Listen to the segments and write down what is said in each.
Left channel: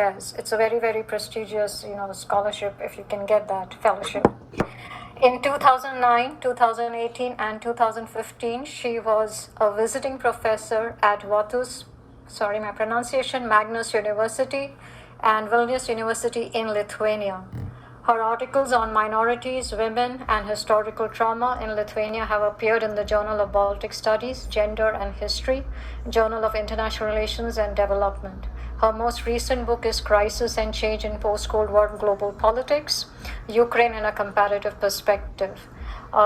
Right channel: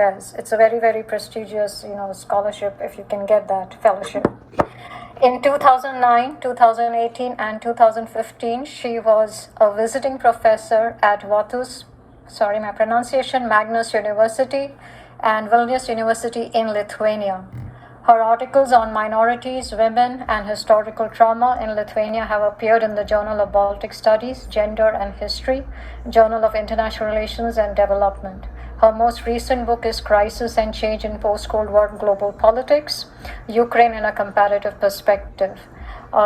Affairs. It's a very, very prestigious, scholarship if you can get that fellowship. In 2009, 2018, and 2015, she was a visiting professor at Magnus University and Vilnius University in Lithuania. Her articles on minorities, women, and historical trauma in Lithuania have appeared in the Journal of Baltic Studies, Gender and History, Journal of International Relations and Development. Her most recent book is Crisis and Change in Post-Cold War Global Politics, Ukraine in a Comparative Perspective.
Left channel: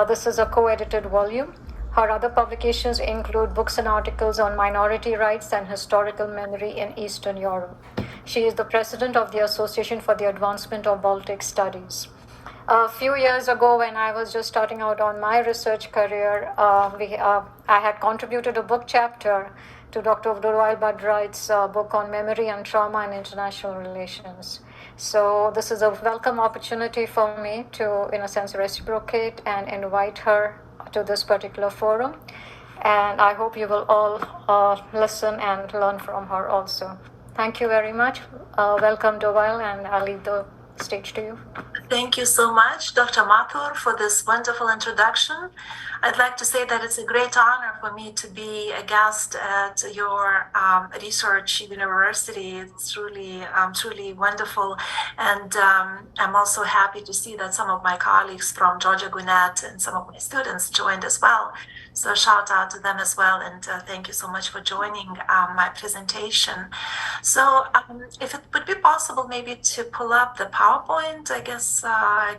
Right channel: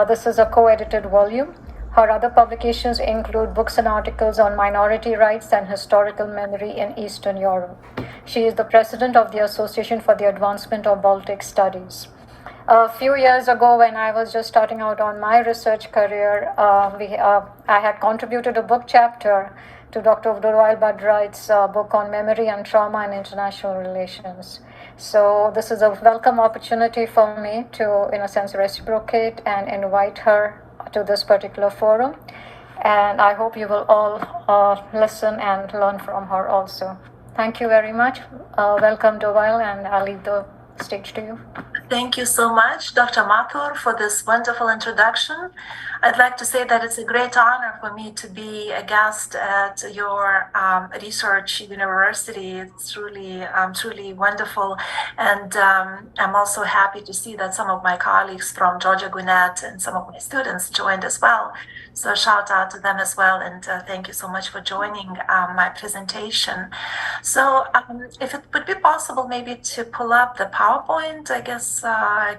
This is a co-edited volume. Her other publications include books and articles on minority rights and historical memory in Eastern Europe. She is the president of the Association for the Advancement of Baltic Studies. A few years ago, when I was just starting out on my research career, I had contributed a book chapter to Dr. Durval Badwright's book on memory and trauma in international relations. So this is a welcome opportunity for me to, in a sense, reciprocate and invite her to this particular forum. And I hope you will all listen and learn from her also. Thank you very much. Welcome, Durval, and I'll leave the stage to you. Thank you so much, Dr. Mathur, for this wonderful introduction. I'd like to say that it's a great honor for me to be a guest at your research university. It's truly wonderful. And I'm also happy to see that some of my colleagues from Georgia Gwinnett and some of my students joined as well. So shout out to them as well. And thank you so much for joining my presentation. So if it would be possible maybe to pull up the PowerPoint, I guess I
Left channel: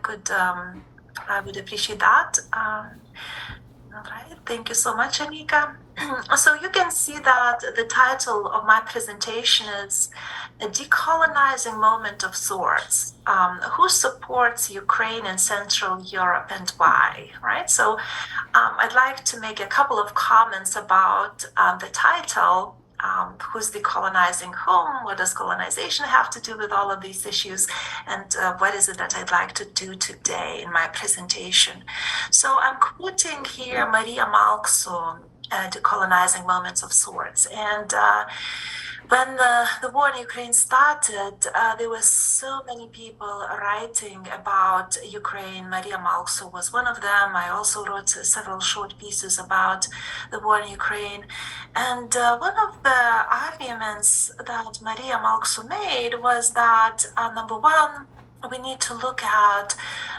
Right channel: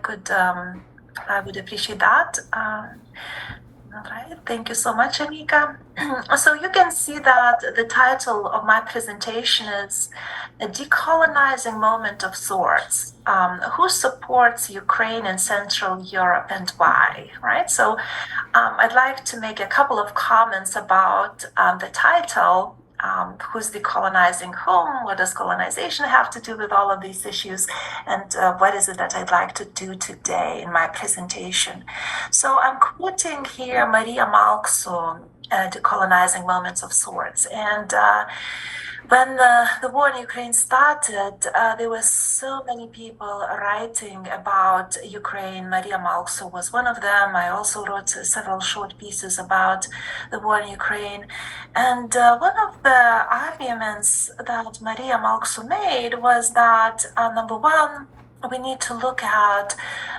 would appreciate that. All right, thank you so much, Anika. So you can see that the title of my presentation is A Decolonizing Moment of Sorts. Who supports Ukraine and Central Europe and why, right? So I'd like to make a couple of comments about the title. Who's decolonizing whom? What does colonization have to do with all of these issues? And what is it that I'd like to do today in my presentation? So I'm quoting here Maria Malkso, Decolonizing Moments of Sorts. And when the war in Ukraine started, there were so many people writing about Ukraine. Maria Malkso was one of them. I also wrote several short pieces about the war in Ukraine. And one of the arguments that Maria Malkso made was that, number one, we need to look at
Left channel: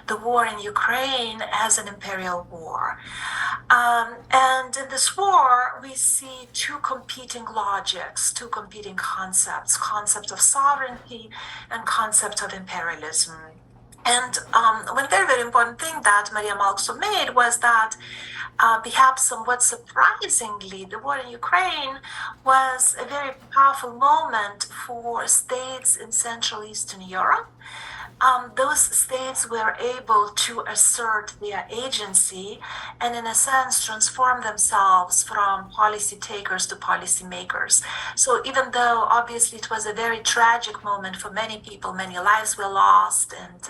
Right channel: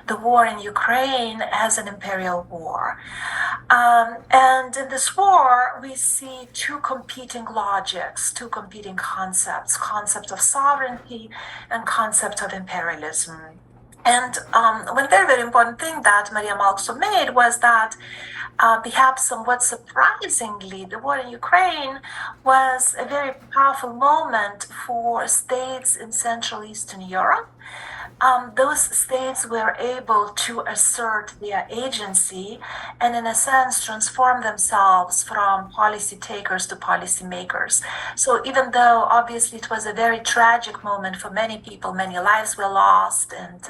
the war in Ukraine as an imperial war. And in this war, we see two competing logics, two competing concepts, concept of sovereignty and concept of imperialism. And one very, very important thing that Maria Malkso made was that perhaps somewhat surprisingly, the war in Ukraine was a very powerful moment for states in Central Eastern Europe. Those states were able to assert their agency and, in a sense, transform themselves from policy takers to policy makers. So even though obviously it was a very tragic moment for many people, many lives were lost, and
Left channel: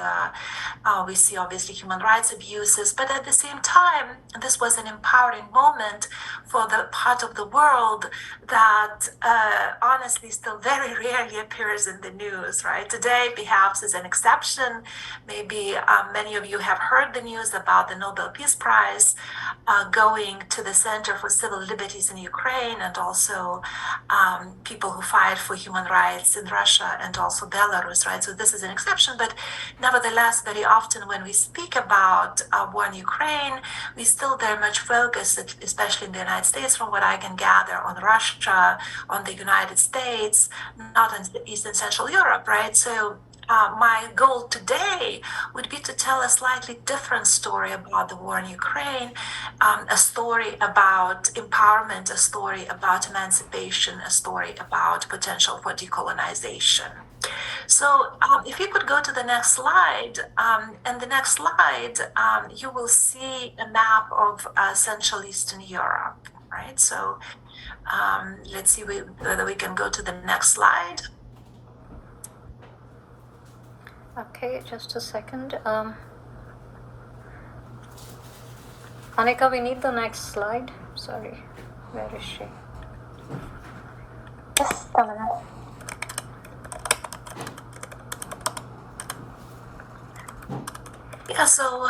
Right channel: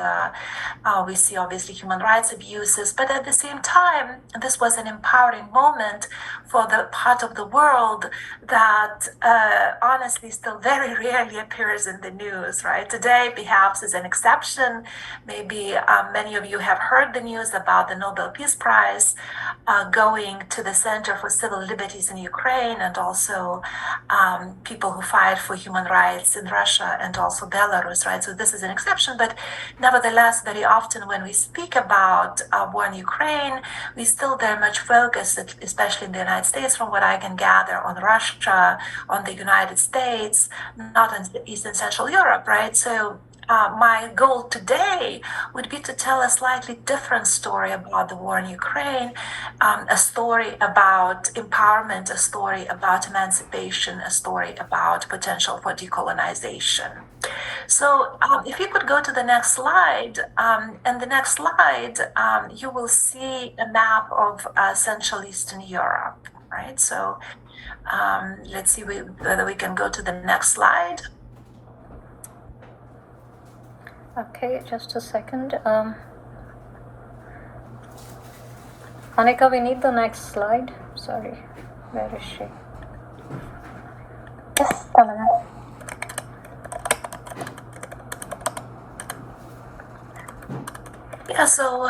we see obviously human rights abuses, but at the same time, this was an empowering moment for the part of the world that honestly still very rarely appears in the news, right? Today, perhaps, is an exception. Maybe many of you have heard the news about the Nobel Peace Prize going to the Center for Civil Liberties in Ukraine, and also people who fight for human rights in Russia and also Belarus, right? So this is an exception, but nevertheless, very often when we speak about war in Ukraine, we still very much focus, especially in the United States, from what I can gather, on Russia, on the United States, not on East and Central Europe, right? So my goal today would be to tell a slightly different story about the war in Ukraine, a story about empowerment, a story about emancipation, a story about potential for decolonization. So if you could go to the next slide, and the next slide, you will see a map of Central Eastern Europe, right? So let's see whether we can go to the next slide. Okay, just a second. Anika, we need the next slide. Sorry, where is she? Yes, Yeah, so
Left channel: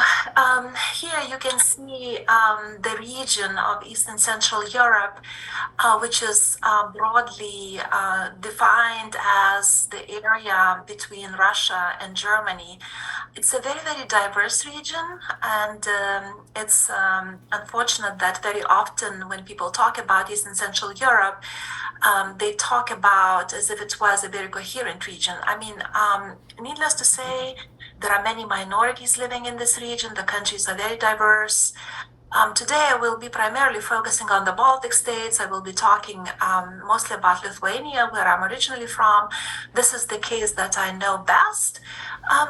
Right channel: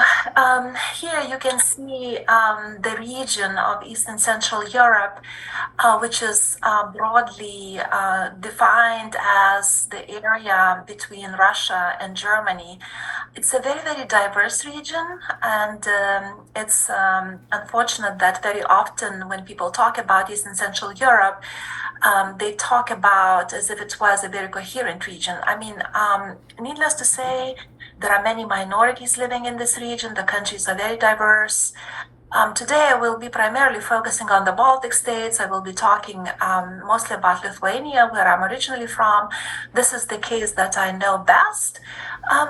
here you can see the region of East and Central Europe, which is broadly defined as the area between Russia and Germany. It's a very, very diverse region, and it's unfortunate that very often when people talk about East and Central Europe, they talk about as if it was a very coherent region. I mean, needless to say, there are many minorities living in this region. The countries are very diverse. Today, I will be primarily focusing on the Baltic states. I will be talking mostly about Lithuania, where I'm originally from. This is the case that I know best.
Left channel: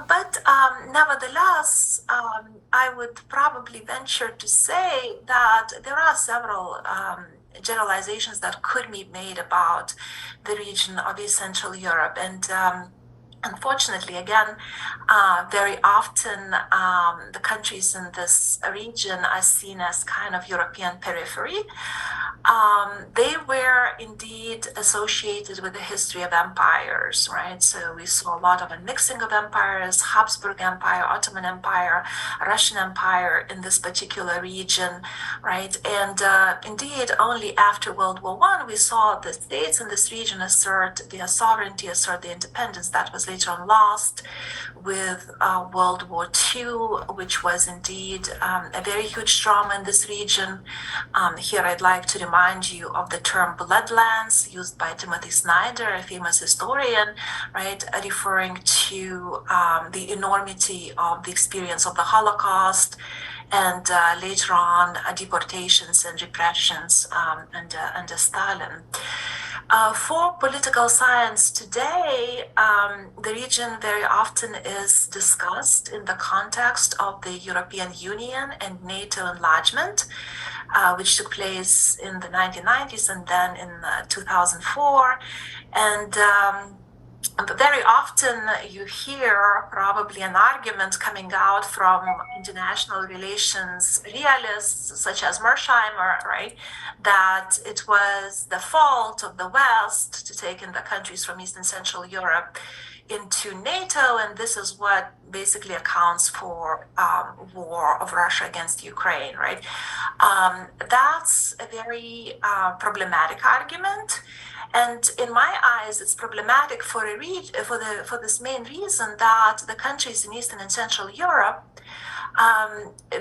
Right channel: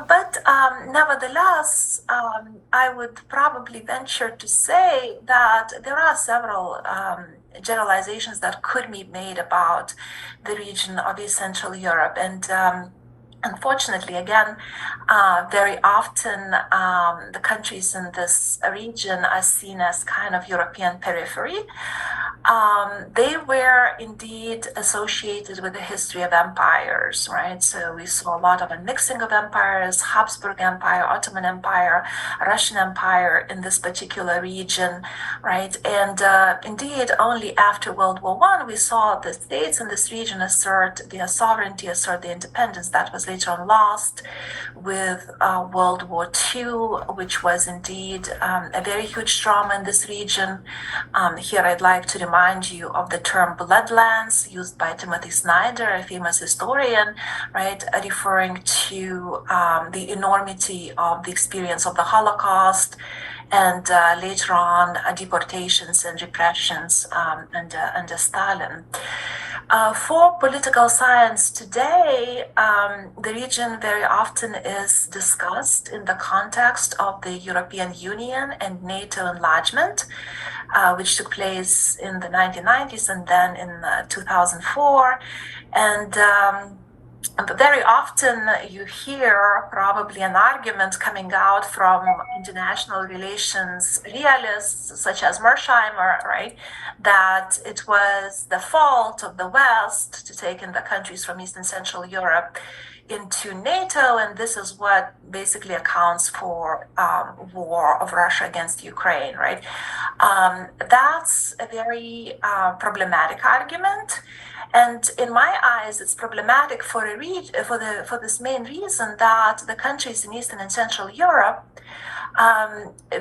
But nevertheless, I would probably venture to say that there are several generalizations that could be made about the region of East Central Europe. And unfortunately, again, very often the countries in this region are seen as kind of European periphery. They were indeed associated with the history of empires, right? So we saw a lot of a mixing of empires, Habsburg Empire, Ottoman Empire, Russian Empire in this particular region, right? And indeed, only after World War I, we saw the states in this region assert their sovereignty, assert their independence. That was later on lost with World War II, which was indeed a very huge trauma in this region. Here I'd like to remind you of the term bloodlands used by Timothy Snyder, a famous historian, right, referring to the enormity of the experience of the Holocaust and later on deportations and repressions under Stalin. For political science today, the region very often is discussed in the context of the European Union and NATO enlargement, which took place in the 1990s and then in 2004. And very often you hear probably an argument coming out from international relations realists such as Mersheimer, right, that it was the fault of the West to take in the countries from East and Central Europe into NATO, and this is what basically accounts for war of Russia against Ukraine, right? That's a very problematic argument. And in my eyes, it's problematic for for this main reason that the countries in Eastern and Central Europe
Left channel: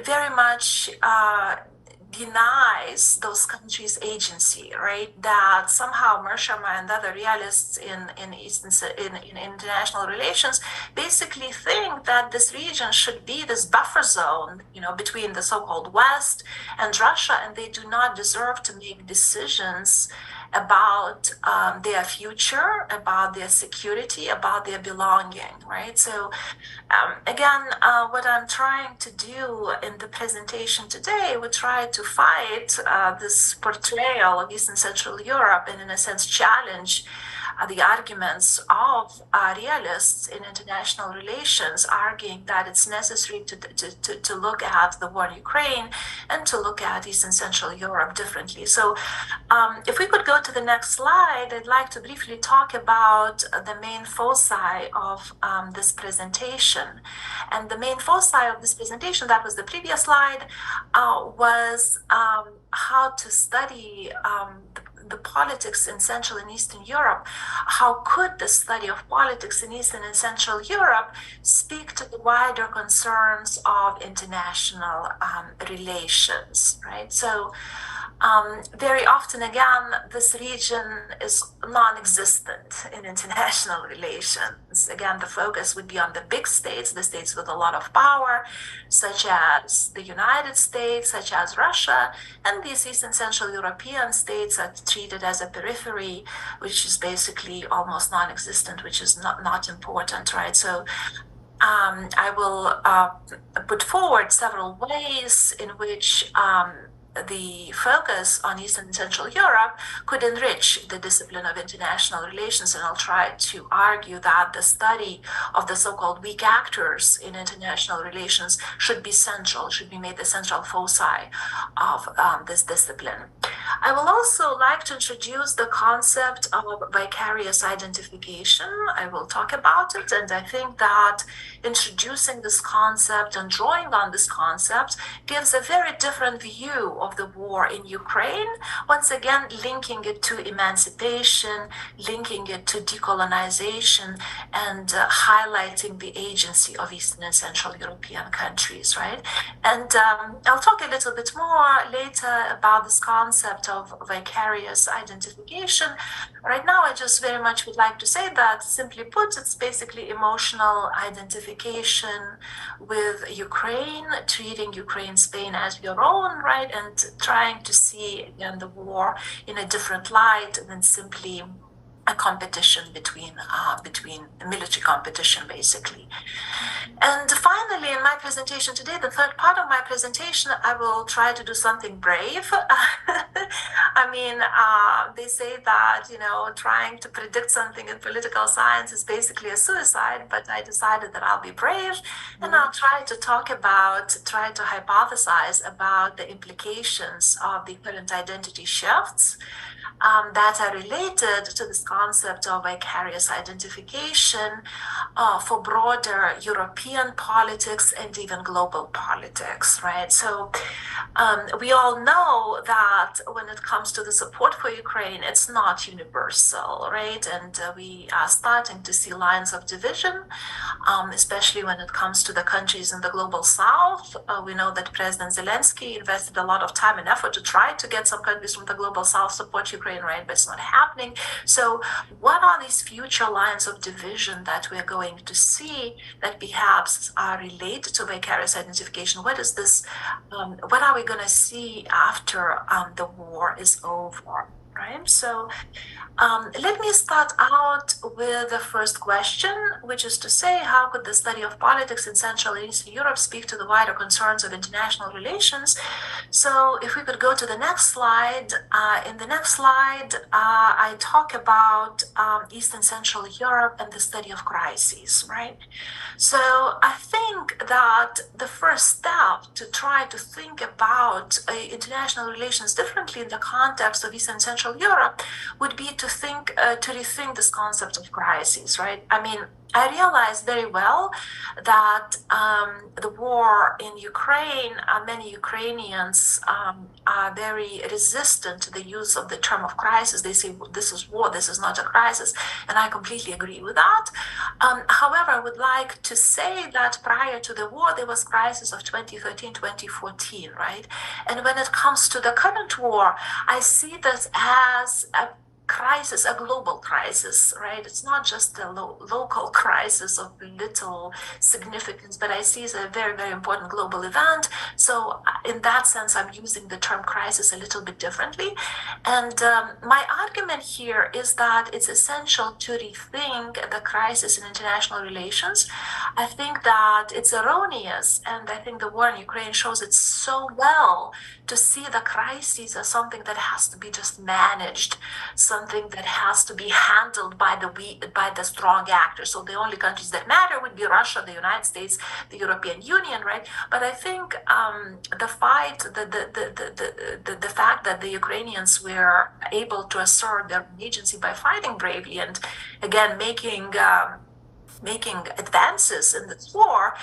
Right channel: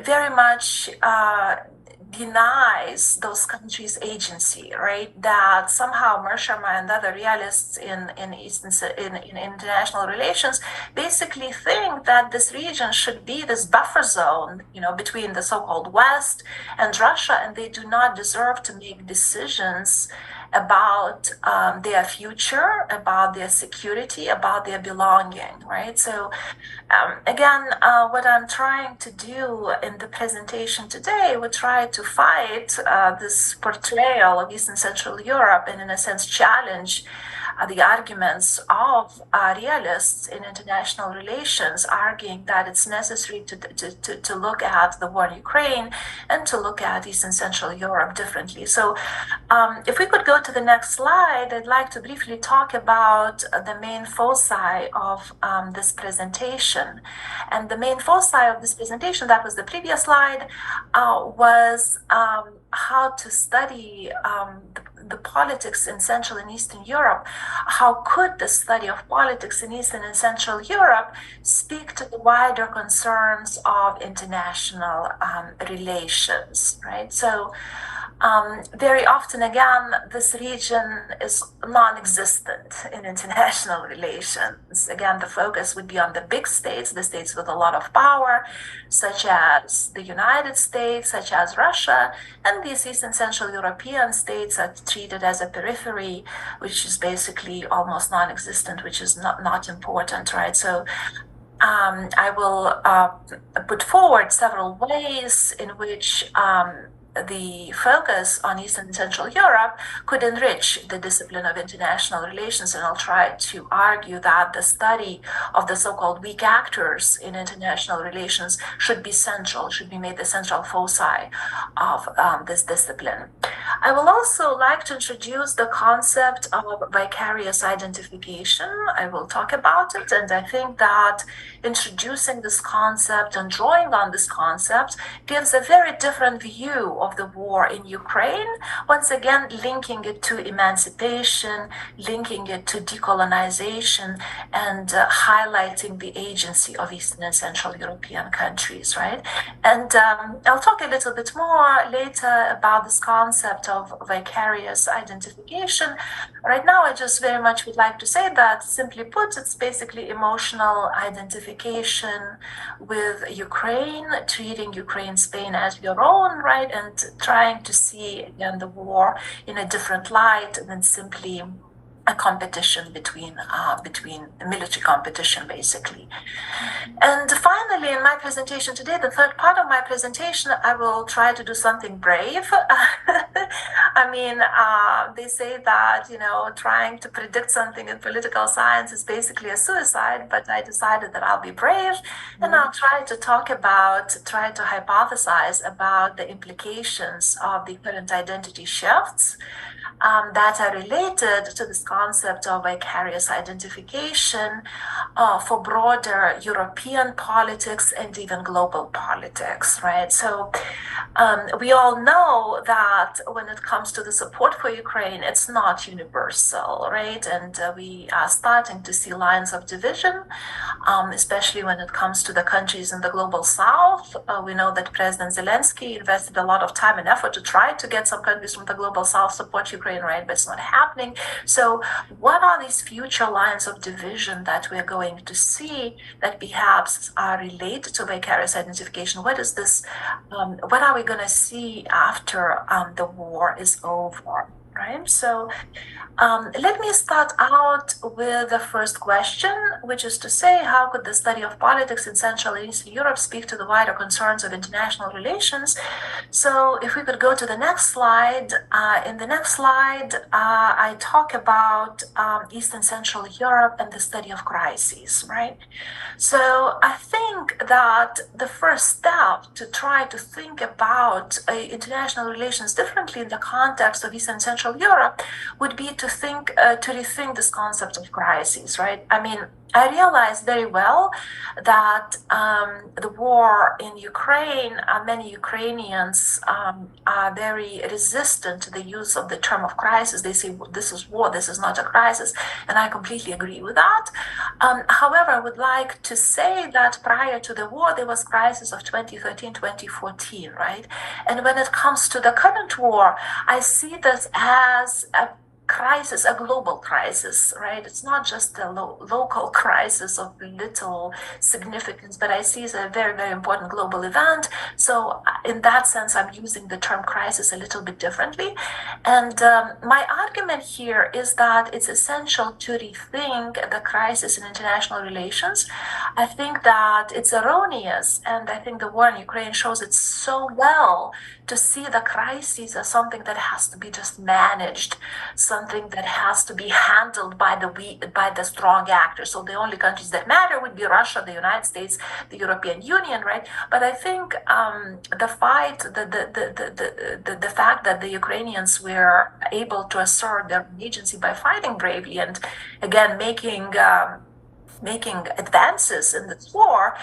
very much denies those countries agency, right? That somehow Mersheimer and other realists in international relations basically think that this region should be this buffer zone, you know, between the so-called West and Russia, and they do not deserve to make decisions about their future, about their security, about their belonging, right? So again, what I'm trying to do in the presentation today, we try to fight this portrayal of East and Central Europe and in a sense challenge the arguments of realists in international relations, arguing that it's necessary to look at the war in Ukraine and to look at East and Central Europe differently. So if we could go to the next slide, I'd like to briefly talk about the main foci of this presentation. And the main foci of this presentation, that was the previous slide, was how to study the politics in Central and Eastern Europe. How could the study of politics in Eastern and Central Europe speak to the wider concerns of international relations, right? So very often, again, this region is non-existent in international relations. Again, the focus would be on the big states, the states with a lot of power, such as the United States, such as Russia, and these East and Central European states are treated as a periphery, which is basically almost non-existent, which is not important, right? So I will put forward several ways in which the focus on Eastern and Central Europe could enrich the discipline of international relations. And I'll try to argue that the study of the so-called weak actors in international relations should be central, should be made the central foci of this discipline. I will also like to introduce the concept of vicarious identification. I will talk about it, and I think that introducing this concept and drawing on this concept gives a very different view of the war in Ukraine, once again linking it to emancipation, linking it to decolonization, and highlighting the agency of Eastern and Central European countries, right? And I'll talk a little bit more later about this concept of vicarious identification. Right now, I just very much would like to say that, simply put, it's basically emotional identification with Ukraine, treating Ukraine's pain as your own, right? And trying to see, again, the war in a different light than simply a competition between military competition, basically. And finally, in my presentation today, the third part of my presentation, I will try to do something brave. I mean, they say that, trying to predict something in political science is basically a suicide, but I decided that I'll be brave, and I'll try to hypothesize about the implications of the current identity shifts that are related to this concept of vicarious identification for broader European politics and even global politics, right? So we all know that when it comes to the support for Ukraine, it's not universal, right? And we are starting to see lines of division, especially when it comes to the countries in the global south. We know that President Zelensky invested a lot of time and effort to try to get some countries from the global south support Ukraine, right? But it's not happening. So what are these future lines of division that we're going to see that perhaps are related to vicarious identification? What is this? What are we going to see after the war is over, right? So let me start out with the first question, which is to say, how could the study of politics in Central and Eastern Europe speak to the wider concerns of international relations? So if we could go to the next slide. In the next slide, I talk about Eastern Central Europe and the study of crises, right? So I think that the first step to try to think about international relations differently in the context of Eastern Central Europe would be to rethink this concept of crises, right? I mean, I realize very well that the war in Ukraine, many Ukrainians are very resistant to the use of the term of crisis. They say, this is war, this is not a crisis, and I completely agree with that. However, I would like to say that prior to the war, there was crisis of 2013, 2014, right? And when it comes to the current war, I see this as a crisis, a global crisis, right? It's not just a local crisis of little significance, but I see it as a very, very important global event. So in that sense, I'm using the term crisis a little bit differently. And my argument here is that it's essential to rethink the crisis in international relations. I think that it's erroneous, and I think the war in Ukraine shows it so well, to see the crises as something that has to be just managed, something that has to be handled by the strong actors. So the only countries that matter would be Russia, the United States, the European Union, right? But I think the fact that the Ukrainians were able to assert their agency by fighting bravely and again making advances in this war,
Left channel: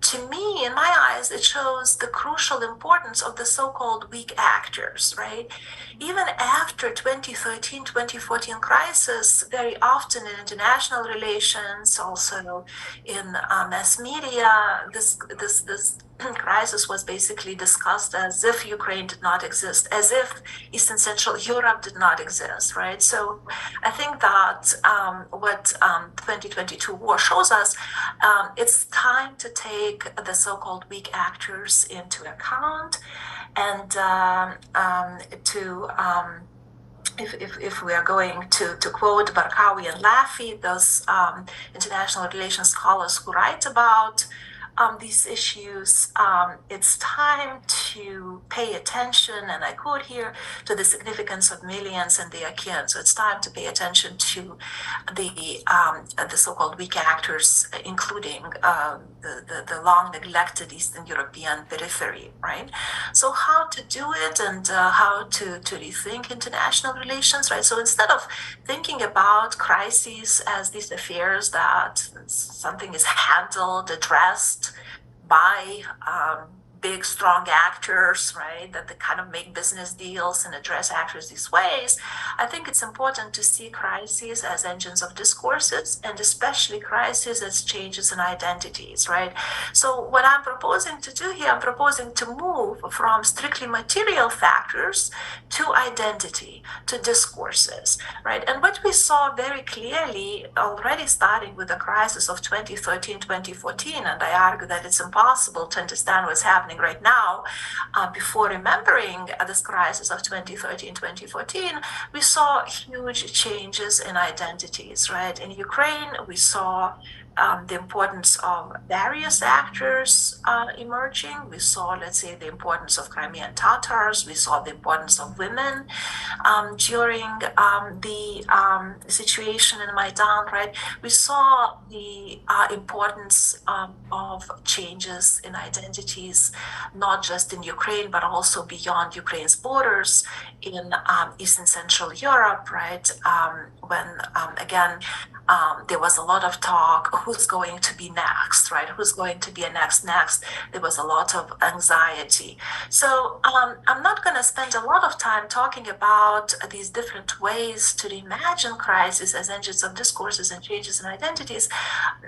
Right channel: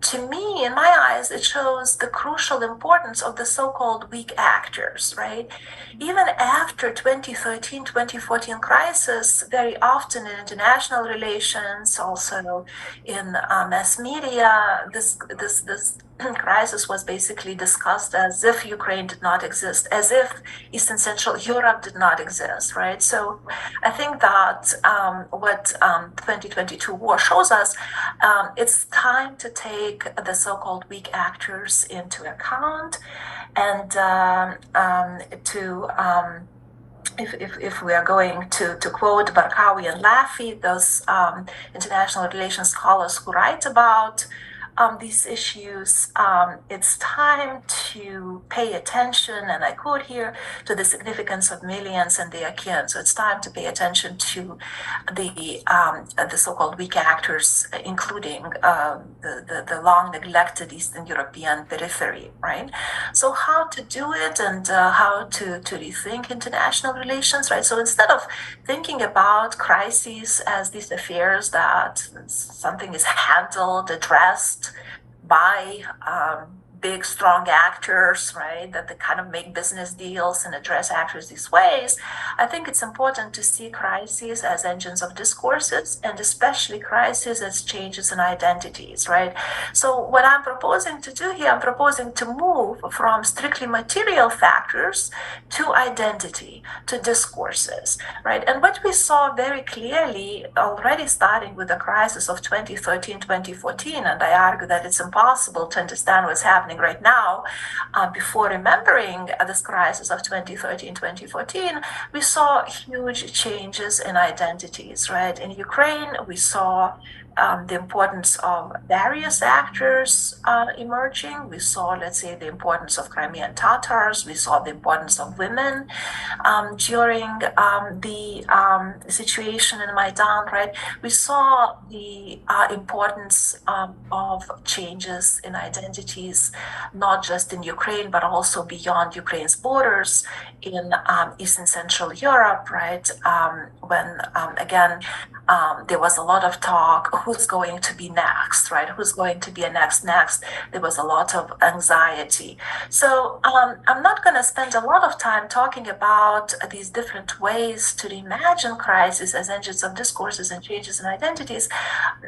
to me, in my eyes, it shows the crucial importance of the so-called weak actors, right? Even after 2013, 2014 crisis, very often in international relations, also in mass media, this crisis was basically discussed as if Ukraine did not exist, as if Eastern Central Europe did not exist, right? So I think that what 2022 war shows us, it's time to take the so-called weak actors into account, and if we are going to quote Barkawi and Laffey, those international relations scholars who write about these issues, it's time to pay attention, and I quote here, to the significance of millions and their kin. So it's time to pay attention to the so-called weak actors, including the long neglected Eastern European periphery, right? So how to do it, and how to rethink international relations, right? So instead of thinking about crises as these affairs that something is handled, addressed by big, strong actors, right, that they kind of make business deals and address actors these ways, I think it's important to see crises as engines of discourses, and especially crises as changes in identities, right? So what I'm proposing to do here, I'm proposing to move from strictly material factors to identity, to discourses, right? And what we saw very clearly already starting with the crisis of 2013, 2014, and I argue that it's impossible to understand what's happening right now before remembering this crisis of 2013, 2014, we saw huge changes in identities, right? In Ukraine, we saw the importance of various actors emerging. We saw, let's say, the importance of Crimean Tatars. We saw the importance of women during the situation in Maidan, right? We saw the importance of changes in identities, not just in Ukraine, but also beyond Ukraine's borders in Eastern Central Europe, right? When, again, there was a lot of talk, who's going to be next, right? Who's going to be a next? There was a lot of anxiety. So I'm not going to spend a lot of time talking about these different ways to reimagine crises as engines of discourses and changes in identities.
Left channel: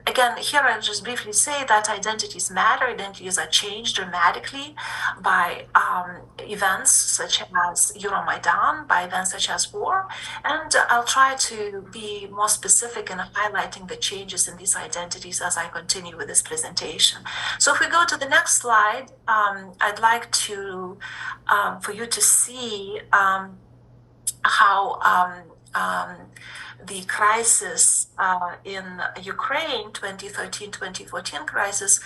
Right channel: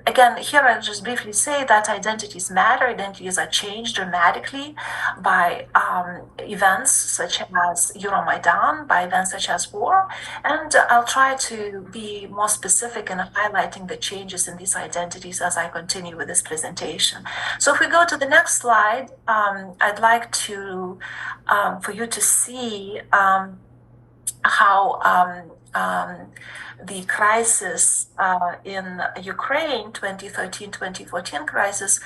Again, here I'll just briefly say that identities matter. Identities are changed dramatically by events such as Euromaidan, by events such as war. And I'll try to be more specific in highlighting the changes in these identities as I continue with this presentation. So if we go to the next slide, I'd like to for you to see how the crisis in Ukraine, 2013-2014 crisis,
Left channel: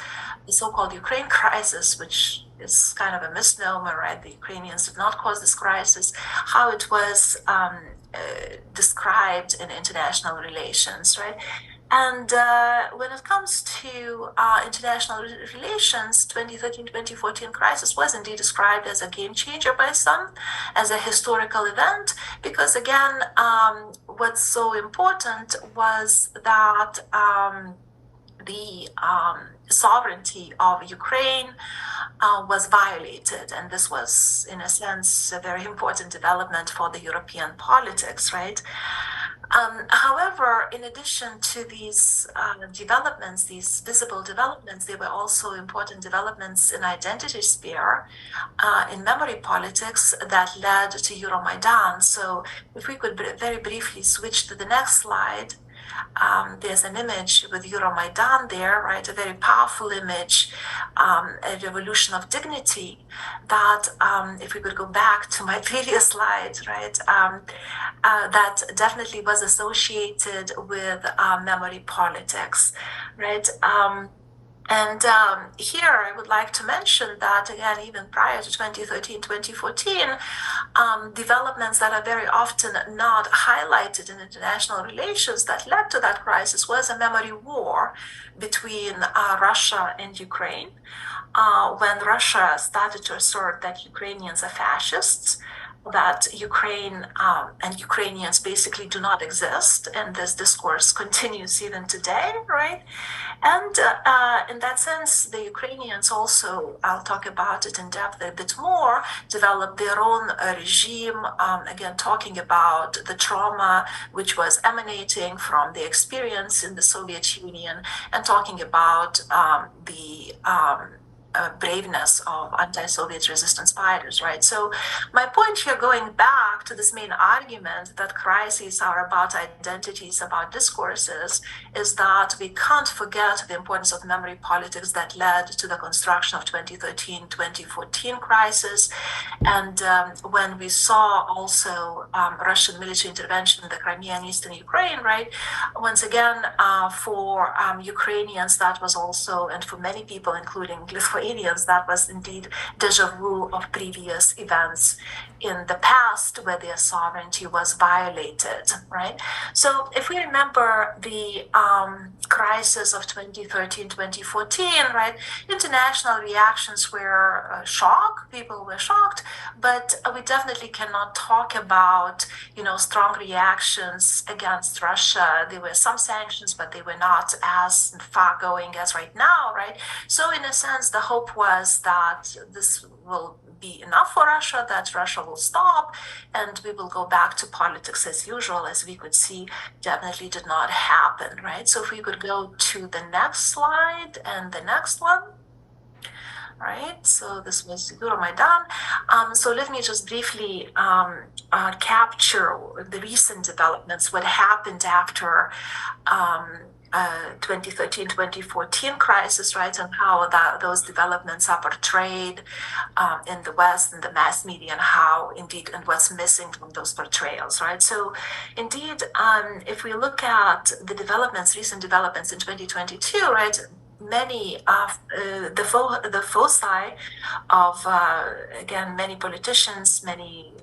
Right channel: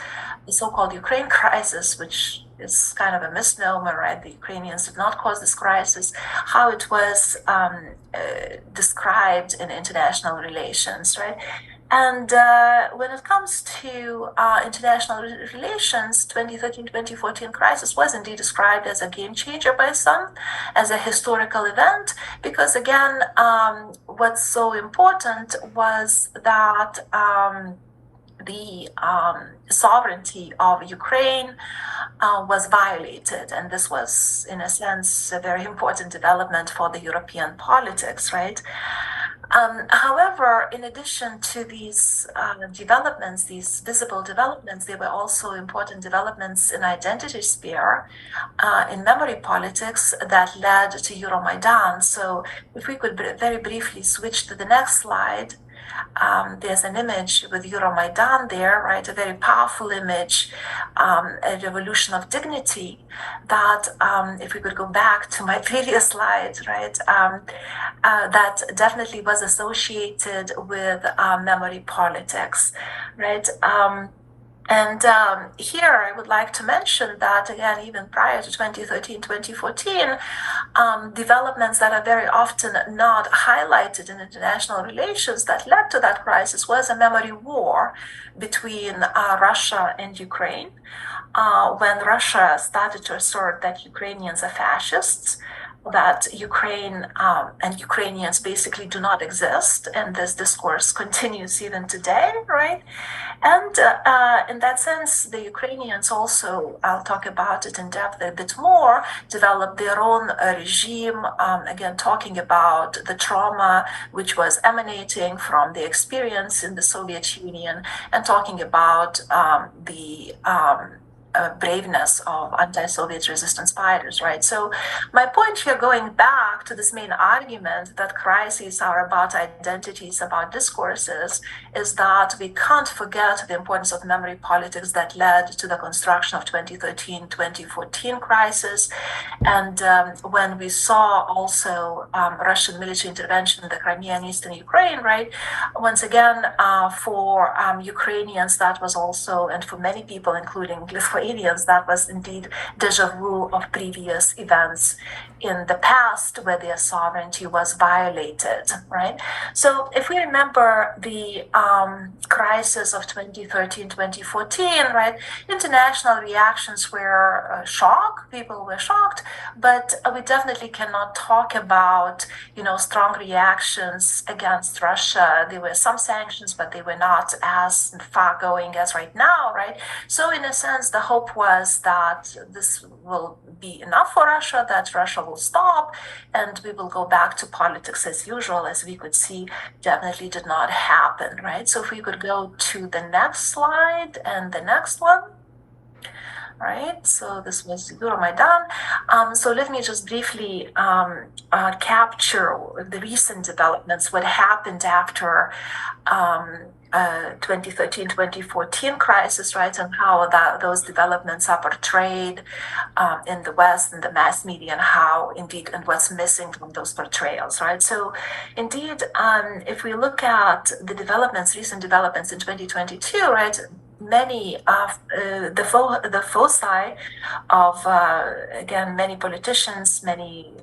the so-called Ukraine crisis, which is kind of a misnomer, right? The Ukrainians did not cause this crisis, how it was described in international relations, right? And when it comes to international relations, 2013-2014 crisis was indeed described as a game changer by some, as a historical event, because again, what's so important was that the sovereignty of Ukraine was violated, and this was, in a sense, a very important development for the European politics, right? However, in addition to these developments, these visible developments, there were also important developments in identity sphere, in memory politics that led to Euromaidan. So if we could very briefly switch to the next slide. There's an image with Euromaidan there, right? A very powerful image, a revolution of dignity that, if we could go back to my previous slide, right? That definitely was associated with memory politics, right? And here I would like to mention that, again, even prior to 2013, 2014, developments that are very often not highlighted in international relations that led to that crisis was a memory war between Russia and Ukraine. When Russia started to assert that Ukrainians are fascists, that Ukraine and Ukrainians basically do not exist, and this discourse continues even today, right? And in that sense, the Ukrainians also, I'll talk about it in depth a bit more, developed their own regime, again, talking about the trauma which was emanating from the experience in the Soviet Union, and talking about the braveness of anti-Soviet resistance fighters, right? So my point here, going back to this main argument that crises are about identities, about discourses, is that we can't forget the importance of memory politics that led to the construction of 2013-2014 crisis. And when we saw also Russian military intervention in the Crimea and Eastern Ukraine, right? Once again, for Ukrainians, that was also, and for many people, including Lithuanians, Lithuanians, that was indeed deja vu of previous events in the past where their sovereignty was violated, right? So if we remember the crisis of 2013, 2014, right, international reactions were shock, people were shocked, but we definitely cannot talk about, strong reactions against Russia. There were some sanctions, but they were not as far going as right now, right? So in a sense, the hope was that this will be enough for Russia, that Russia will stop, and we will go back to politics as usual. As we could see, definitely did not happen, right? So if we could go to the next slide and the next one. Right, so this was Euromaidan. So let me just briefly capture the recent developments, what happened after 2013-2014 crisis, right, and how those developments are portrayed in the West, in the mass media, and how indeed, and what's missing from those portrayals, right? So indeed, if we look at the developments, recent developments in 2022, right, many of the foci of again many politicians, many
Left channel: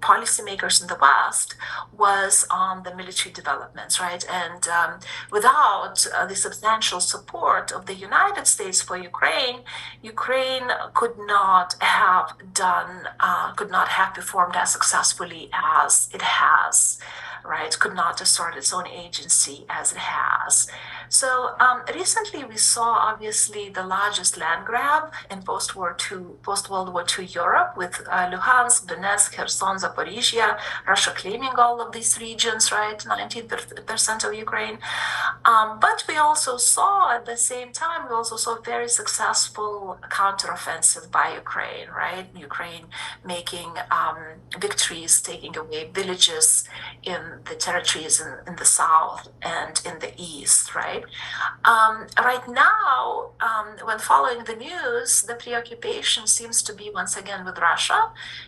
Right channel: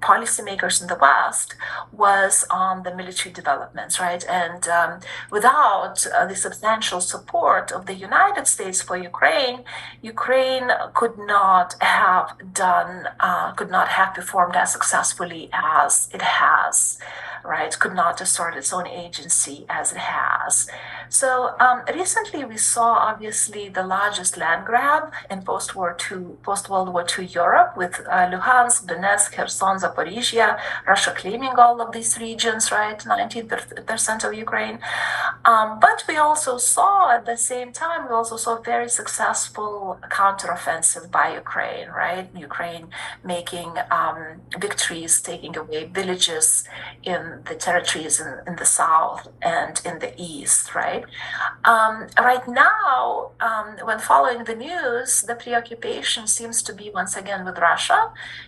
policymakers in the West was on the military developments, right? And without the substantial support of the United States for Ukraine, Ukraine could not have performed as successfully as it has, right? Could not assert its own agency as it has. So recently we saw obviously the largest land grab in post-World War II Europe with Luhansk, Donetsk, Kherson, Zaporizhia, Russia claiming all of these regions, right? 19% of Ukraine. But we also saw at the same time, very successful counteroffensive by Ukraine, right? Ukraine making victories, taking away villages in the territories in the south and in the east, right? Right now, when following the news, the preoccupation seems to be once again with Russia,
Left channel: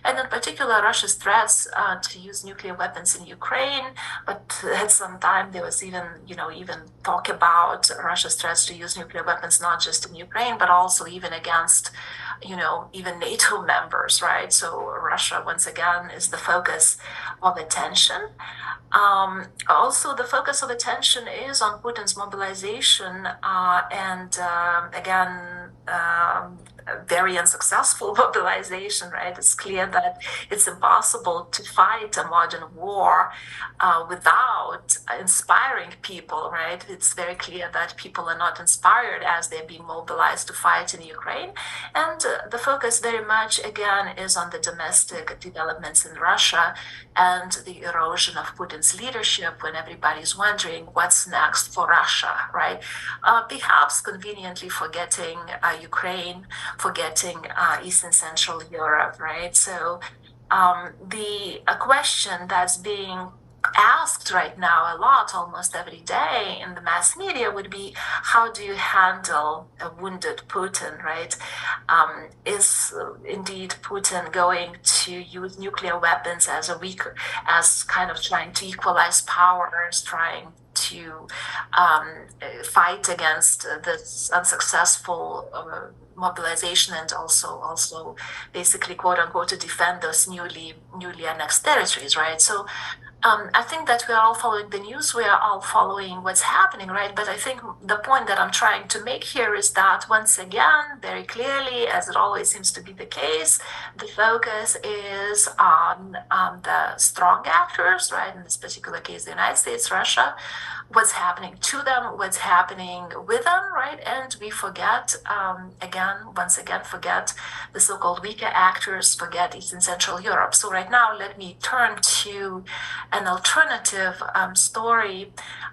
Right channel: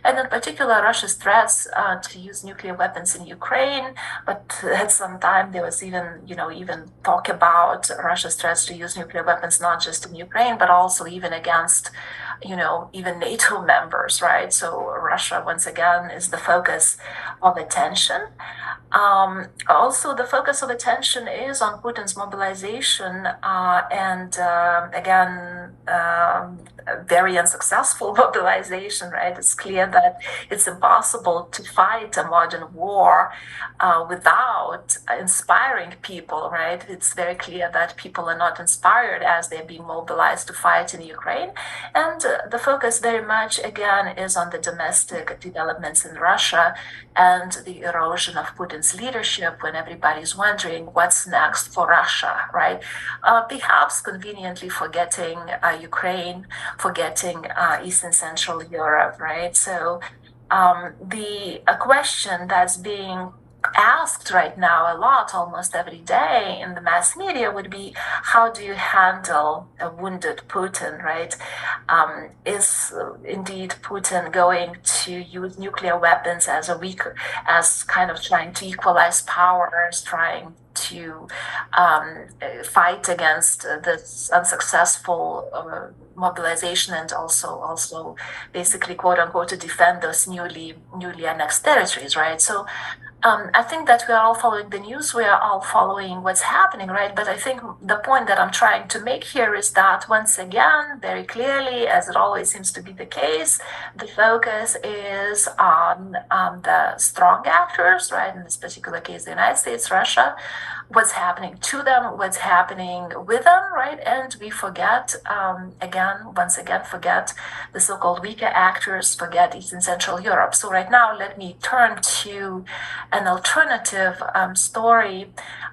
and in particular Russia's threats to use nuclear weapons in Ukraine. But at some time there was even talk about Russia's threats to use nuclear weapons not just in Ukraine, but also even against even NATO members, right? So Russia once again is the focus of attention. Also, the focus of attention is on Putin's mobilization and again, very unsuccessful mobilization, right? It's clear that it's impossible to fight a modern war without inspiring people, right? It's very clear that people are not inspired as they're being mobilized to fight in Ukraine. And the focus very much, again, is on the domestic developments in Russia and the erosion of Putin's leadership when everybody's wondering what's next for Russia, right? Perhaps conveniently forgetting Ukraine, forgetting Eastern Central Europe, right? So the question that's being asked right now a lot, almost every day in the mass media would be, how do you handle a wounded Putin, right? Is indeed Putin going to use nuclear weapons as kind of trying to equalize powers, trying to fight against this unsuccessful mobilization and also basically quote unquote to defend those newly annexed territories, right? So I think that we are all following the news, we are all following what's happening, right? But I think the point that I'm trying to make here is that once again, very clearly, as it always seems to be the case, the focus is on the strong actors, right? In this particular case, the United States, Russia, what's happening to them, what's happening with them, right? And we forget, once again, forget the so-called weaker actors, forget Eastern Central Europe. So right now, let me turn to an alternative story.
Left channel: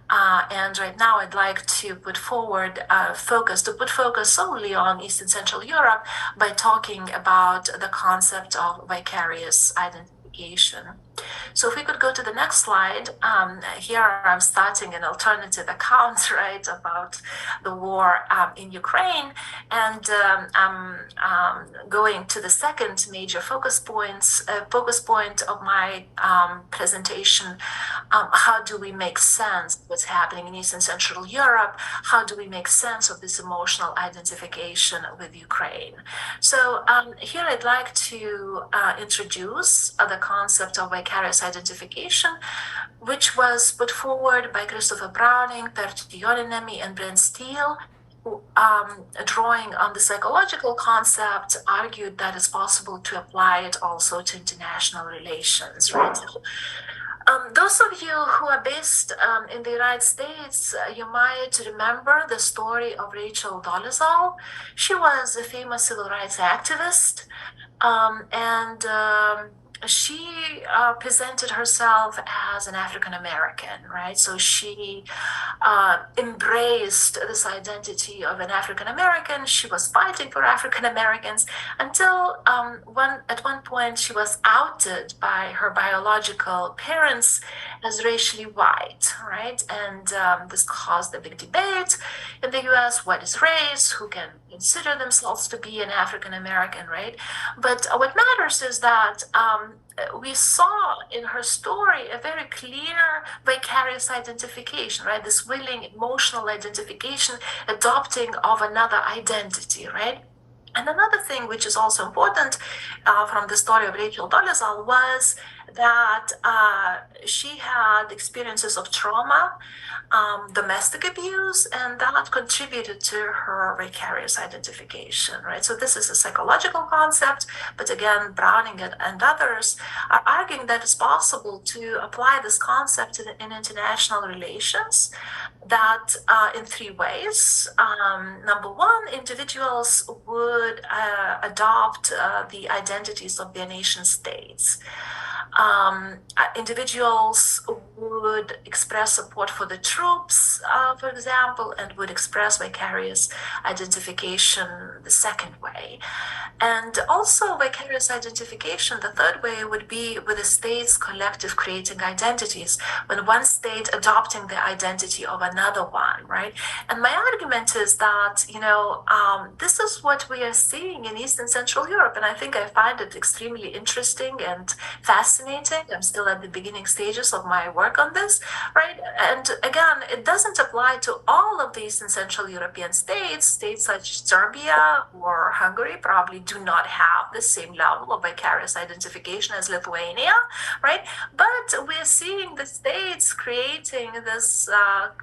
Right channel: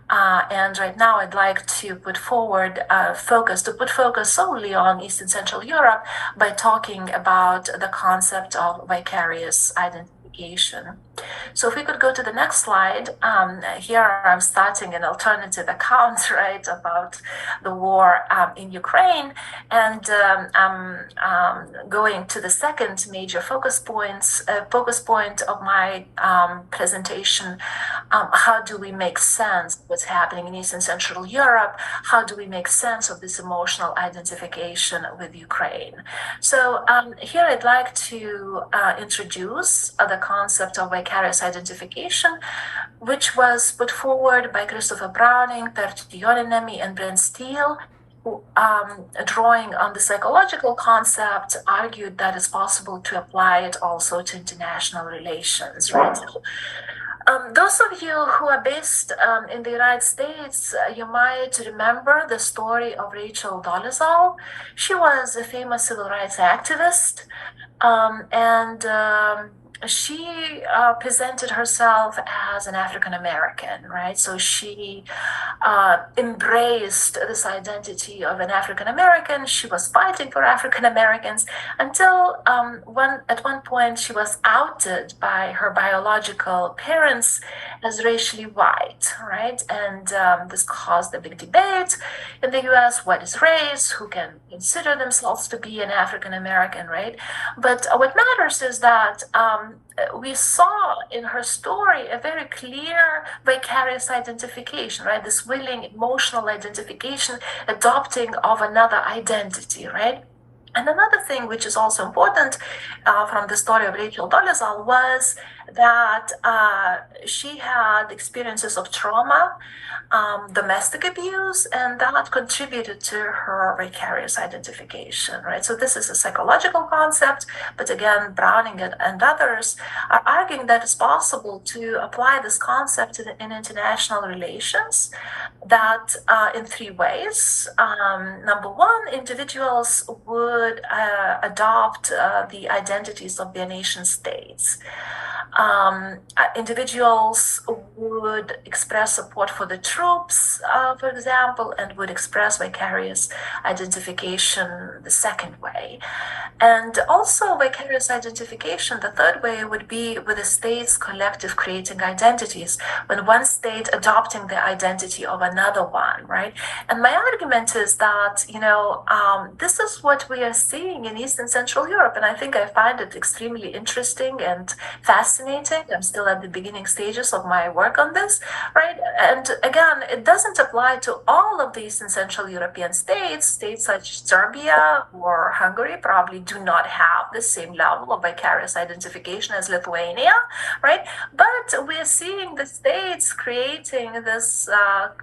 And right now, I'd like to put forward focus solely on Eastern Central Europe by talking about the concept of vicarious identification. So if we could go to the next slide, here I'm starting an alternative account, right, about the war in Ukraine, and I'm going to the second major focus point of my presentation. How do we make sense of what's happening in Eastern Central Europe? How do we make sense of this emotional identification with Ukraine? So here I'd like to introduce the concept of vicarious identification, which was put forward by Christopher Browning, Pertti Jouoniemi, and Brent Steele, who, drawing on the psychological concept, argued that it's possible to apply it also to international relations, right? Those of you who are based in the United States, you might remember the story of Rachel Dolezal. She was a famous civil rights activist, and she presented herself as an African American, right? So she embraced this identity of an African American. She was fighting for African Americans until at one point she was outed by her biological parents as racially white, right? And this caused a big debate in the US. What is race? Who can consider themselves to be an African American, right? But what matters is that we saw in her story a very clear vicarious identification, right? This willing emotional identification, adopting of another identity, right? And another thing which is also important from the story of Rachel Dolezal was that she had experiences of trauma, domestic abuse, and that contributed to her vicarious identification, right? So this is a psychological concept, but again, Browning and others are arguing that it's possible to apply this concept in international relations, that in three ways. Number one, individuals would adopt the identities of their nation states. Individuals would express support for the troops, for example, and would express vicarious identification the second way. And also vicarious identification, the third way, would be with the states collective creating identities, when one state adopting the identity of another one, right? And my argument is that, this is what we are seeing in Eastern Central Europe. And I think I find it extremely interesting and fascinating. I'm still at the beginning stages of my work on this, right? And again, it doesn't apply to all of the Eastern Central European states. States such as Serbia or Hungary probably do not have the same level of vicarious identification as Lithuania, right? But we're seeing the states creating this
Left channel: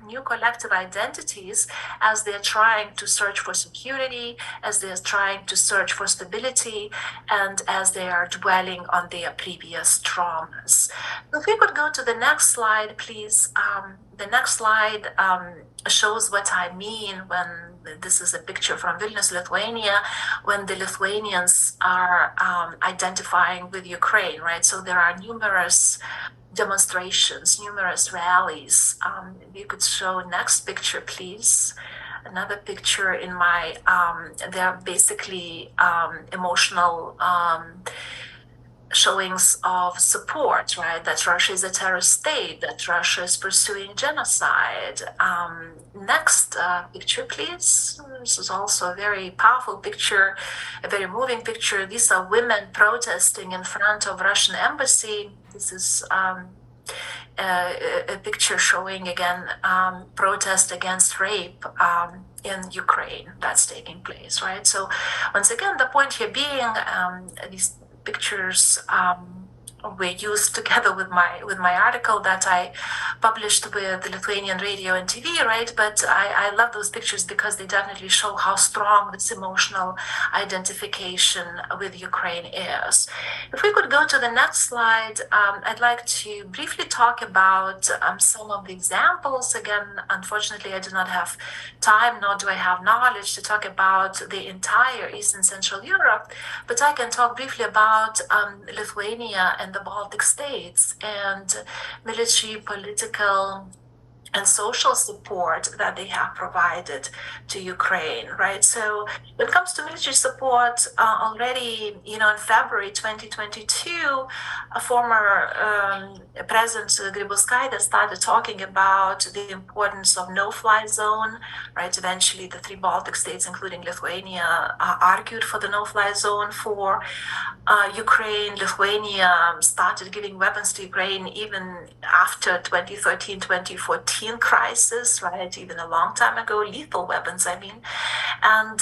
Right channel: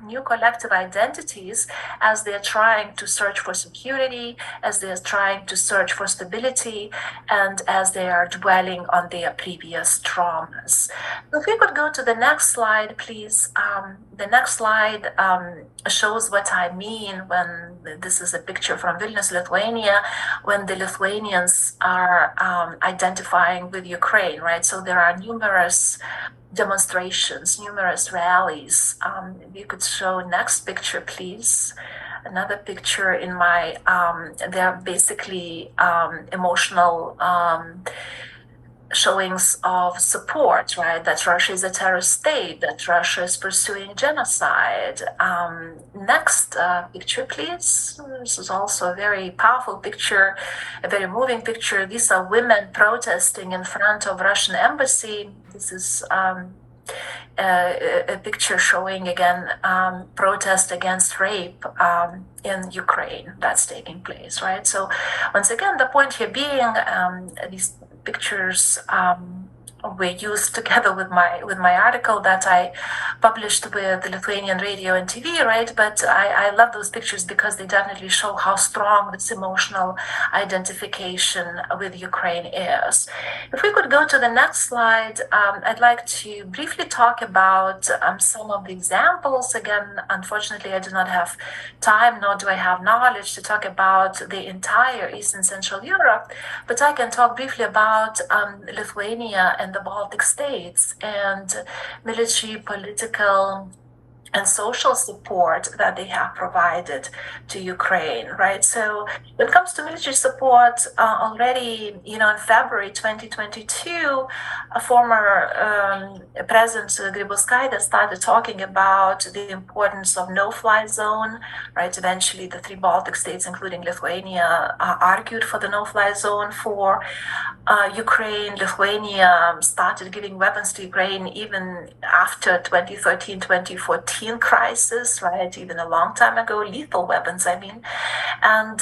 new collective identities as they're trying to search for security, as they're trying to search for stability, and as they are dwelling on their previous traumas. If we could go to the next slide, please. The next slide shows what I mean when this is a picture from Vilnius, Lithuania, when the Lithuanians are identifying with Ukraine, right? So there are numerous demonstrations, numerous rallies. You could show next picture, please. Another picture in my, they're basically emotional showings of support, right? That Russia is a terrorist state, that Russia is pursuing genocide. Next picture, please. This is also a very powerful picture, a very moving picture. These are women protesting in front of Russian embassy. This is a picture showing again protest against rape in Ukraine that's taking place, right? So once again, the point here being these pictures were used together with my article that I published with the Lithuanian radio and TV, right? But I love those pictures because they definitely show how strong this emotional identification with Ukraine is. If we could go to the next slide, I'd like to briefly talk about some of the examples. Again, unfortunately, I do not have time, nor do I have knowledge to talk about the entire Eastern Central Europe, but I can talk briefly about Lithuania and the Baltic states and military, political, and social support that they have provided to Ukraine, right? So when it comes to military support, already, in February 2022, a former President Grybauskaitė started talking about the importance of no-fly zone, right? Eventually, the three Baltic states, including Lithuania, argued for the no-fly zone for Ukraine. Lithuania started giving weapons to Ukraine even after 2013-2014 crisis, right? Even a long time ago, lethal weapons, I mean. And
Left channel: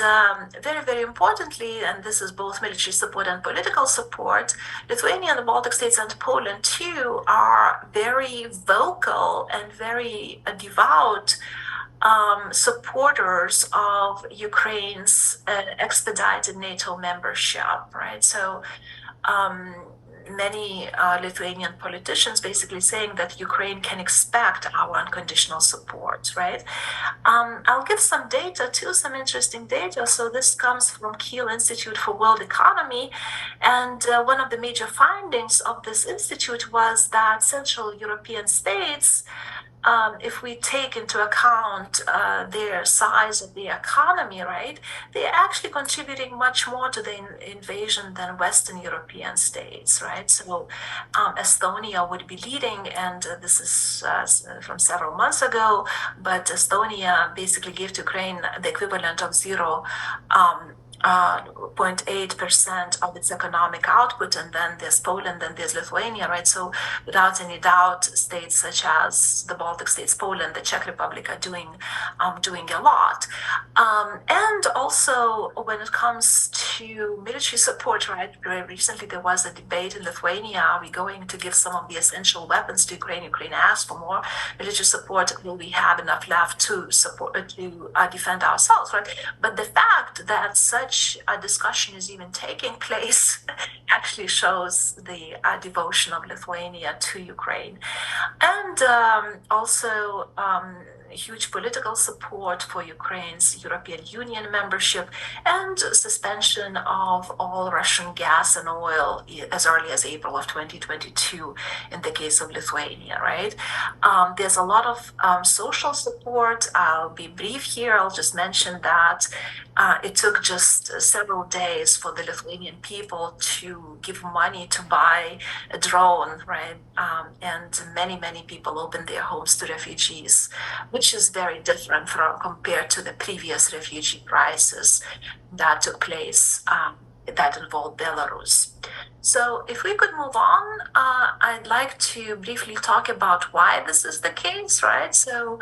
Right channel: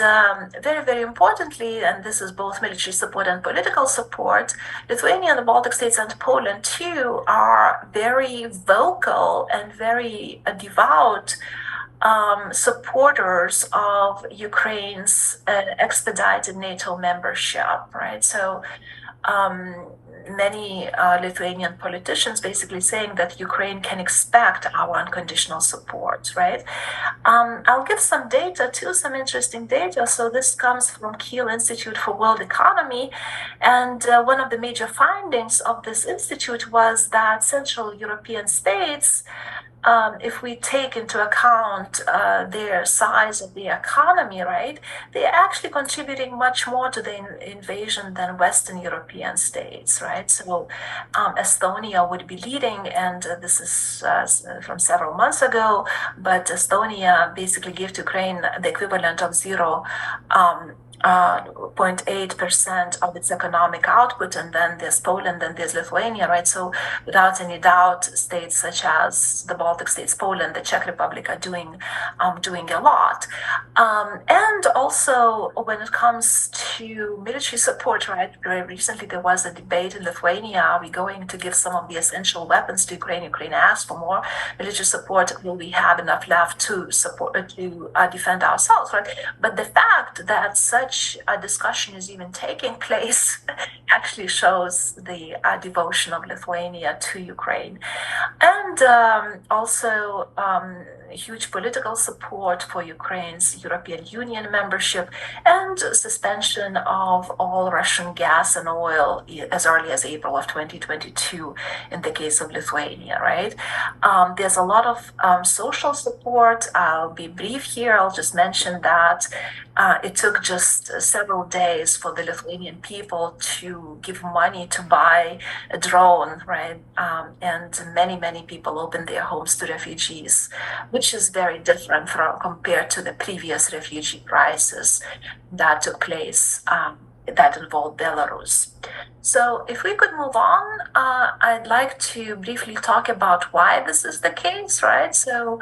very, very importantly, and this is both military support and political support, Lithuania and the Baltic states and Poland too are very vocal and very devout supporters of Ukraine's expedited NATO membership, right? So many Lithuanian politicians basically saying that Ukraine can expect our unconditional support, right? I'll give some data too, some interesting data. So this comes from Kiel Institute for World Economy. And one of the major findings of this institute was that Central European states, if we take into account their size of the economy, right, they're actually contributing much more to the invasion than Western European states, right? So Estonia would be leading, and this is from several months ago, but Estonia basically gave to Ukraine the equivalent of 0.8% of its economic output, and then there's Poland and there's Lithuania, right? So without any doubt, states such as the Baltic states, Poland, the Czech Republic are doing a lot. And also when it comes to military support, right? Very recently there was a debate in Lithuania: are we going to give some of the essential weapons to Ukraine? Ukraine asked for more military support. Will we have enough left to support to defend ourselves, right? But the fact that such a discussion is even taking place actually shows the devotion of Lithuania to Ukraine. And also huge political support for Ukraine's European Union membership and suspension of all Russian gas and oil as early as April of 2022 in the case of Lithuania, right? There's a lot of social support. I'll be brief here. I'll just mention that it took just several days for the Lithuanian people to give money to buy a drone, right? And many people opened their homes to refugees, which is very different from compared to the previous refugee crisis that took place that involved Belarus. So if we could move on, I'd like to briefly talk about why this is the case, right? So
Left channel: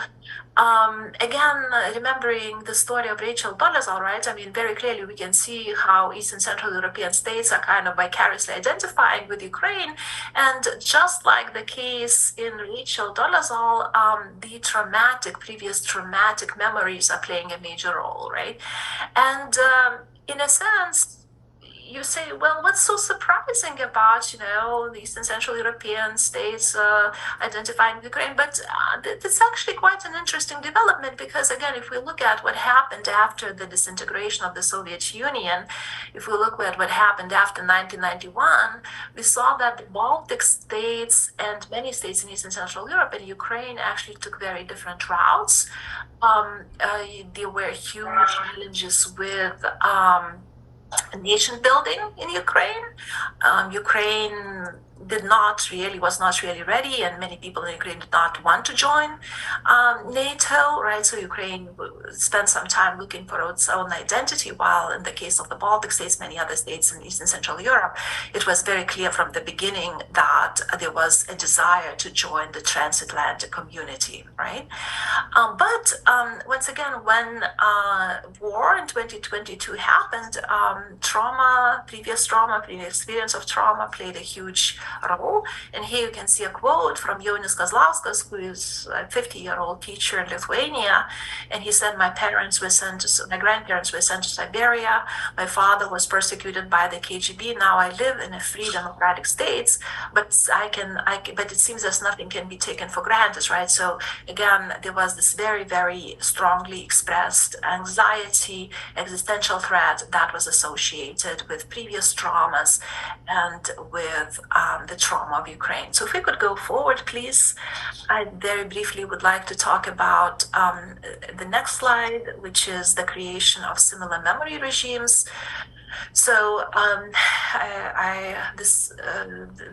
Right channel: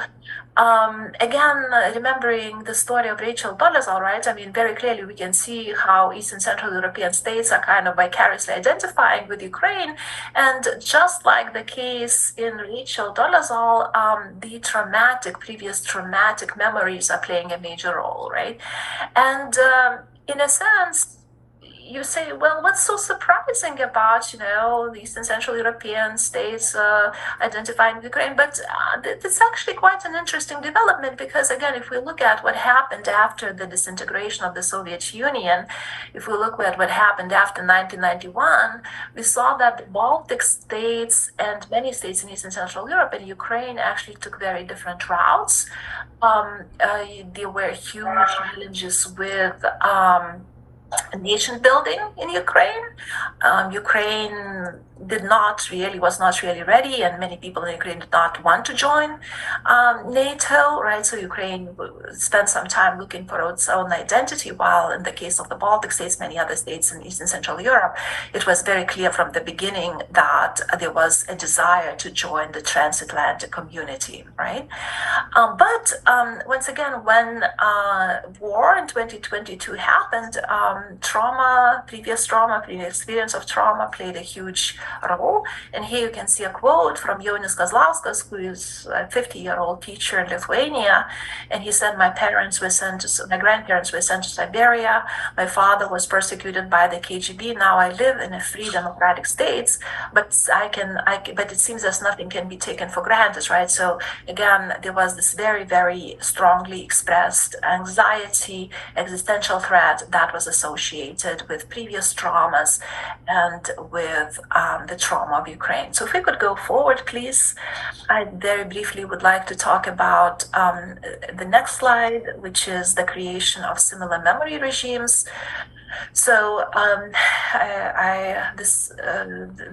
again, remembering the story of Rachel Dolezal, right? I mean, very clearly we can see how East and Central European states are kind of vicariously identifying with Ukraine. And just like the case in Rachel Dolezal, the previous traumatic memories are playing a major role, right? And in a sense, you say, well, what's so surprising about, the Eastern Central European states identifying Ukraine? But it's actually quite an interesting development because, again, if we look at what happened after the disintegration of the Soviet Union, if we look at what happened after 1991, we saw that the Baltic states and many states in Eastern Central Europe and Ukraine actually took very different routes. There were huge challenges with nation building in Ukraine. Ukraine was not really ready, and many people in Ukraine did not want to join NATO, right? So Ukraine spent some time looking for its own identity, while in the case of the Baltic states, many other states in Eastern Central Europe, it was very clear from the beginning that there was a desire to join the transatlantic community, right? But once again, when war in 2022 happened, previous experience of trauma played a huge role. And here you can see a quote from Jonas Kazlauskas, who is a 50-year-old teacher in Lithuania. And he said, my grandparents were sent to Siberia. My father was persecuted by the KGB. Now I live in a free democratic state, but but it seems as nothing can be taken for granted, right? So again, there was this very, very strongly expressed anxiety, existential threat that was associated associated with previous traumas and with the trauma of Ukraine. So if we could go forward, please. I very briefly would like to talk about the next slide, which is the creation of similar memory regimes. So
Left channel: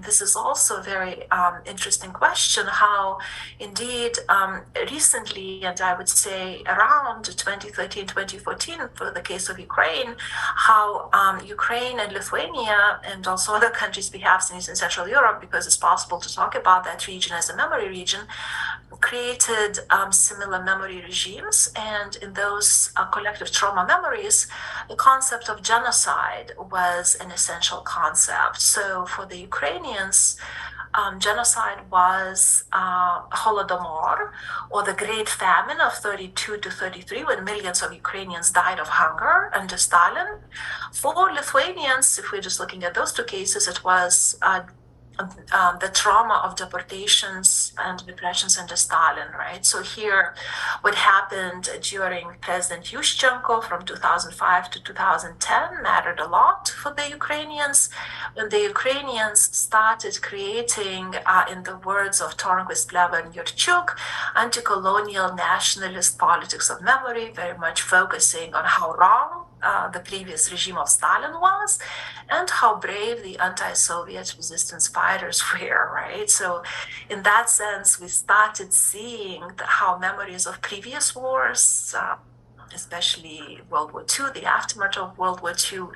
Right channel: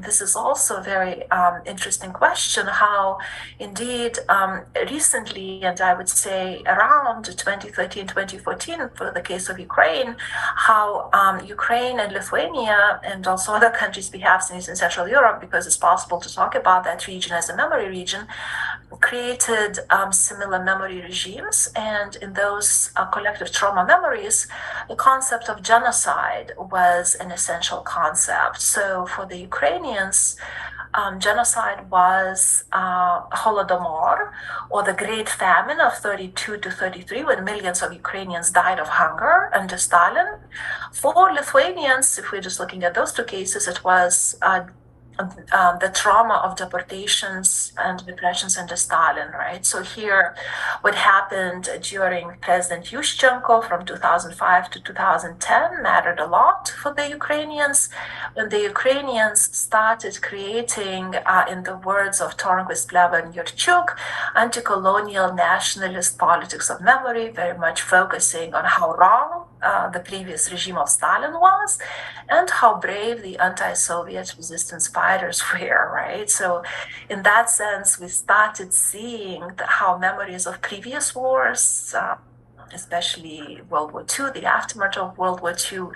this is also a very interesting question, how indeed recently, and I would say around 2013, 2014, for the case of Ukraine, how Ukraine and Lithuania and also other countries perhaps in Eastern Central Europe, because it's possible to talk about that region as a memory region, created similar memory regimes. And in those collective trauma memories, the concept of genocide was an essential concept. So for the Ukrainians, genocide was Holodomor, or the Great Famine of 32 to 33, when millions of Ukrainians died of hunger under Stalin. For Lithuanians, if we're just looking at those two cases, it was the trauma of deportations and repressions under Stalin, right? So here, what happened during President Yushchenko from 2005 to 2010 mattered a lot for the Ukrainians. When the Ukrainians started creating, in the words of Tornquist, Pleva, and Yurchuk, anti-colonial nationalist politics of memory, very much focusing on how wrong the previous regime of Stalin was, and how brave the anti-Soviet resistance fighters were, right? So in that sense, we started seeing how memories of previous wars, especially World War II, the aftermath of World War II,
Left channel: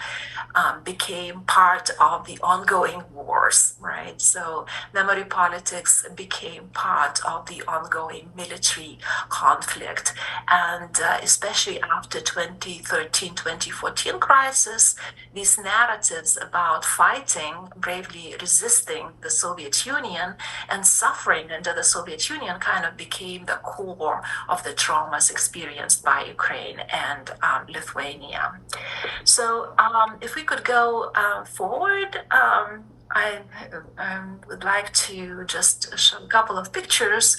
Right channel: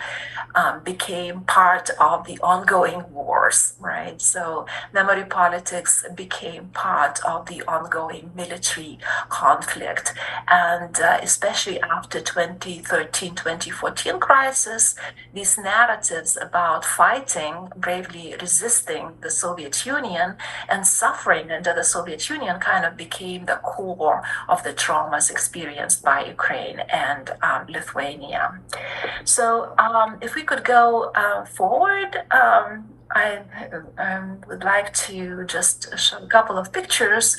became part of the ongoing wars, right? So memory politics became part of the ongoing military conflict. And especially after 2013, 2014 crisis, these narratives about fighting, bravely resisting the Soviet Union and suffering under the Soviet Union kind of became the core of the traumas experienced by Ukraine and Lithuania. So if we could go forward, I would like to just show a couple of pictures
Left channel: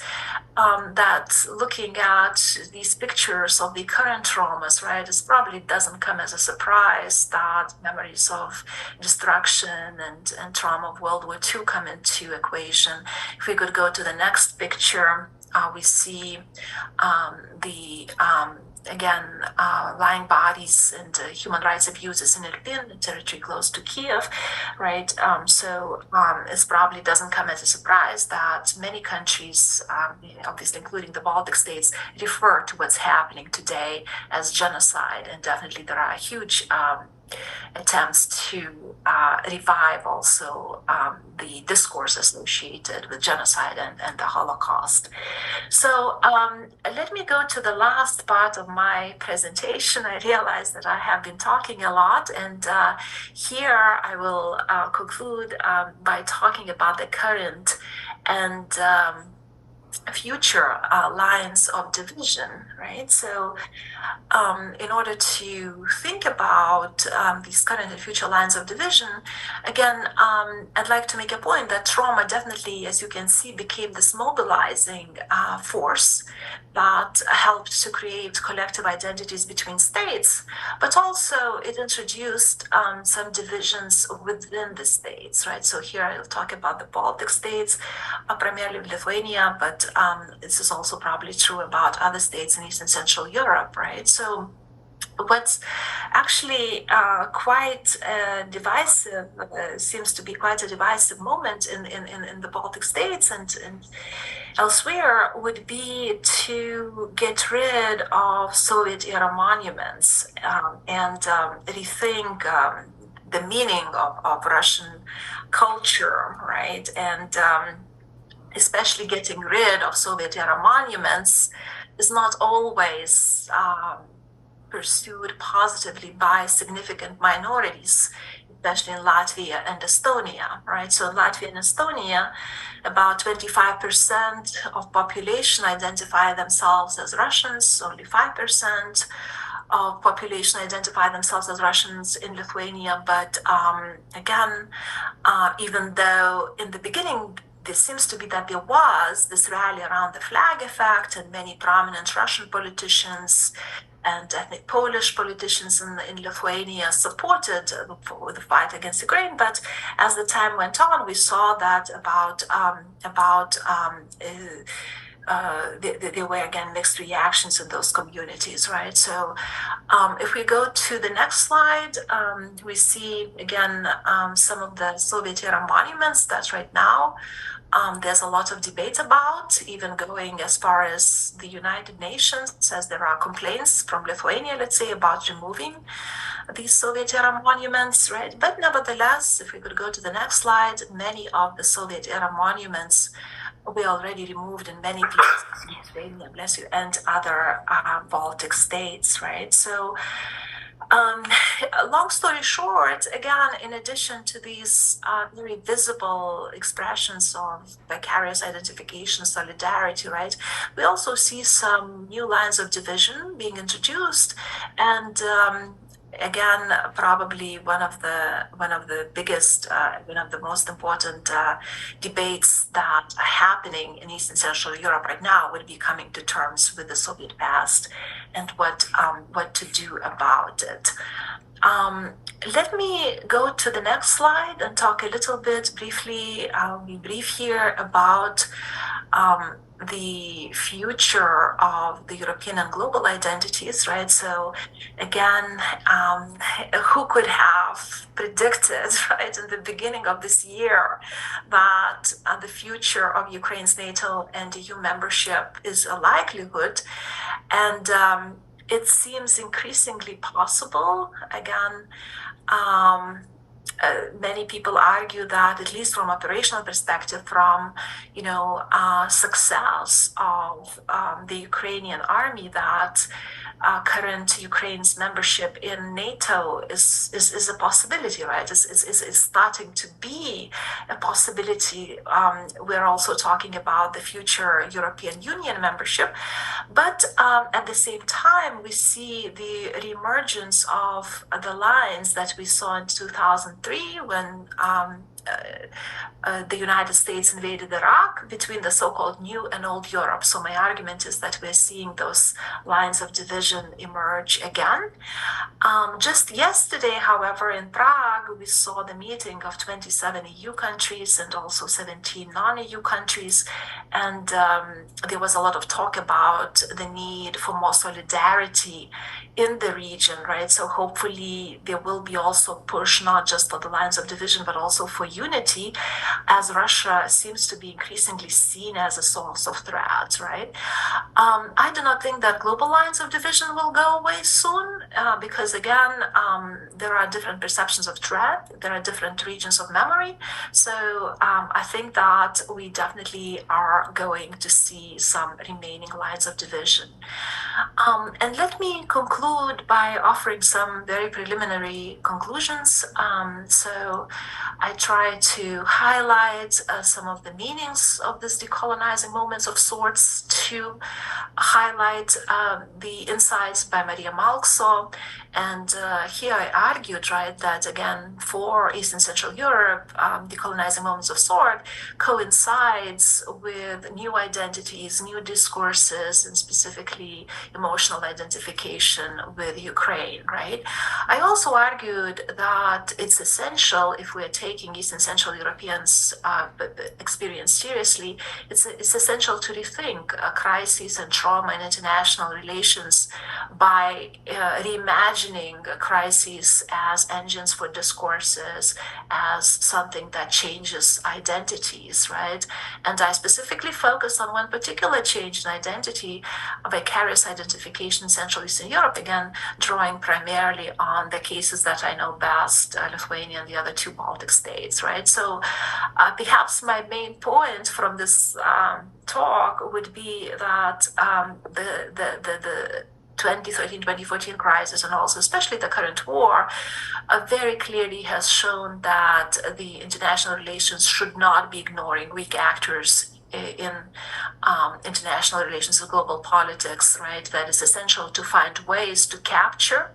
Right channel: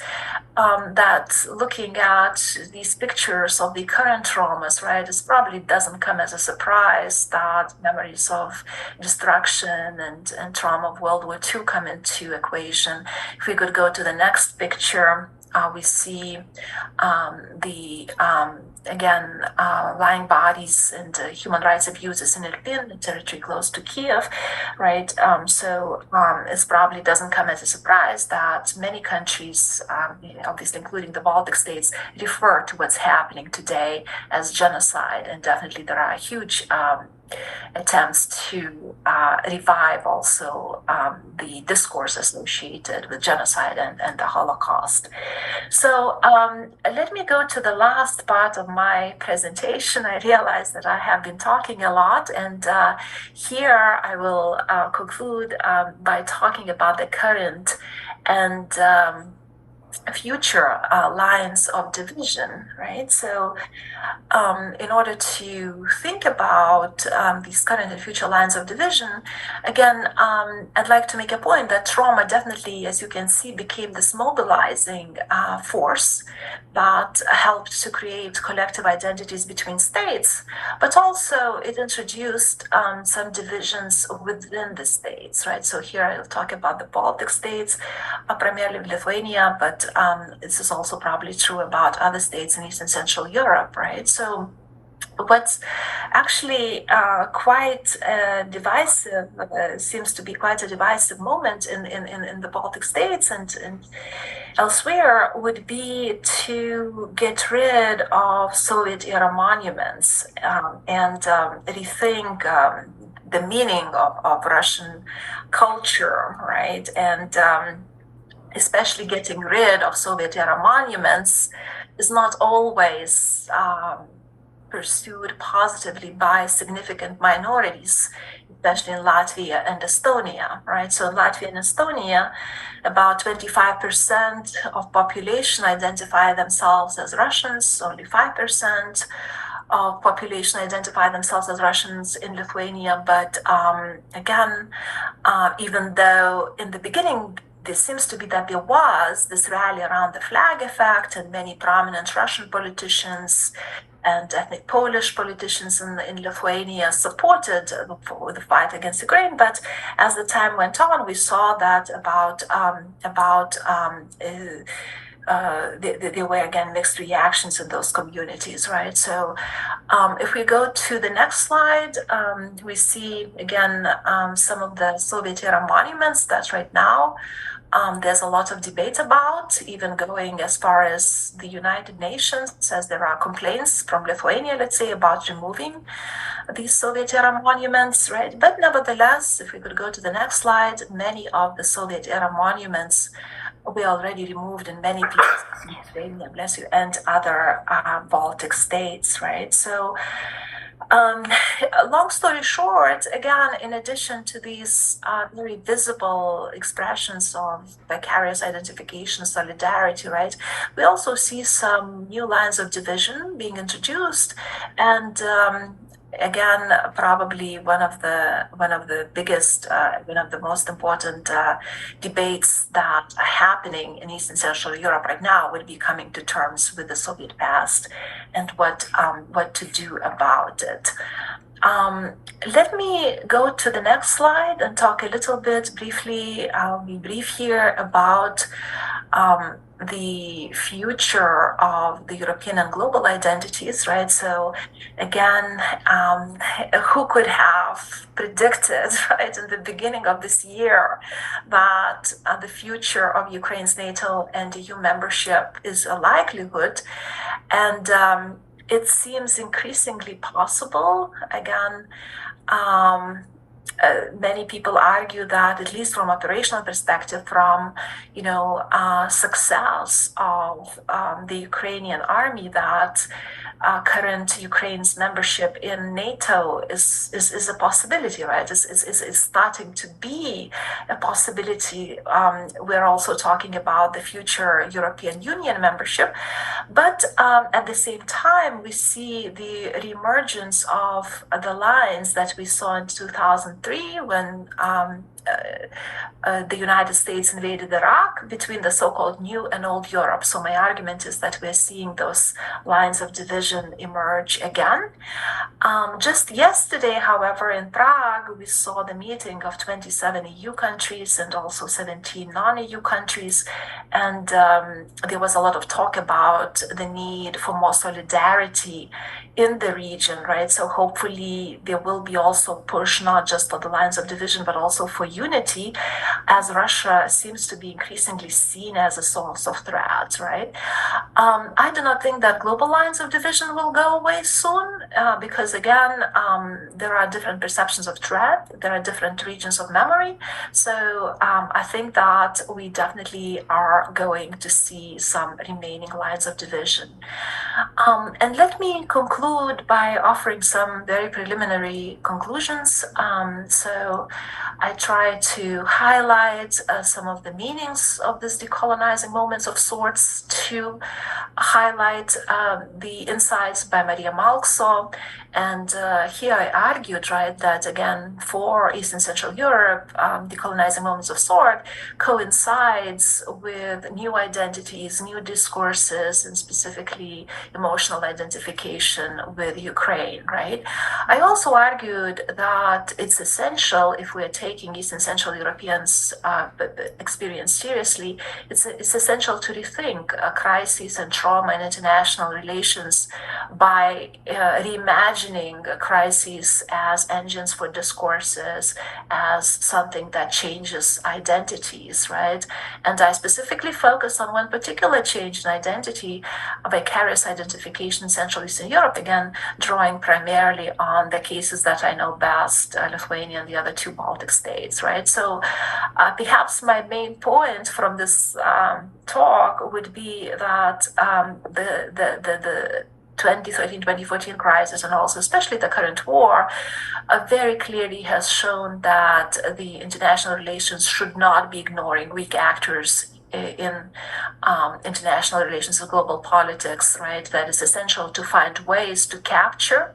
that looking at these pictures of the current traumas, right, it probably doesn't come as a surprise that memories of destruction and trauma of World War II come into equation. If we could go to the next picture, we see again, lying bodies and human rights abuses in Irpin, the territory close to Kiev, right? So it probably doesn't come as a surprise that many countries, obviously including the Baltic states, refer to what's happening today as genocide. And definitely there are huge attempts to revive also the discourse associated with genocide and the Holocaust. So let me go to the last part of my presentation. I realize that I have been talking a lot, and here I will conclude by talking about the current and future lines of division, right? So in order to think about these current and future lines of division, again, I'd like to make a point that trauma definitely, as you can see, became this mobilizing force that helped to create collective identities between states, but also it introduced some divisions within the states, right? So here I'll talk about the Baltic states, primarily Lithuania, but this is also probably true about other states in Eastern Central Europe, right? So what's actually quite divisive, seems to be quite a divisive moment in the Baltic states and elsewhere, would be to get rid of Soviet-era monuments and rethink the meaning of Russian culture, right? And especially getting rid of Soviet-era monuments is not always pursued positively by significant minorities, especially in Latvia and Estonia, right? So in Latvia and Estonia, about 25% of population identify themselves as Russians, only 5% of population identify themselves as Russians in Lithuania. But again, even though in the beginning, this seems to be that there was this rally around the flag effect, and many prominent Russian politicians and ethnic Polish politicians in Lithuania supported the fight against Ukraine. But as the time went on, we saw that there were again mixed reactions in those communities, right? So if we go to the next slide, we see again some of the Soviet era monuments that right now there's a lot of debate about, even going as far as the United Nations, as there are complaints from Lithuania, let's say, about removing these Soviet era monuments, right? But nevertheless, if we could go to the next slide, many of the Soviet era monuments were already removed in many places, Lithuania, bless you, and other Baltic states, right? So long story short, again, in addition to these very visible expressions of vicarious identification, solidarity, right, we also see some new lines of division being introduced, and again, probably one of the biggest, one of the most important debates that are happening in East and Central Europe right now would be coming to terms with the Soviet past and what to do about it. Let me go to the next slide and talk a little bit briefly. I'll be brief here about the future of the European and global identities, right? So again, who could have predicted, right, in the beginning of this year that the future of Ukraine's NATO and EU membership is a likelihood? And it seems increasingly possible. Again, many people argue that, at least from operational perspective, from success of the Ukrainian army, that current Ukraine's membership in NATO is a possibility, right? Is starting to be a possibility. We're also talking about the future European Union membership, but at the same time, we see the reemergence of the lines that we saw in 2003 when the United States invaded Iraq, between the so-called new and old Europe. So my argument is that we're seeing those lines of division emerge again. Just yesterday, however, in Prague, we saw the meeting of 27 EU countries and also 17 non-EU countries. And there was a lot of talk about the need for more solidarity in the region, right? So hopefully there will be also push, not just for the lines of division, but also for unity, as Russia seems to be increasingly seen as a source of threat, right? I do not think that global lines of division will go away soon, because again, there are different perceptions of threat, there are different regions of memory. So I think that we definitely are going to see some remaining lines of division. And let me conclude by offering some very preliminary conclusions. So I try to highlight some of the meanings of this decolonizing moments of sorts, to highlight the insights by Maria Malkso. And here I argued, right, that again, for East and Central Europe, decolonizing moments of sort coincides with new identities, new discourses, and specifically emotional identification with Ukraine, right? I also argued that it's essential, if we're taking East and Central Europeans' experience seriously, it's essential to rethink crises and trauma in international relations by reimagining crises as engines for discourses, as something that changes identities, right? And I specifically focus on one particular change in identity, vicarious identification in Central Eastern Europe, again, drawing primarily on the cases that I know best, Lithuania and the other two Baltic states, right? So perhaps my main point from this talk would be that the 2013-2014 crisis, and also especially the current war, very clearly has shown that the international relations should not be ignoring weak actors in international relations and global politics, right? That it's essential to find ways to capture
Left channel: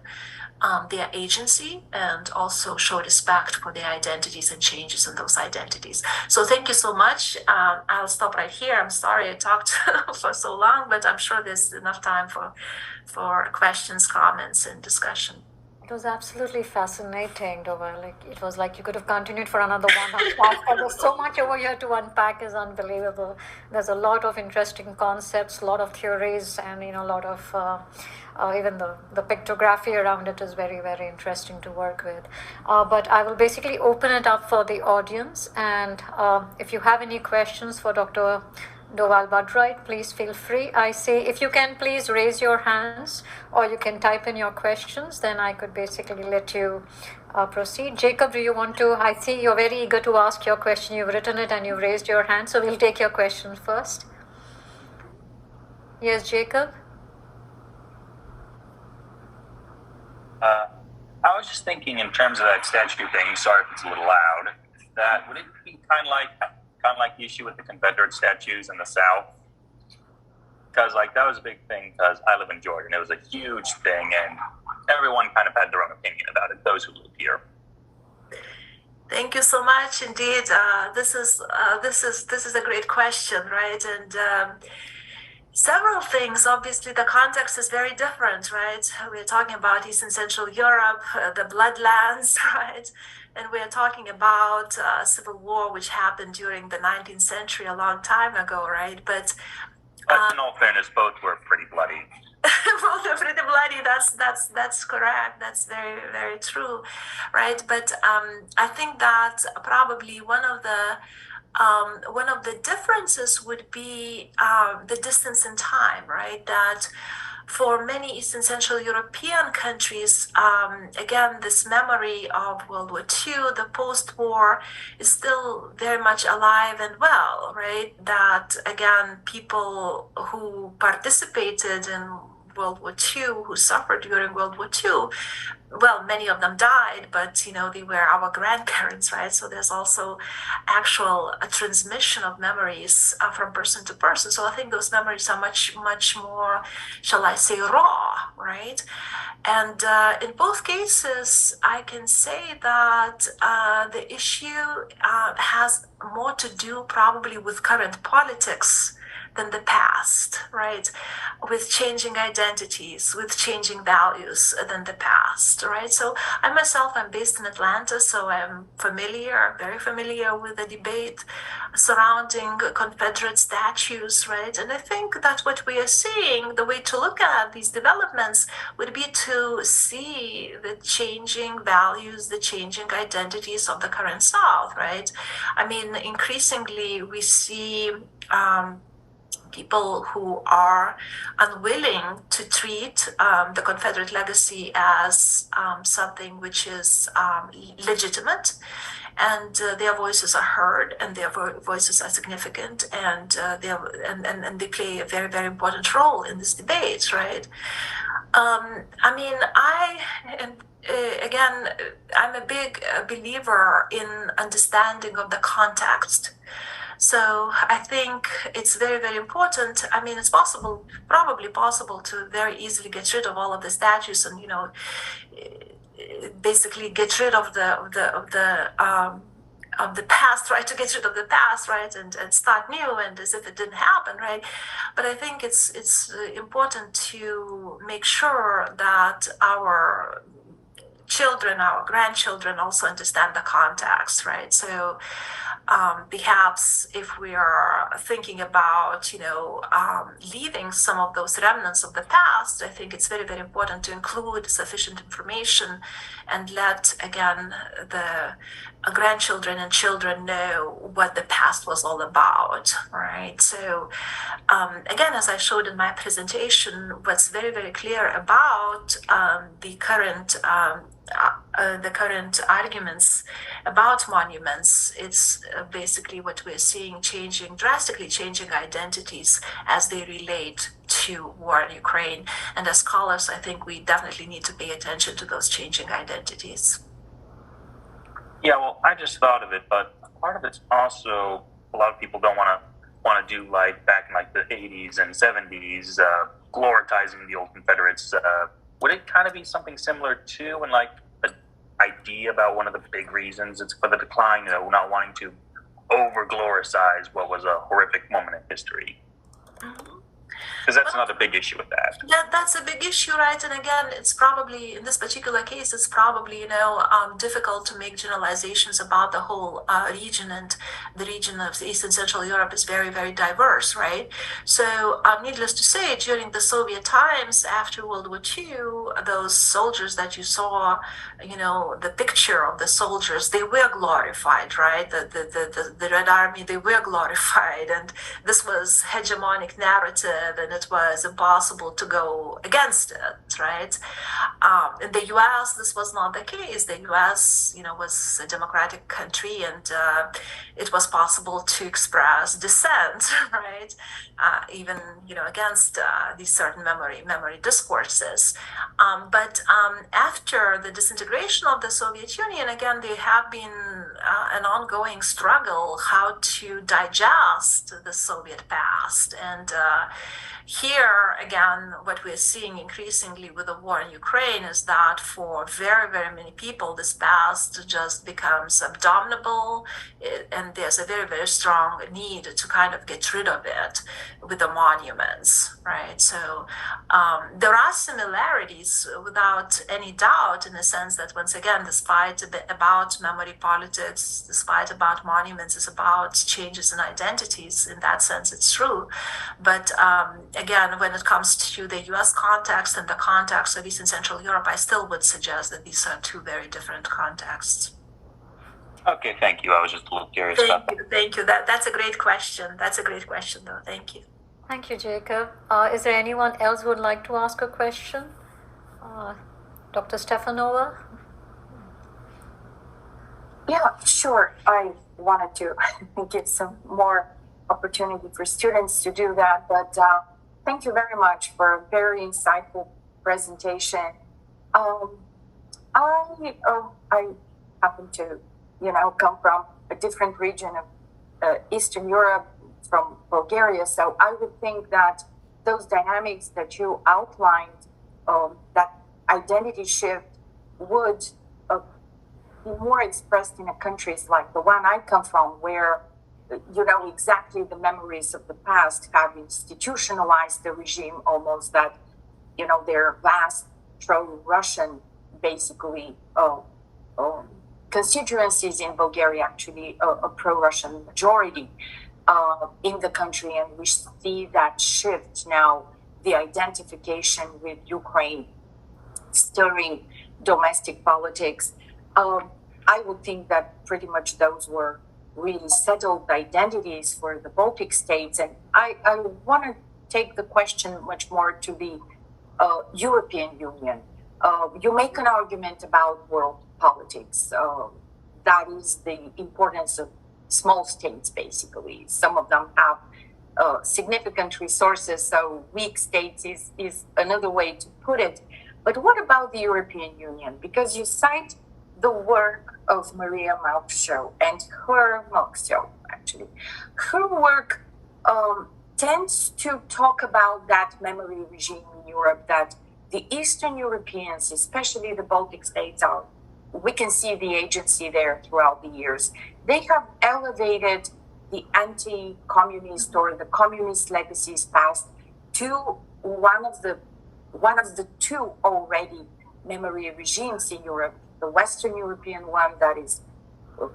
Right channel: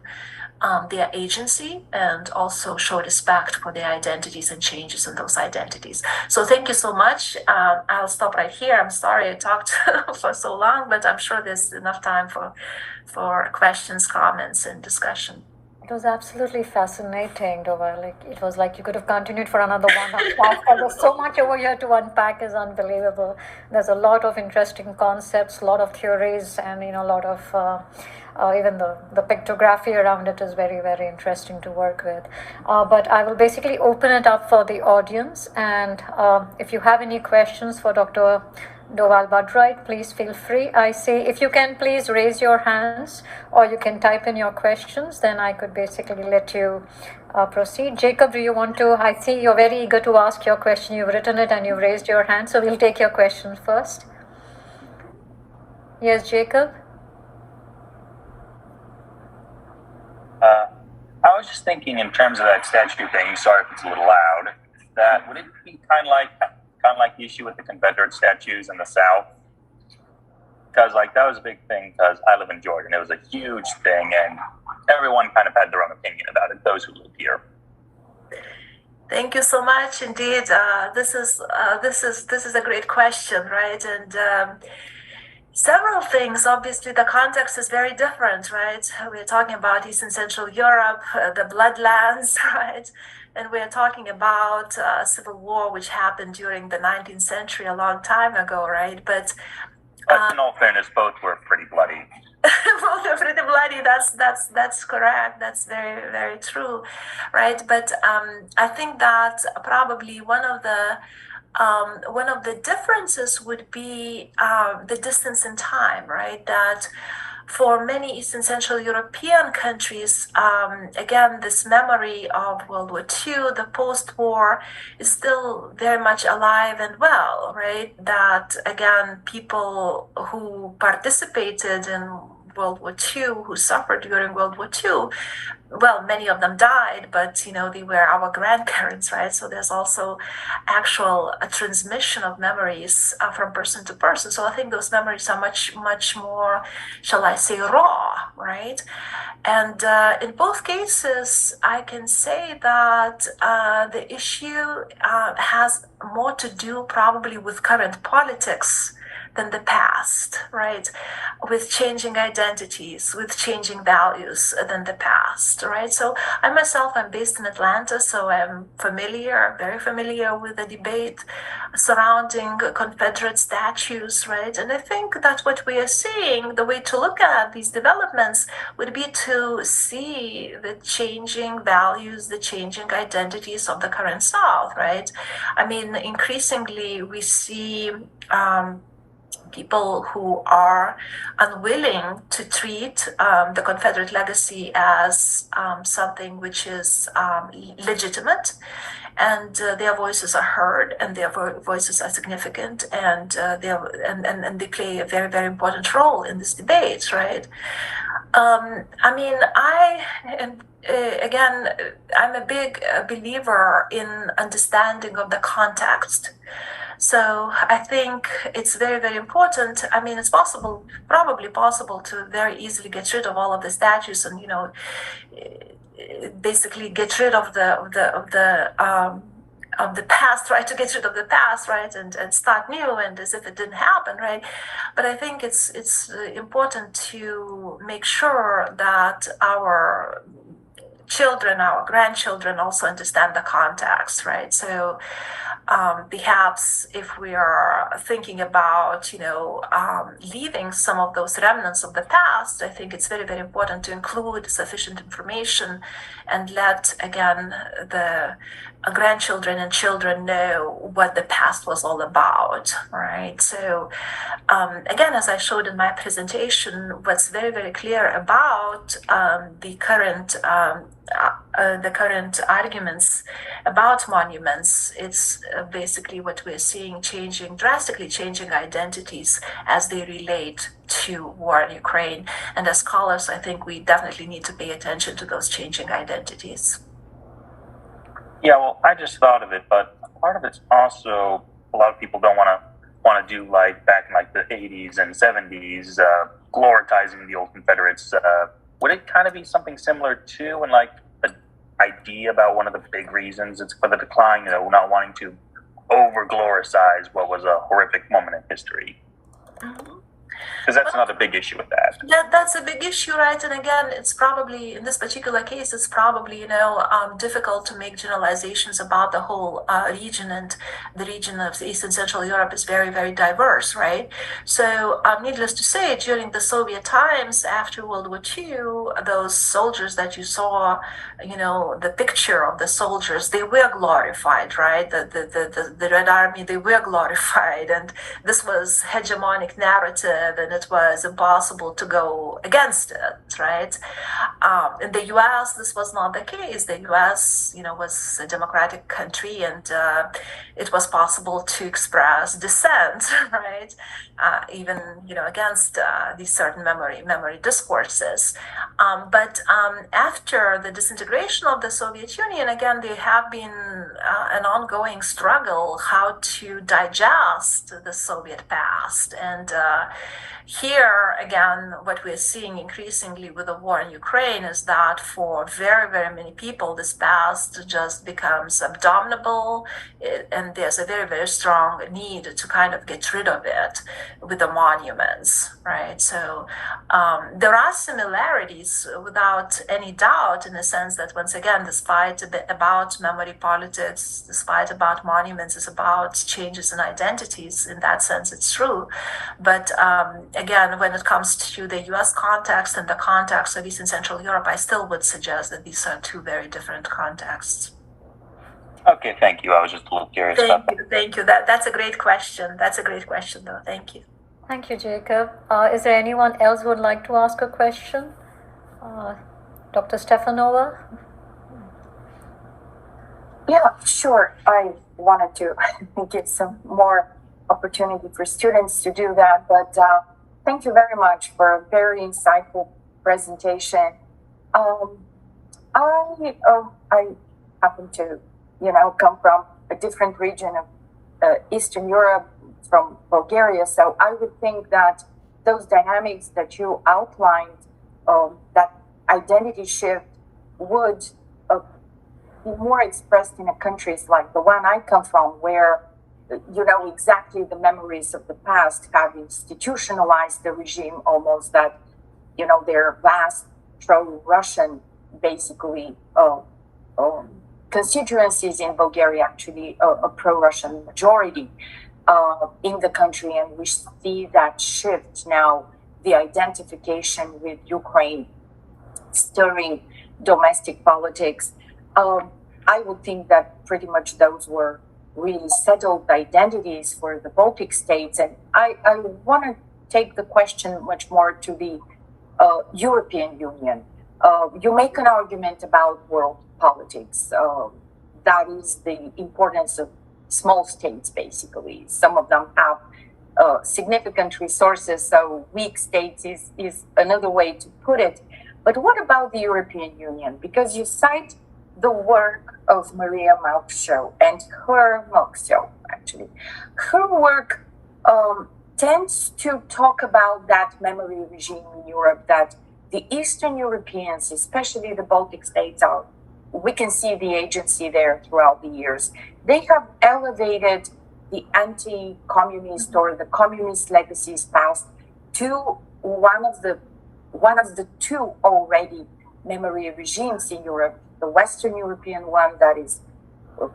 their agency and also show respect for their identities and changes in those identities. So thank you so much. I'll stop right here. I'm sorry I talked for so long, but I'm sure there's enough time for questions, comments, and discussion. It was absolutely fascinating, Dova. Like it was like you could have continued for another 1 hour. There's so much over here to unpack is unbelievable. There's a lot of interesting concepts, a lot of theories, and a lot of even the pictography around it is very, very interesting to work with. But I will basically open it up for the audience, and if you have any questions for Dr. Doval Badroit, please feel free. I say if you can please raise your hands or you can type in your questions, then I could basically let you proceed. Jacob, do you want to? I see you're very eager to ask your question. You've written it and you've raised your hand, so we'll take your question first. Yes, Jacob? I was just thinking in terms of that statue thing, sorry if it's a little loud, that would it be kind of like the issue with the Confederate statues in the South? Because that was a big thing because I live in Jordan. It was a huge thing and everyone kind of had their own opinion about it, those who live here. Thank you so much. Indeed, this is a great question, right? And several things. Obviously, the context is very different, right? We're talking about East and Central Europe, the bloodlands, right? And we're talking about civil war, which happened during the 19th century, a long time ago, right? But in all fairness, both were pretty bloody. Both are pretty bloody. That's correct. That's very, very true, right? But I think that probably one of the differences would be the distance in time, right? That for many East and Central European countries, again, this memory of World War II, the post-war, is still very much alive and well, right? That, again, people who participated in World War II, who suffered during World War II, well, many of them died, but they were our grandparents, right? So there's also actual transmission of memories from person to person. So I think those memories are much, much more, shall I say, raw, right? And in both cases, I can say that the issue has more to do probably with current politics than the past, right? With changing identities, with changing values than the past, right? So I myself, I'm based in Atlanta, so I'm very familiar with the debate surrounding Confederate statues, right? And I think that what we are seeing, the way to look at these developments would be to see the changing values, the changing identities of the current South, right? I mean, increasingly we see people who are unwilling to treat the Confederate legacy as something which is legitimate, and their voices are heard, and their voices are significant, and they play a very, very important role in this debate, right? I mean, again, I'm a big believer in understanding of the context. So I think it's very, very important. I mean, it's probably possible to very easily get rid of all of the statues and, basically get rid of the past, right? To get rid of the past, right? And start new and as if it didn't happen, right? But I think it's important to make sure that our children, our grandchildren also understand the context, right? So perhaps if we are thinking about, leaving some of those remnants of the past, I think it's very, very important to include sufficient information and let, again, the grandchildren and children know what the past was all about, right? So again, as I showed in my presentation, what's very, very clear about the current arguments about monuments, it's basically what we're seeing drastically changing identities as they relate to war in Ukraine. And as scholars, I think we definitely need to pay attention to those changing identities. Yeah, well, I just thought of it, but part of it's also a lot of people don't want to do like back in like the 80s and 70s, glorifying the old Confederates would it kind of be something similar to, and like the idea about one of the big reasons it's for the decline, not wanting to over glorifies what was a horrific moment in history? Because that's another big issue with that. That's a big issue, right? And again, it's probably in this particular case, it's probably difficult to make generalizations about the whole region, and the region of East and Central Europe is very, very diverse, right? So, needless to say, during the Soviet times after World War II, those soldiers that you saw, the picture of the soldiers, they were glorified, right? The Red Army, they were glorified, and this was hegemonic narrative, and it was impossible to go against it, right? In the U.S., this was not the case. The U.S., was a democratic country, and it was possible to express dissent, right? Even against these certain memory discourses. But after the disintegration of the Soviet Union, again, there have been an ongoing struggle how to digest the Soviet past. And here, again, what we're seeing increasingly with the war in Ukraine is that for very, very many people, this past just becomes abominable, and there's a very, very strong need to kind of get rid of it with the monuments, right? So there are similarities without any doubt, in the sense that, once again, despite about memory politics, despite about monuments, is about changes in identities. In that sense, it's true. But again, when it comes to the US context and the context of East and Central Europe, I still would suggest that these are two very different contexts. Okay, thank you. I was just a little curious about that. Thank you. That's a great question. That's a great question, though. Thank you. Thank you, Jacob. Is there anyone else who would like to ask a question? Dr. Stefanova? Yeah, sure. I wanted to give some more opportunity for students to do that, but thank you very much for a very insightful presentation. I happen to, come from a different region of Eastern Europe, from Bulgaria, so I would think that those dynamics that you outlined, that identity shift would be more expressed in countries like the one I come from, where exactly the memories of the past have institutionalized the regime almost, that their vast pro-Russian basically constituencies in Bulgaria, actually a pro-Russian majority in the country, and we see that shift now, the identification with Ukraine stirring domestic politics. I would think that pretty much those were really settled identities for the Baltic states. And I want to take the question much more to the European Union. You make an argument about world politics. That is the importance of small states, basically. Some of them have significant resources, so weak states is another way to put it. But what about the European Union? Because you cite the work of Maria Małkszow and her work tends to talk about that memory regime in Europe, that the Eastern Europeans, especially the Baltic states, we can see the agency there throughout the years. They have elevated the anti-communist or the communist legacies past to one of the two already memory regimes in Europe, the Western European one that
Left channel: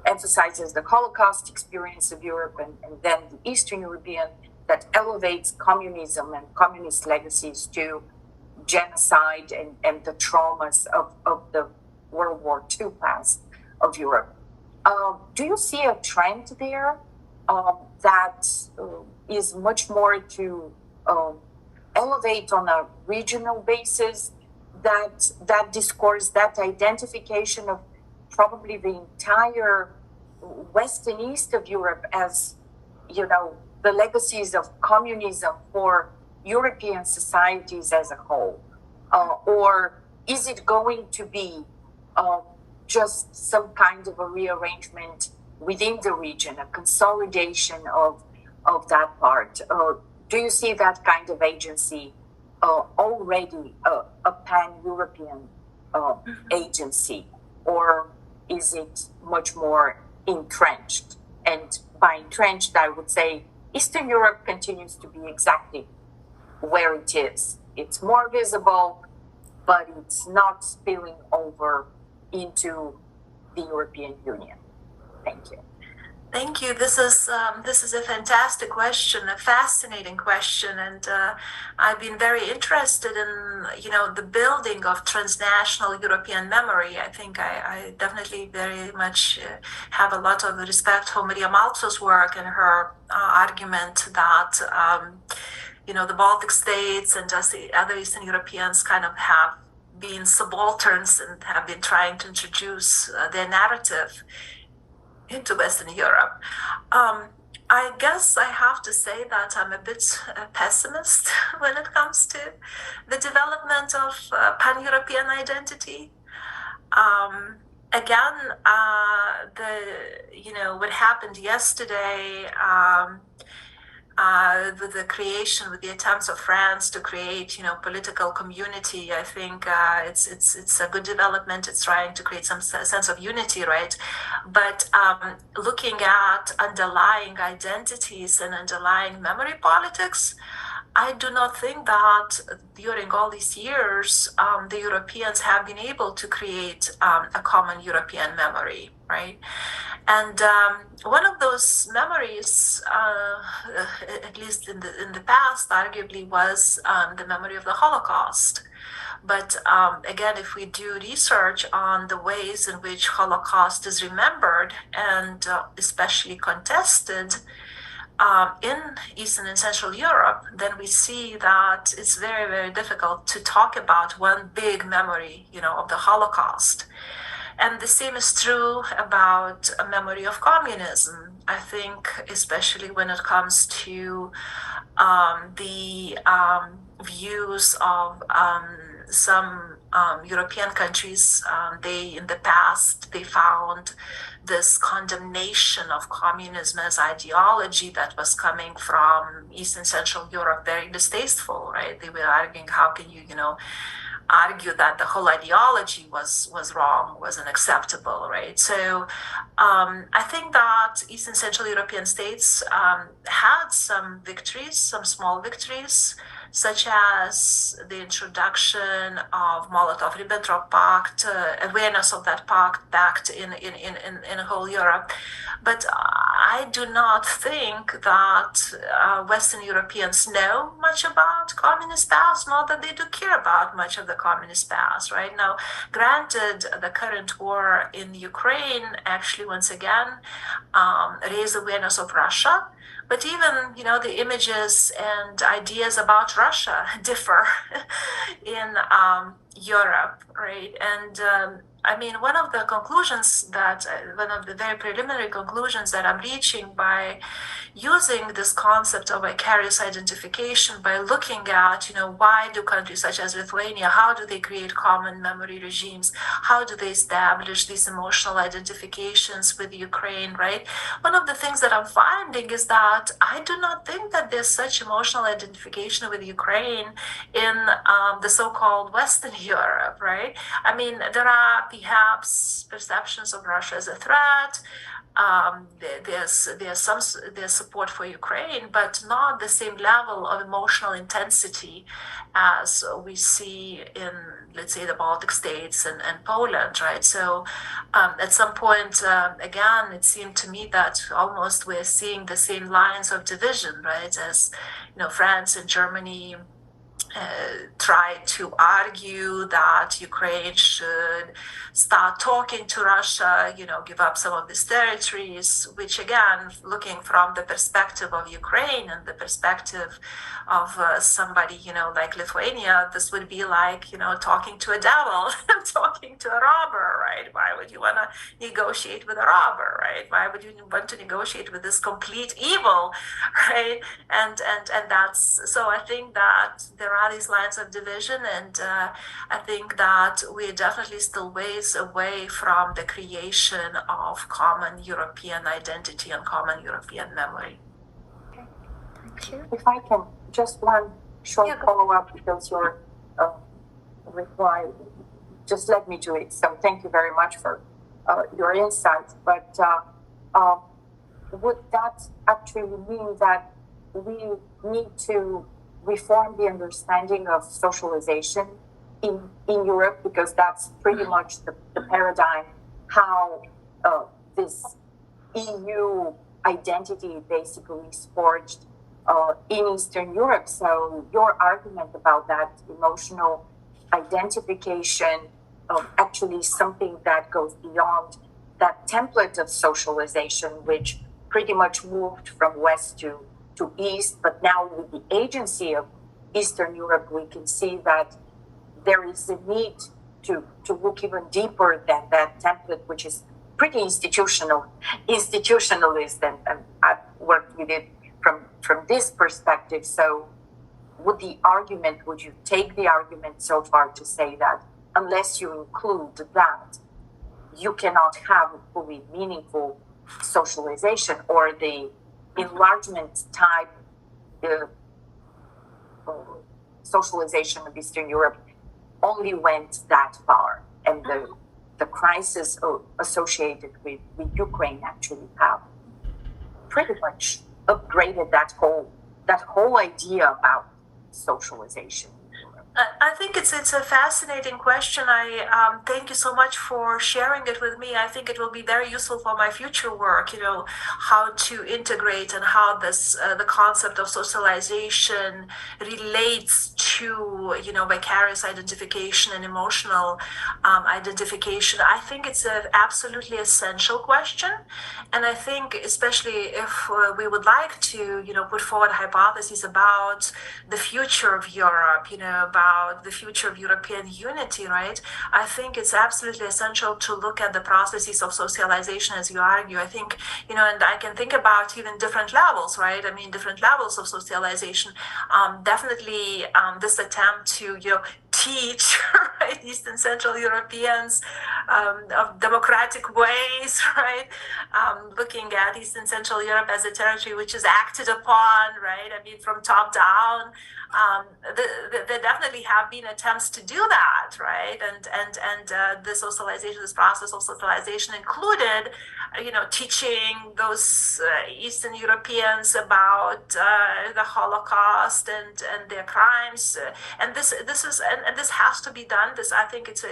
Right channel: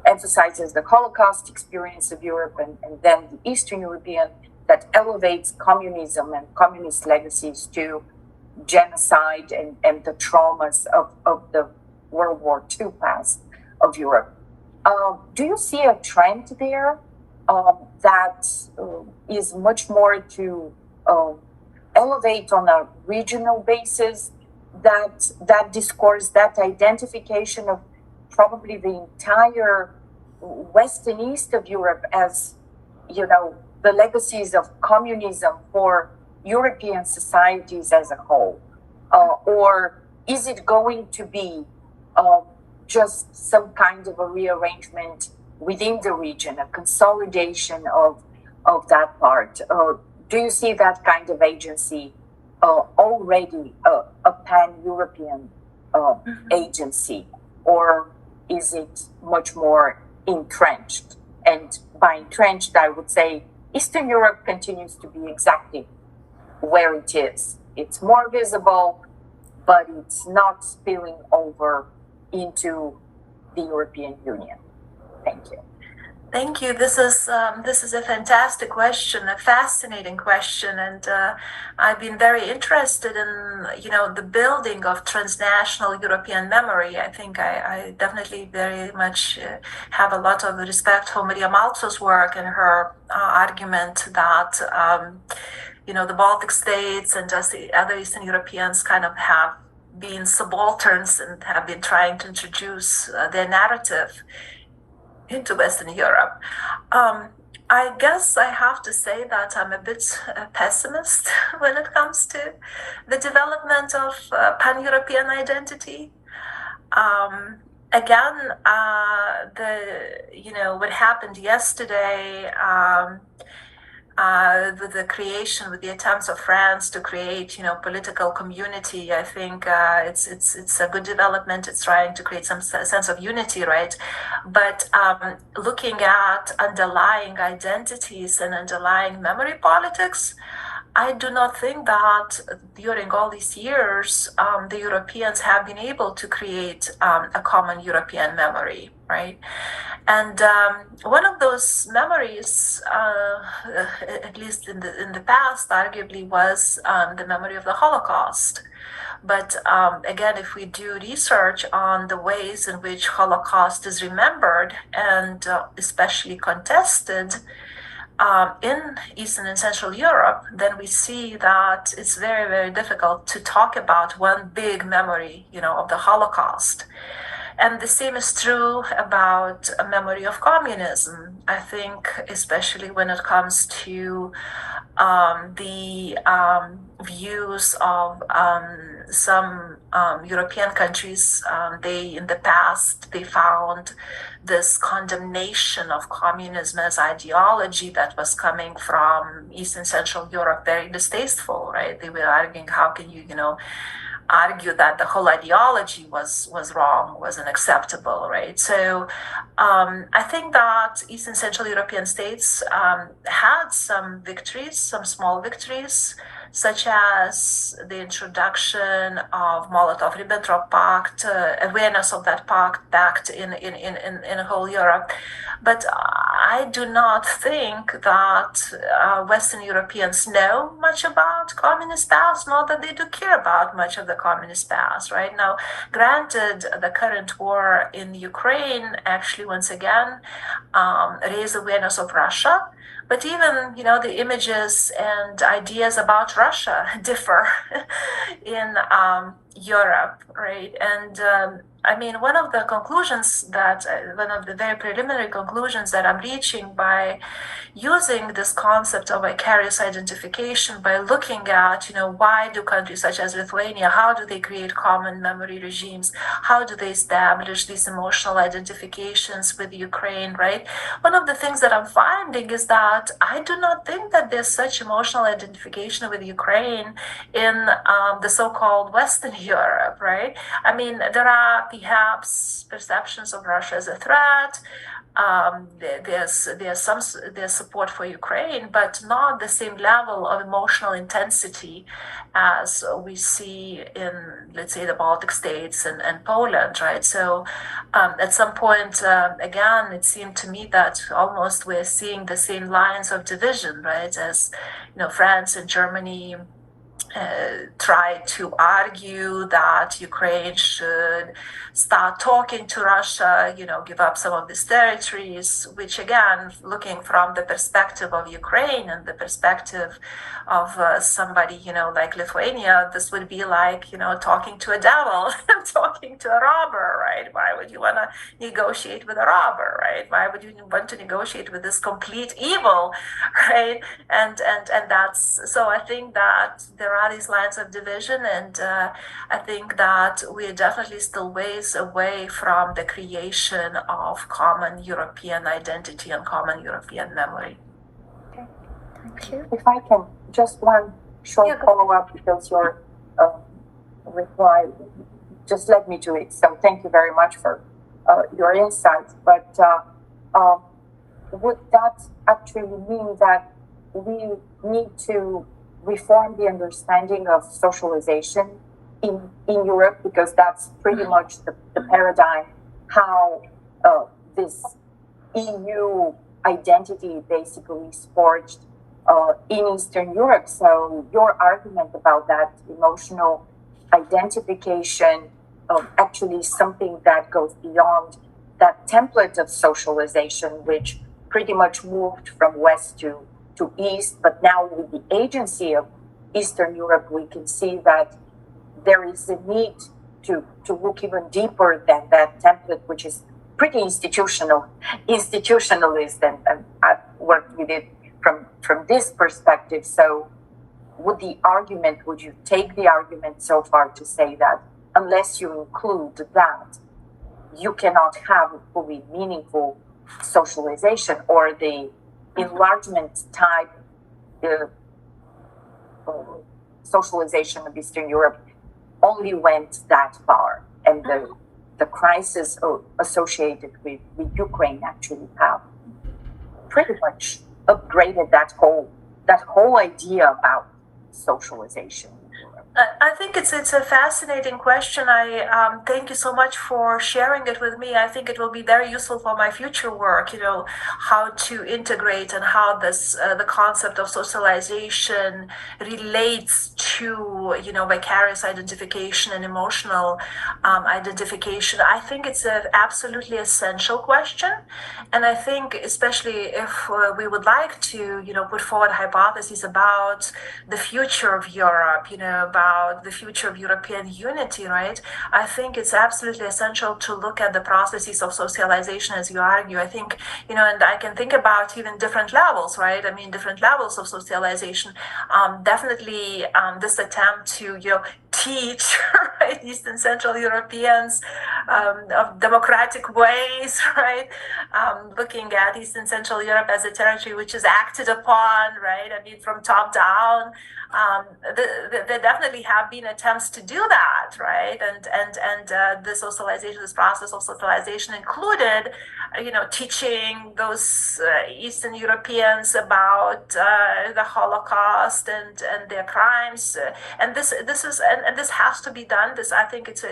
emphasizes the Holocaust experience of Europe, and then the Eastern European that elevates communism and communist legacies to genocide and the traumas of the World War II past of Europe. Do you see a trend there that is much more to elevate on a regional basis that discourse, that identification of probably the entire West and East of Europe as, the legacies of communism for European societies as a whole? Or is it going to be just some kind of a rearrangement within the region, a consolidation of that part? Do you see that kind of agency already a pan-European agency, or is it much more entrenched? And by entrenched, I would say Eastern Europe continues to be exactly where it is. It's more visible, but it's not spilling over into the European Union. Thank you. Thank you. This is a fantastic question, a fascinating question, and I've been very interested in the building of transnational European memory. I think I definitely very much have a lot of respect for Maria Maltzo's work and her argument that the Baltic states and just the other Eastern Europeans kind of have been subalterns and have been trying to introduce their narrative into Western Europe. I guess I have to say that I'm a bit pessimist when it comes to the development of pan-European identity. Again, what happened yesterday with the attempts of France to create, political community, I think it's a good development. It's trying to create some sense of unity, right? But looking at underlying identities and underlying memory politics, I do not think that during all these years, the Europeans have been able to create a common European memory, right? And one of those memories, at least in the past, arguably was the memory of the Holocaust. But again, if we do research on the ways in which Holocaust is remembered and especially contested in Eastern and Central Europe, then we see that it's very, very difficult to talk about one big memory, of the Holocaust. And the same is true about a memory of communism. I think, especially when it comes to the views of some European countries, in the past, they found this condemnation of communism as ideology that was coming from East and Central Europe very distasteful, right? They were arguing, how can you, argue that the whole ideology was wrong, was unacceptable, right? So I think that East and Central European states had some victories, some small victories, such as the introduction of Molotov-Ribbentrop Pact, awareness of that pact in whole Europe. But I do not think that Western Europeans know much about communist past, nor that they do care about much of the communist past, right? Now, granted, the current war in Ukraine actually, once again, raised awareness of Russia. But even, the images and ideas about Russia differ in Europe, right? And one of the very preliminary conclusions that I'm reaching by using this concept of vicarious identification, by looking at, why do countries such as Lithuania, how do they create common memory regimes? How do they establish these emotional identifications with Ukraine, right? One of the things that I'm finding is that I do not think that there's such emotional identification with Ukraine in the so-called Western Europe, right? There are perhaps perceptions of Russia as a threat. There's support for Ukraine, but not the same level of emotional intensity as we see in, let's say, the Baltic states and Poland, right? So at some point, again, it seemed to me that almost we're seeing the same lines of division, right? As France and Germany try to argue that Ukraine should start talking to Russia, give up some of these territories, which again, looking from the perspective of Ukraine and the perspective of somebody, like Lithuania, this would be like, talking to a devil, talking to a robber, right? Why would you want to negotiate with a robber, right? Why would you want to negotiate with this complete evil, right? And that's, so I think that there are these lines of division, and I think that we're definitely still ways away from the creation of common European identity and common European memory. Okay, thank you. If I can, just one short follow-up, because your reply just led me to it. So thank you very much for your insights. But would that actually mean that we need to reform the understanding of socialization in Europe? Because that's pretty much the paradigm how this EU identity basically is forged in Eastern Europe. So your argument about that emotional identification actually something that goes beyond that template of socialization, which pretty much moved from west to east. But now with the agency of Eastern Europe, we can see that there is a need to look even deeper than that template, which is pretty institutionalist, and I've worked with it from this perspective. So would you take the argument so far to say that unless you include that, you cannot have a fully meaningful socialization, or the enlargement type socialization of Eastern Europe only went that far, and the crisis associated with Ukraine actually have pretty much upgraded that whole idea about socialization. I think it's a fascinating question. I thank you so much for sharing it with me. I think it will be very useful for my future work. You know, how to integrate and how this the concept of socialization relates to vicarious identification and emotional identification. I think it's an absolutely essential question, and I think especially if we would like to put forward hypotheses about the future of Europe, about the future of European unity, right? I think it's absolutely essential to look at the processes of socialization, as you argue. I think, and I can think about even different levels, right? I mean, different levels of socialization. Definitely this attempt to, teach right, East and Central Europeans of democratic ways, right? Looking at East and Central Europe as a territory which is acted upon, right? I mean, from top down. There definitely have been attempts to do that, right? And the socialization, this process of socialization included, teaching those Eastern Europeans about the Holocaust and their crimes, and this has to be done. This, I think, it's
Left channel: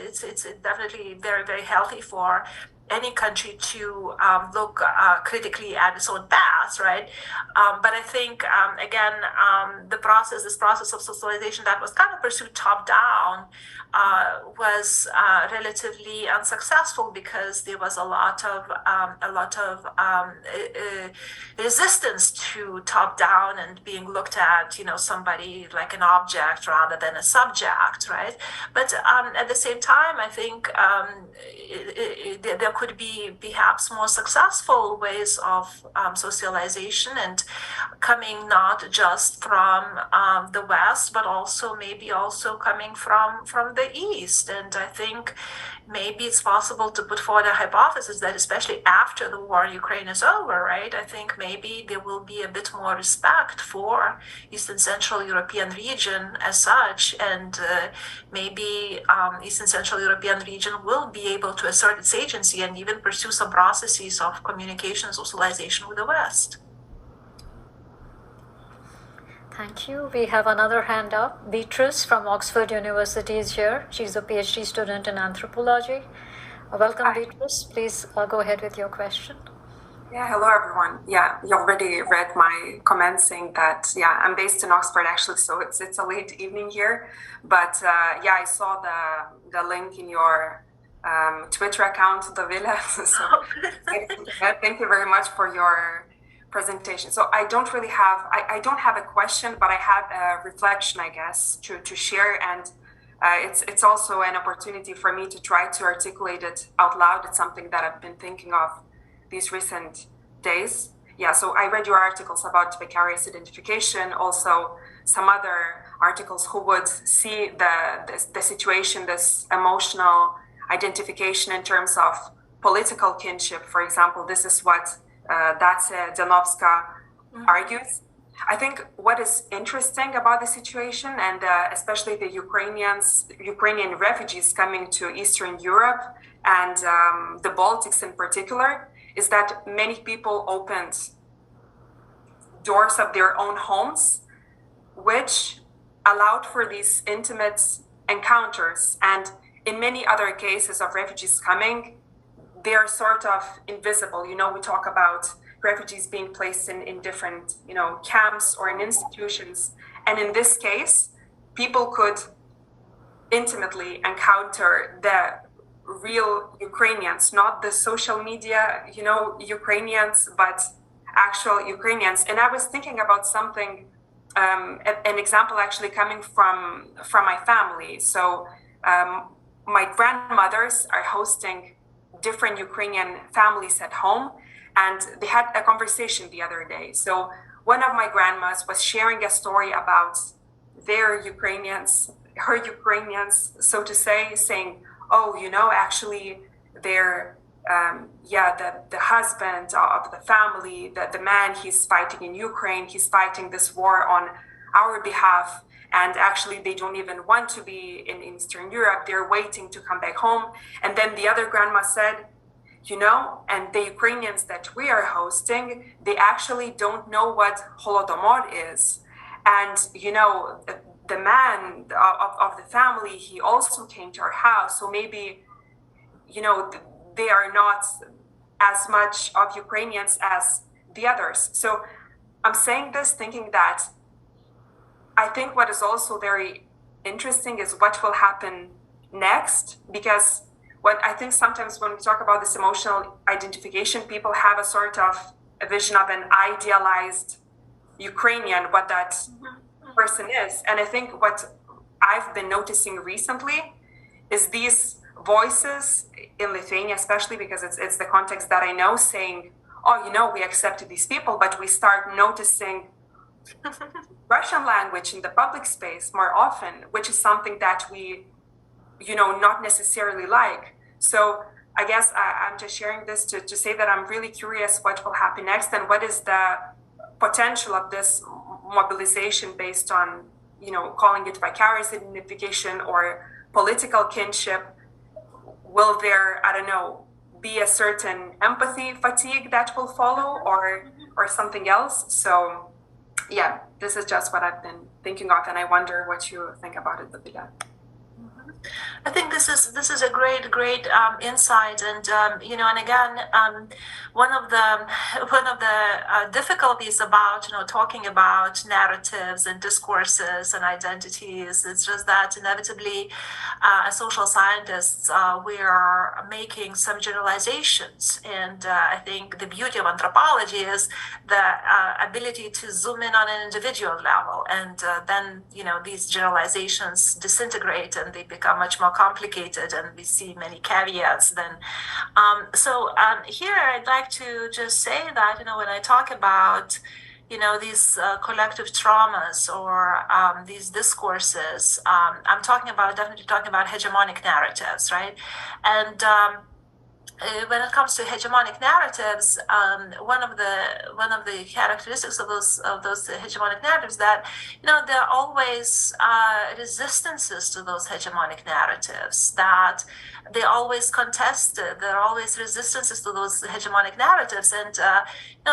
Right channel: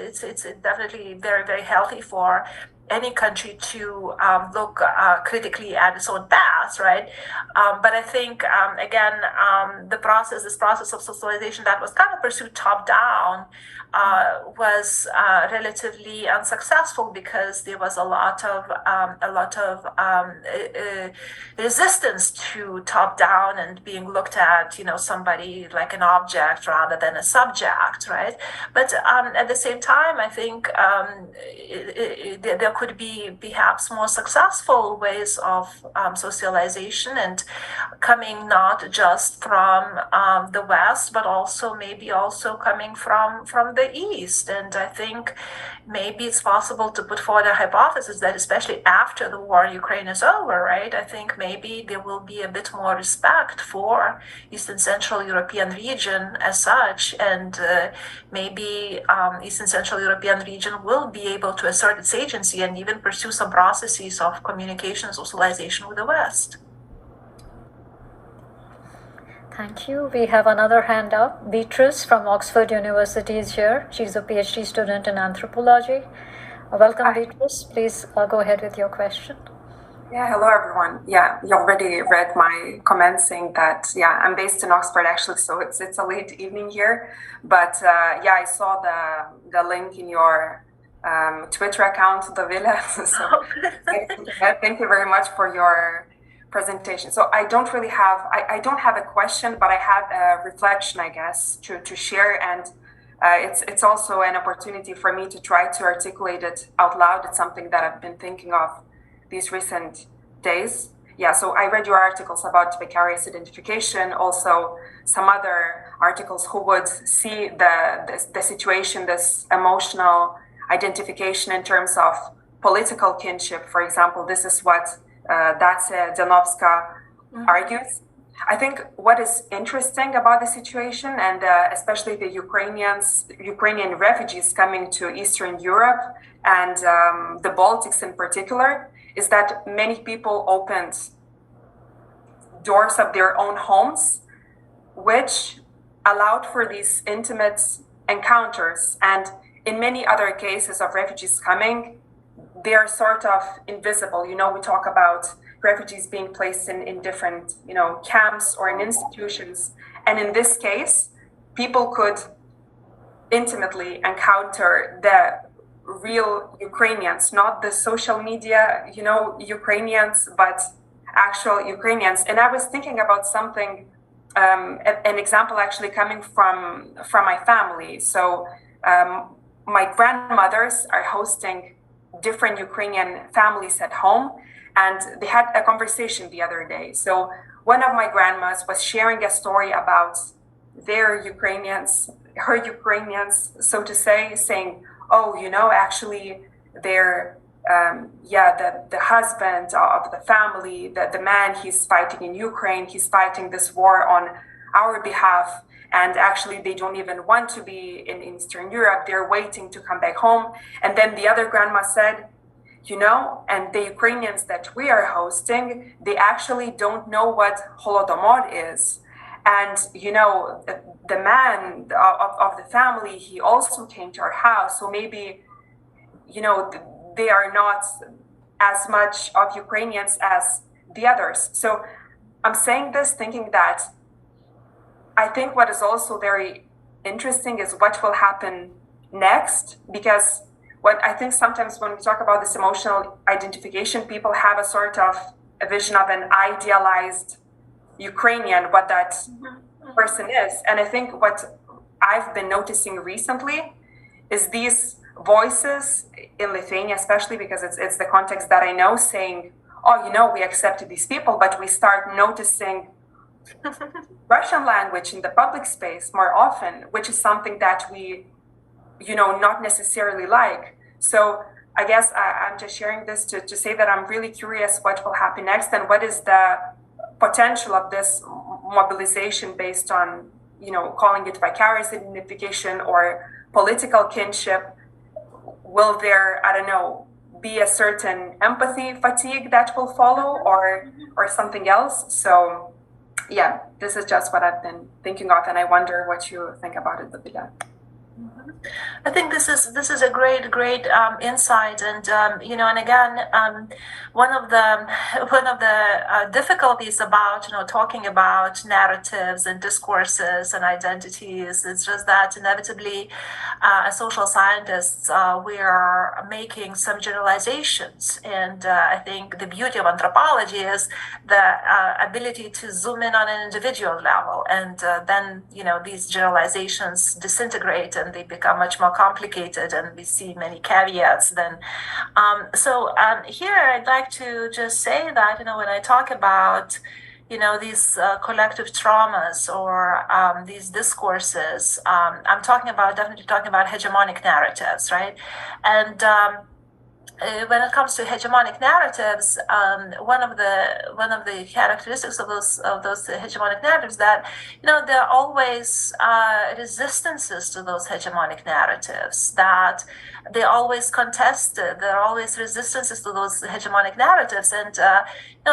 definitely very, very healthy for any country to look critically at its own past, right? But I think, again, this process of socialization that was kind of pursued top down was relatively unsuccessful, because there was a lot of resistance to top down and being looked at, somebody like an object rather than a subject, right? But at the same time, I think there could be perhaps more successful ways of socialization, and coming not just from the West, but also maybe coming from the East. And I think maybe it's possible to put forward a hypothesis that, especially after the war in Ukraine is over, right? I think maybe there will be a bit more respect for East and Central European region as such, and maybe East and Central European region will be able to assert its agency and even pursue some processes of communication and socialization with the West. Thank you. We have another hand up. Beatrice from Oxford University is here. She's a PhD student in anthropology. Welcome, Beatrice. Please go ahead with your question. Yeah, hello everyone. Yeah, you already read my comments saying that, yeah, I'm based in Oxford actually, so it's a late evening here. But yeah, I saw the link in your Twitter account, Davila. So thank you very much for your presentation. So I don't have a question, but I have a reflection, I guess, to share, and it's also an opportunity for me to try to articulate it out loud. It's something that I've been thinking of these recent days. Yeah, so I read your articles about vicarious identification, also some other articles who would see the situation, this emotional identification in terms of political kinship. For example, this is what Dacia Janovska argues. I think what is interesting about the situation, and especially the Ukrainian refugees coming to Eastern Europe and the Baltics in particular, is that many people opened doors of their own homes, which allowed for these intimate encounters. And in many other cases of refugees coming, they're sort of invisible. You know, we talk about refugees being placed in different, camps or in institutions. And in this case, people could intimately encounter the real Ukrainians, not the social media, Ukrainians, but actual Ukrainians. And I was thinking about something, an example actually coming from my family. So my grandmothers are hosting different Ukrainian families at home, and they had a conversation the other day. So one of my grandmas was sharing a story about her Ukrainians, so to say, saying, oh, actually they're, the husband of the family, the man, he's fighting in Ukraine, he's fighting this war on our behalf. And actually, they don't even want to be in Eastern Europe. They're waiting to come back home. And then the other grandma said, and the Ukrainians that we are hosting, they actually don't know what Holodomor is. And, the man of the family, he also came to our house. So maybe, they are not as much of Ukrainians as the others. So I'm saying this thinking that I think what is also very interesting is what will happen next, because what I think sometimes when we talk about this emotional identification, people have a sort of a vision of an idealized Ukrainian, what that person is. And I think what I've been noticing recently is these voices in Lithuania, especially because it's the context that I know, saying, oh, we accepted these people, but we start noticing Russian language in the public space more often, which is something that we, not necessarily like. So I guess I'm just sharing this to say that I'm really curious what will happen next and what is the potential of this mobilization based on, calling it vicarious identification or political kinship. Will there, I don't know, be a certain empathy fatigue that will follow or something else? So yeah, this is just what I've been thinking of, and I wonder what you think about it, Babila. I think this is a great insight, and and again, one of the difficulties about talking about narratives and discourses and identities is just that inevitably, as social scientists, we are making some generalizations, and I think the beauty of anthropology is the ability to zoom in on an individual level, and then these generalizations disintegrate and they become much more complicated, and we see many caveats then. Here I'd like to just say that when I talk about these collective traumas or these discourses, I'm definitely talking about hegemonic narratives, right? And when it comes to hegemonic narratives, one of the characteristics of those hegemonic narratives that there are always resistances to those hegemonic narratives, that they're always contested, there are always resistances to those hegemonic narratives, and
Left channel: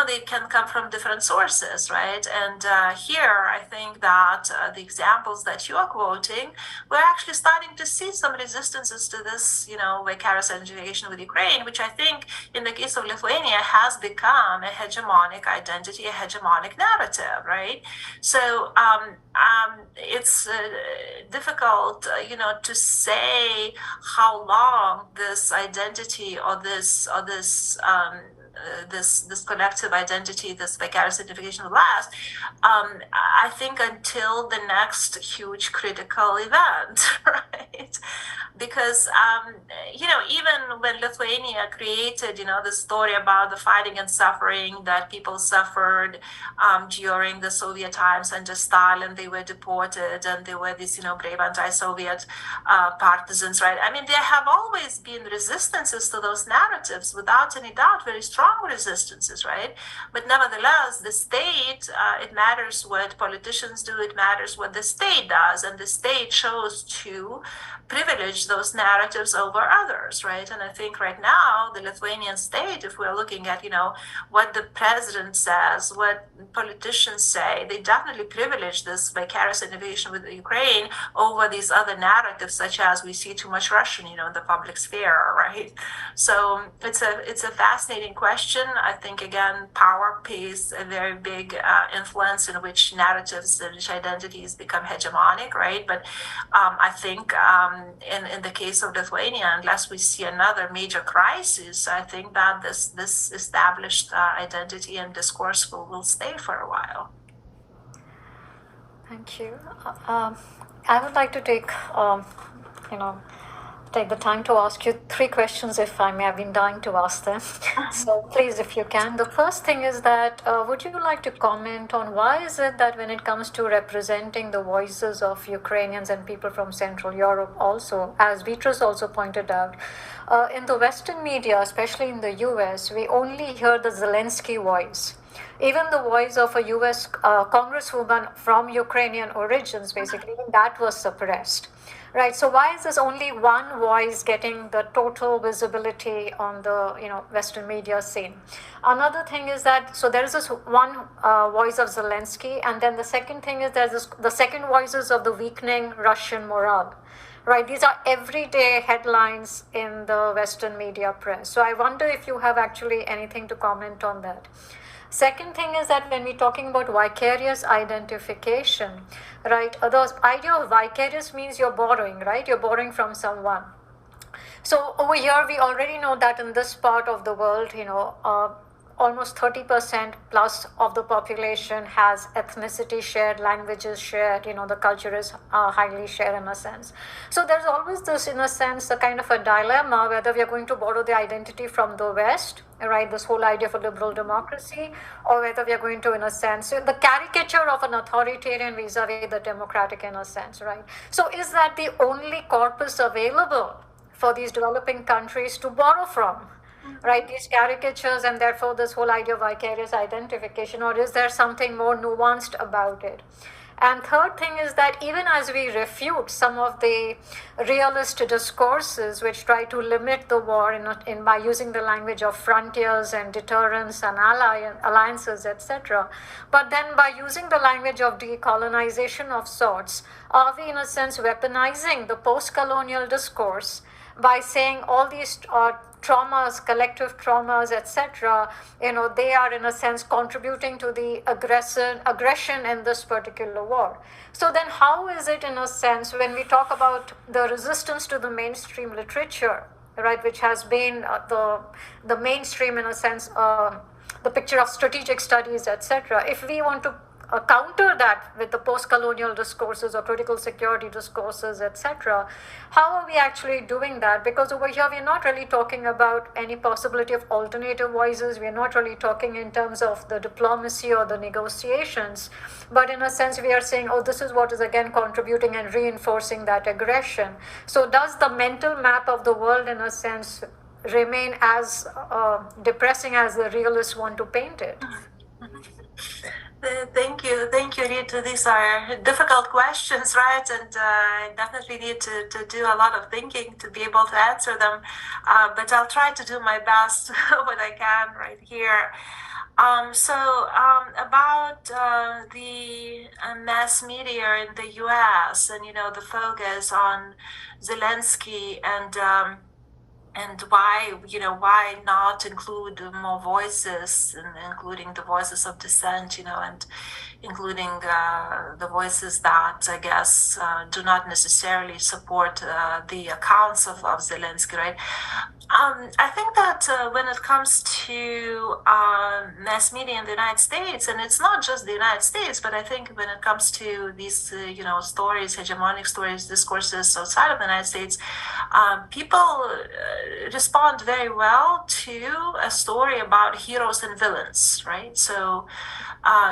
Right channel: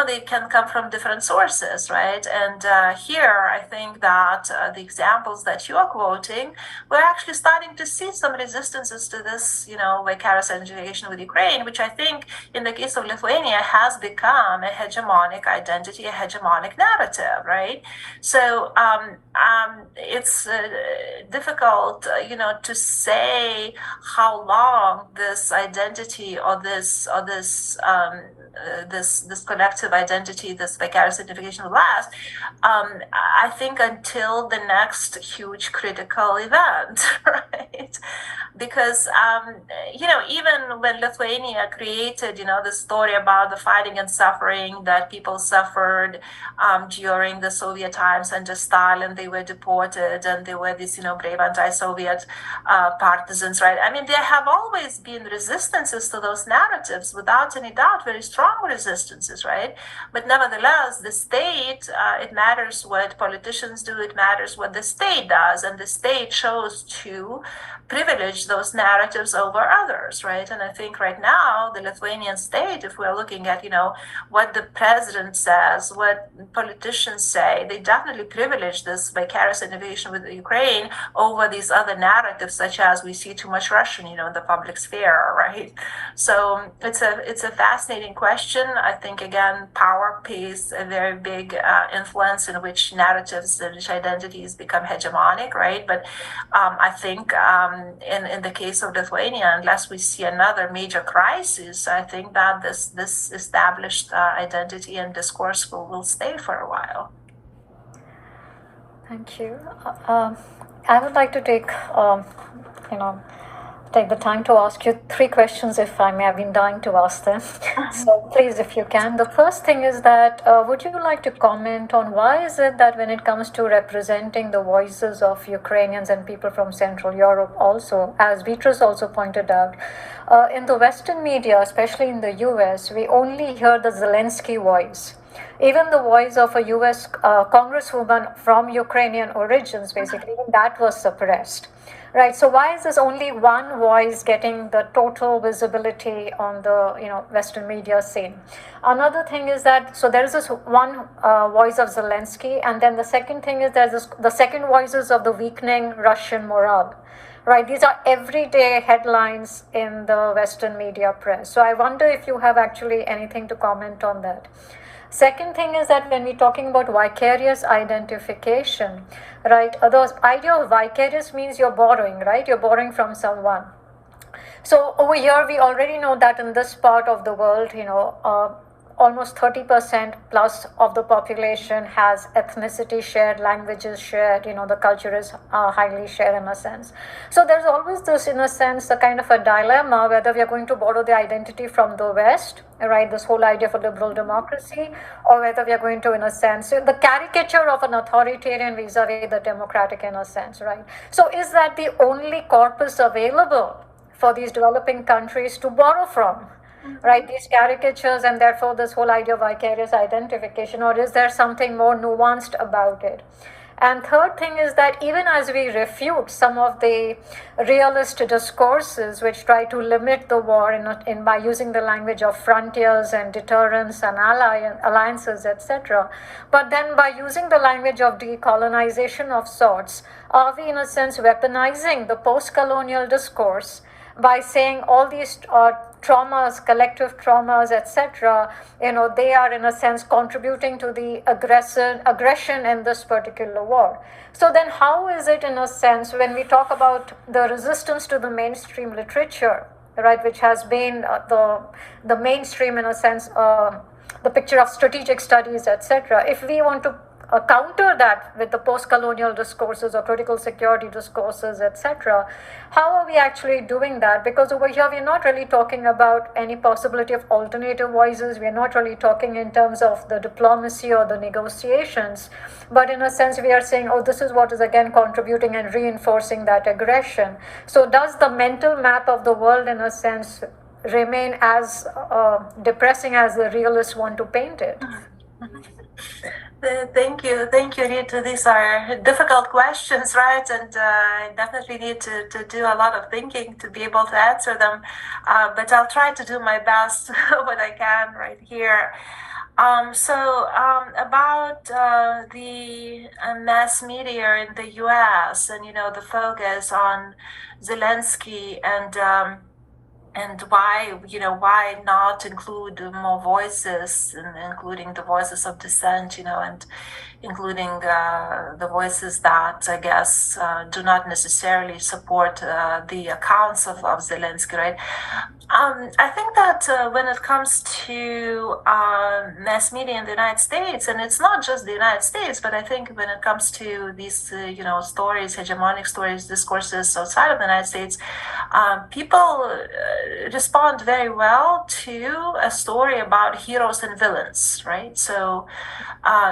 they can come from different sources, right? And here I think that the examples that you are quoting, we're actually starting to see some resistances to this vicarious identification with Ukraine, which I think in the case of Lithuania has become a hegemonic identity, a hegemonic narrative, right? So it's difficult, to say how long this identity or this collective identity, this vicarious identification will last. I think until the next huge critical event, right? Because even when Lithuania Lithuania created, the story about the fighting and suffering that people suffered during the Soviet times under Stalin. They were deported, and they were these, brave anti-Soviet partisans, right? I mean, there have always been resistances to those narratives, without any doubt, very strong resistances, right? But nevertheless, the state, it matters what politicians do, it matters what the state does, and the state chose to privilege those narratives over others, right? And I think right now, the Lithuanian state, if we're looking at, what the president says, what politicians say, they definitely privilege this vicarious innovation with Ukraine over these other narratives, such as we see too much Russian, in the public sphere, right? So it's a fascinating question. I think, again, power plays a very big influence in which narratives and which identities become hegemonic, right? But I think in the case of Lithuania, unless we see another major crisis, I think that this established identity and discourse will stay for a while. Thank you. I would like to take the time to ask you 3 questions, if I may. Have been dying to ask them. So please, if you can. The first thing is that, would you like to comment on why is it that when it comes to representing the voices of Ukrainians and people from Central Europe also, as Beatrice also pointed out, in the Western media, especially in the US, we only hear the Zelensky voice. Even the voice of a US congresswoman from Ukrainian origins, basically, even that was suppressed. Right. So why is this only one voice getting the total visibility on the Western media scene? Another thing is that there is this one voice of Zelensky, and then the second thing is there's the second voices of the weakening Russian morale. Right. These are everyday headlines in the Western media press. So I wonder if you have actually anything to comment on that. Second thing is that when we're talking about vicarious identification, right, the idea of vicarious means you're borrowing, right? You're borrowing from someone. So over here, we already know that in this part of the world, almost 30% plus of the population has ethnicity shared, languages shared, the culture is highly shared in a sense. So there's always this, in a sense, a kind of a dilemma whether we are going to borrow the identity from the West, right, this whole idea of a liberal democracy, or whether we are going to, in a sense, the caricature of an authoritarian vis-a-vis the democratic, in a sense, right? So is that the only corpus available for these developing countries to borrow from? Right, these caricatures, and therefore this whole idea of vicarious identification, or is there something more nuanced about it? And third thing is that even as we refute some of the realist discourses which try to limit the war by using the language of frontiers and deterrence and alliances, etc., but then by using the language of decolonization of sorts, are we in a sense weaponizing the post-colonial discourse by saying all these traumas, collective traumas, etc., they are in a sense contributing to the aggression in this particular war. So then how is it, in a sense, when we talk about the resistance to the mainstream literature, right, which has been the mainstream, in a sense, the picture of strategic studies, etc., if we want to counter that with the post-colonial discourses or critical security discourses, etc., how are we actually doing that? Because over here, we're not really talking about any possibility of alternative voices. We're not really talking in terms of the diplomacy or the negotiations. But in a sense, we are saying, oh, this is what is again contributing and reinforcing that aggression. So does the mental map of the world, in a sense, remain as depressing as the realists want to paint it? Thank you, Rita. These are difficult questions, right? And I definitely need to do a lot of thinking to be able to answer them. But I'll try to do my best what I can right here. About the mass media in the U.S. and the focus on Zelensky and why not include more voices, including the voices of dissent, and including the voices that I guess do not necessarily support the accounts of Zelensky, right? I think that when it comes to mass media in the United States, and it's not just the United States, but I think when it comes to these, stories, hegemonic stories, discourses outside of the United States, people respond very well to a story about heroes and villains, right? So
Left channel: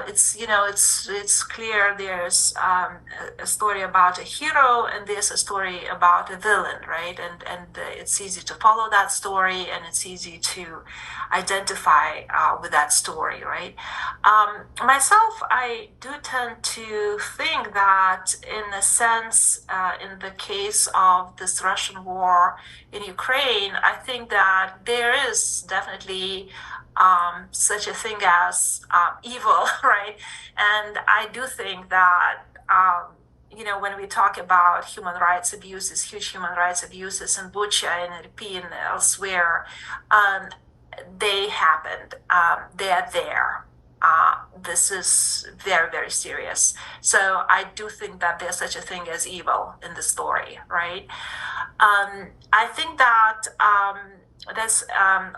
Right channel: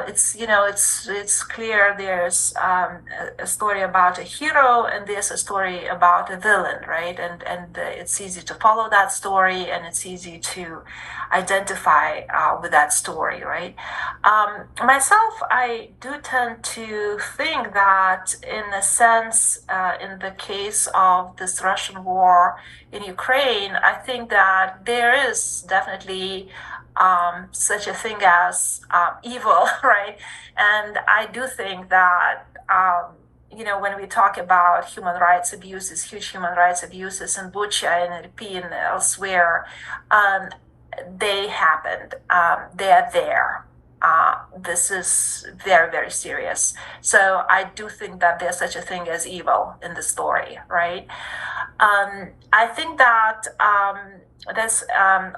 it's it's clear there's a story about a hero and there's a story about a villain, right? And it's easy to follow that story and it's easy to identify with that story, right? Myself, I do tend to think that, in a sense, in the case of this Russian war in Ukraine, I think that there is definitely such a thing as evil, right? And I do think that when we talk about human rights abuses, huge human rights abuses in Bucha and Irpin and elsewhere, they happened. They are there. This is very, very serious. So I do think that there's such a thing as evil in the story, right? I think that this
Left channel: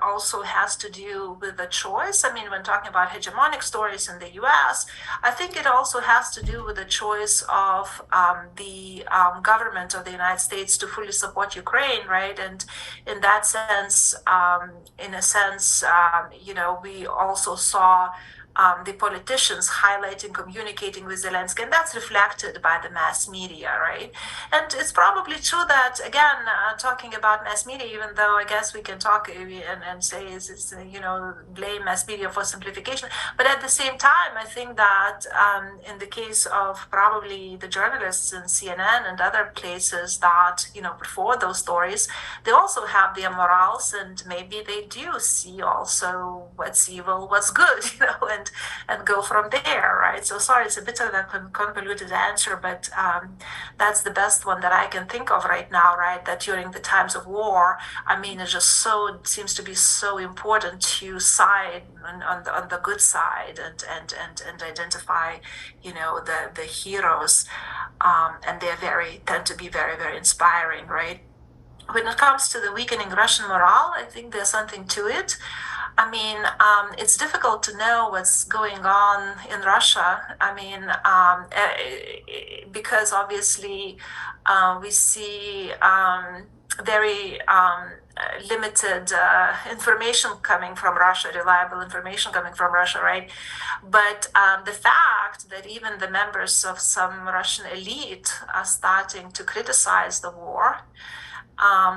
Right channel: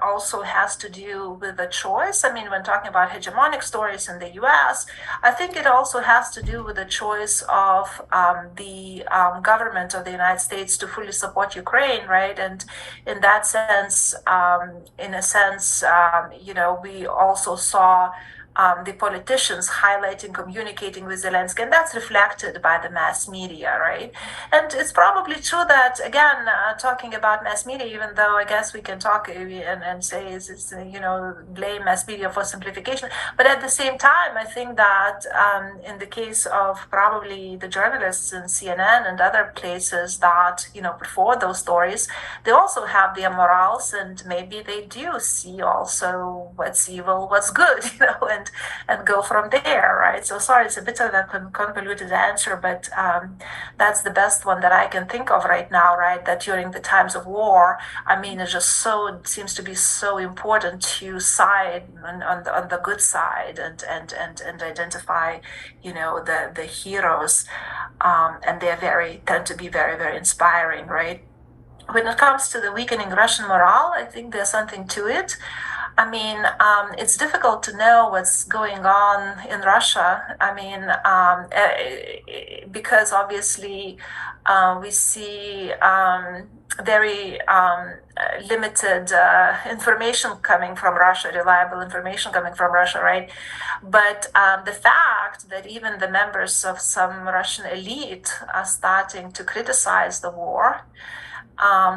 also has to do with the choice. I mean, when talking about hegemonic stories in the US, I think it also has to do with the choice of the government of the United States to fully support Ukraine, right? And in that sense, we also saw the politicians highlighting, communicating with Zelensky, and that's reflected by the mass media, right? And it's probably true that, again, talking about mass media, even though I guess we can talk and say it's blame mass media for simplification, but at the same time, I think that in the case of probably the journalists in CNN and other places that put forward those stories, they also have their morals, and maybe they do see also what's evil, what's good, and go from there, right? So sorry, it's a bit of a convoluted answer, but that's the best one that I can think of right now, right? That during the times of war, I mean, it seems to be so important to side on the good side and identify, the heroes, and they tend to be very, very inspiring, right? When it comes to the weakening Russian morale, I think there's something to it. I mean, it's difficult to know what's going on in Russia. I mean, because obviously we see very limited information coming from Russia, reliable information coming from Russia, right? But the fact that even the members of some Russian elite are starting to criticize the war,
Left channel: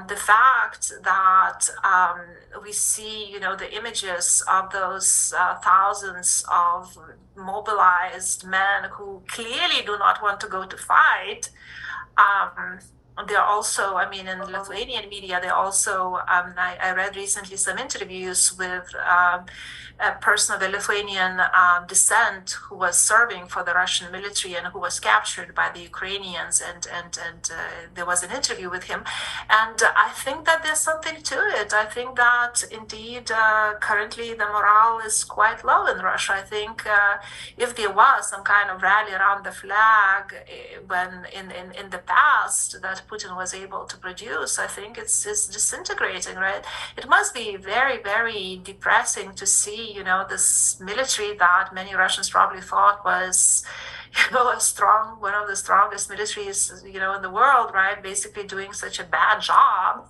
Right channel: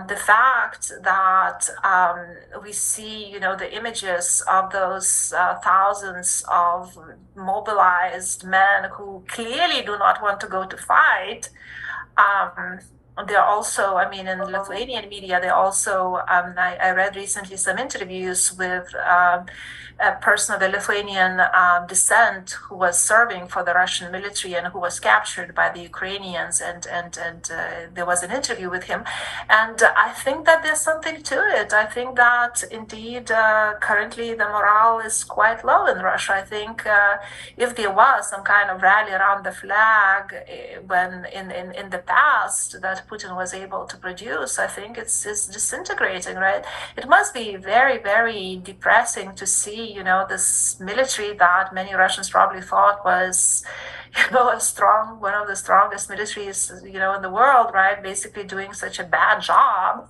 the fact that we see, the images of those thousands of mobilized men who clearly do not want to go to fight. They're also, I mean, in Lithuanian media, they also, I read recently some interviews with a person of the Lithuanian descent who was serving for the Russian military and who was captured by the Ukrainians, and there was an interview with him. And I think that there's something to it. I think that indeed currently the morale is quite low in Russia. I think if there was some kind of rally around the flag when in the past that Putin was able to produce, I think it's disintegrating, right? It must be very, very depressing to see, this military that many Russians probably thought was, one of the strongest militaries, in the world, right? Basically doing such a bad job,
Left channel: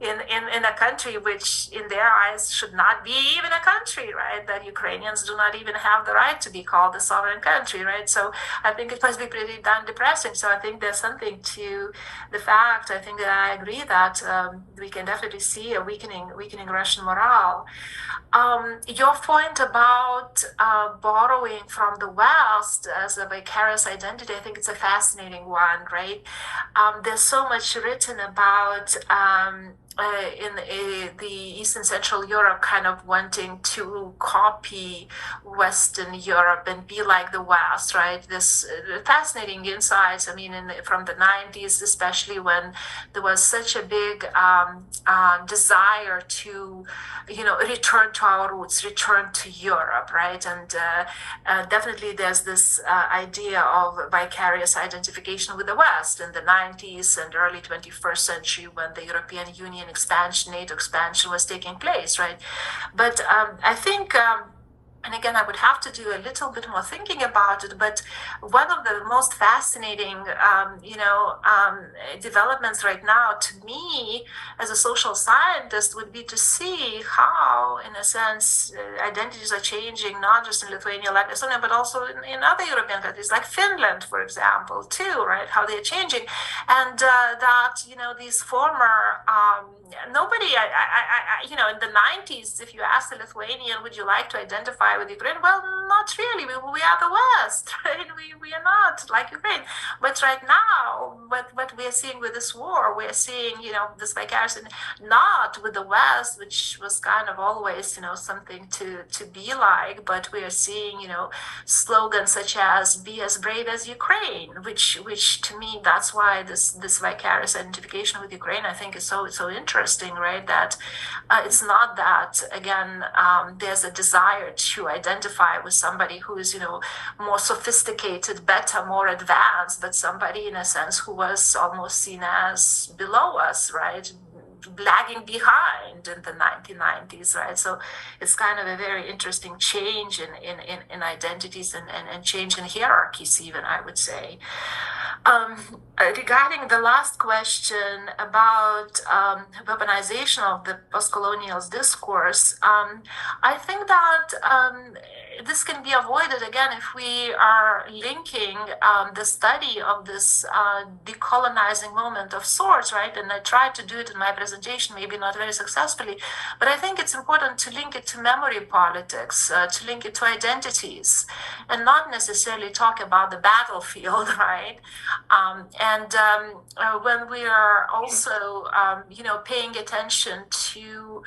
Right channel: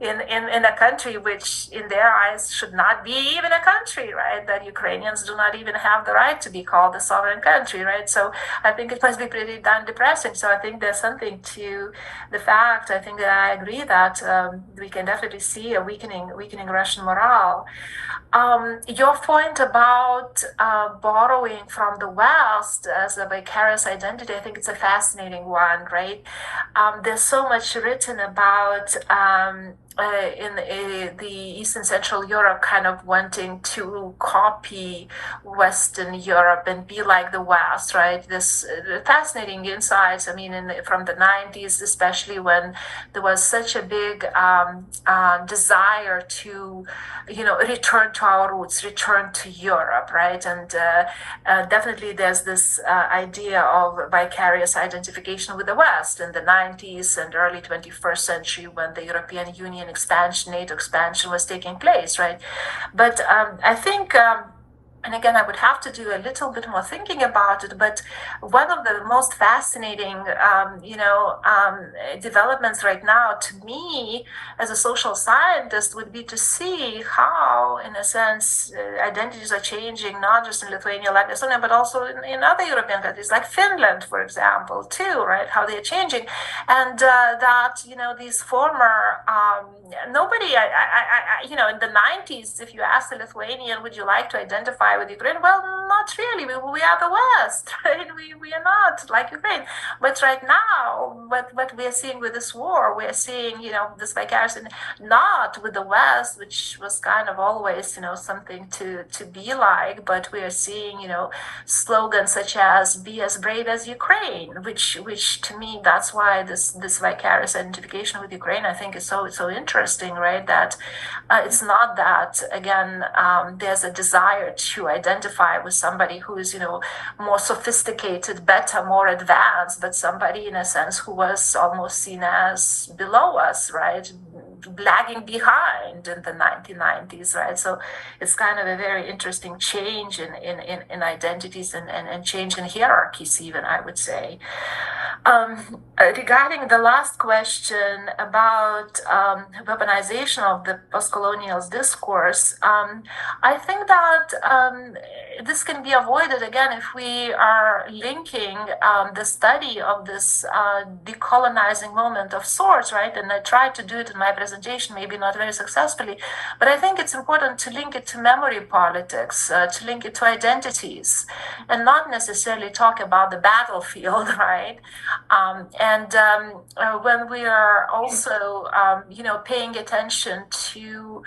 in a country which in their eyes should not be even a country, right? That Ukrainians do not even have the right to be called a sovereign country, right? So I think it must be pretty darn depressing. So I think there's something to the fact, I think that I agree that we can definitely see a weakening Russian morale. Your point about borrowing from the West as a vicarious identity, I think it's a fascinating one, right? There's so much written about in the Eastern Central Europe kind of wanting to copy Western Europe and be like the West, right? This fascinating insights, I mean, from the 90s, especially when there was such a big desire to, return to our roots, return to Europe, right? And definitely there's this idea of vicarious identification with the West in the 90s and early 21st century when the European Union expansion, NATO expansion was taking place, right? But I think and again, I would have to do a little bit more thinking about it, but one of the most fascinating, developments right now to me as a social scientist would be to see how, in a sense, identities are changing, not just in Lithuania, Latvia, Estonia, but also in other European countries, like Finland, for example, too, right? How they're changing. And that, these former, nobody, in the 90s, if you asked a Lithuanian, would you like to identify with Ukraine? Well, not really. We are the West, right? We are not like Ukraine. But right now, what we are seeing with this war, we are seeing, this vicarious, not with the West, which was kind of always, something to be like, but we are seeing, slogans such as "Be as brave as Ukraine," which to me, that's why this vicarious identification with Ukraine, I think, is so interesting, right? That it's not that, again, there's a desire to identify with somebody who is, more sophisticated, better, more advanced, but somebody, in a sense, who was almost seen as below us, right? Lagging behind in the 1990s, right? So it's kind of a very interesting change in identities and change in hierarchies, even, I would say. Regarding the last question about weaponization of the post-colonial discourse, I think that this can be avoided, again, if we are linking the study of this decolonizing moment of sorts, right? And I tried to do it in my presentation, maybe not very successfully, but I think it's important to link it to memory politics, to link it to identities, and not necessarily talk about the battlefield, right? When we are also, paying attention to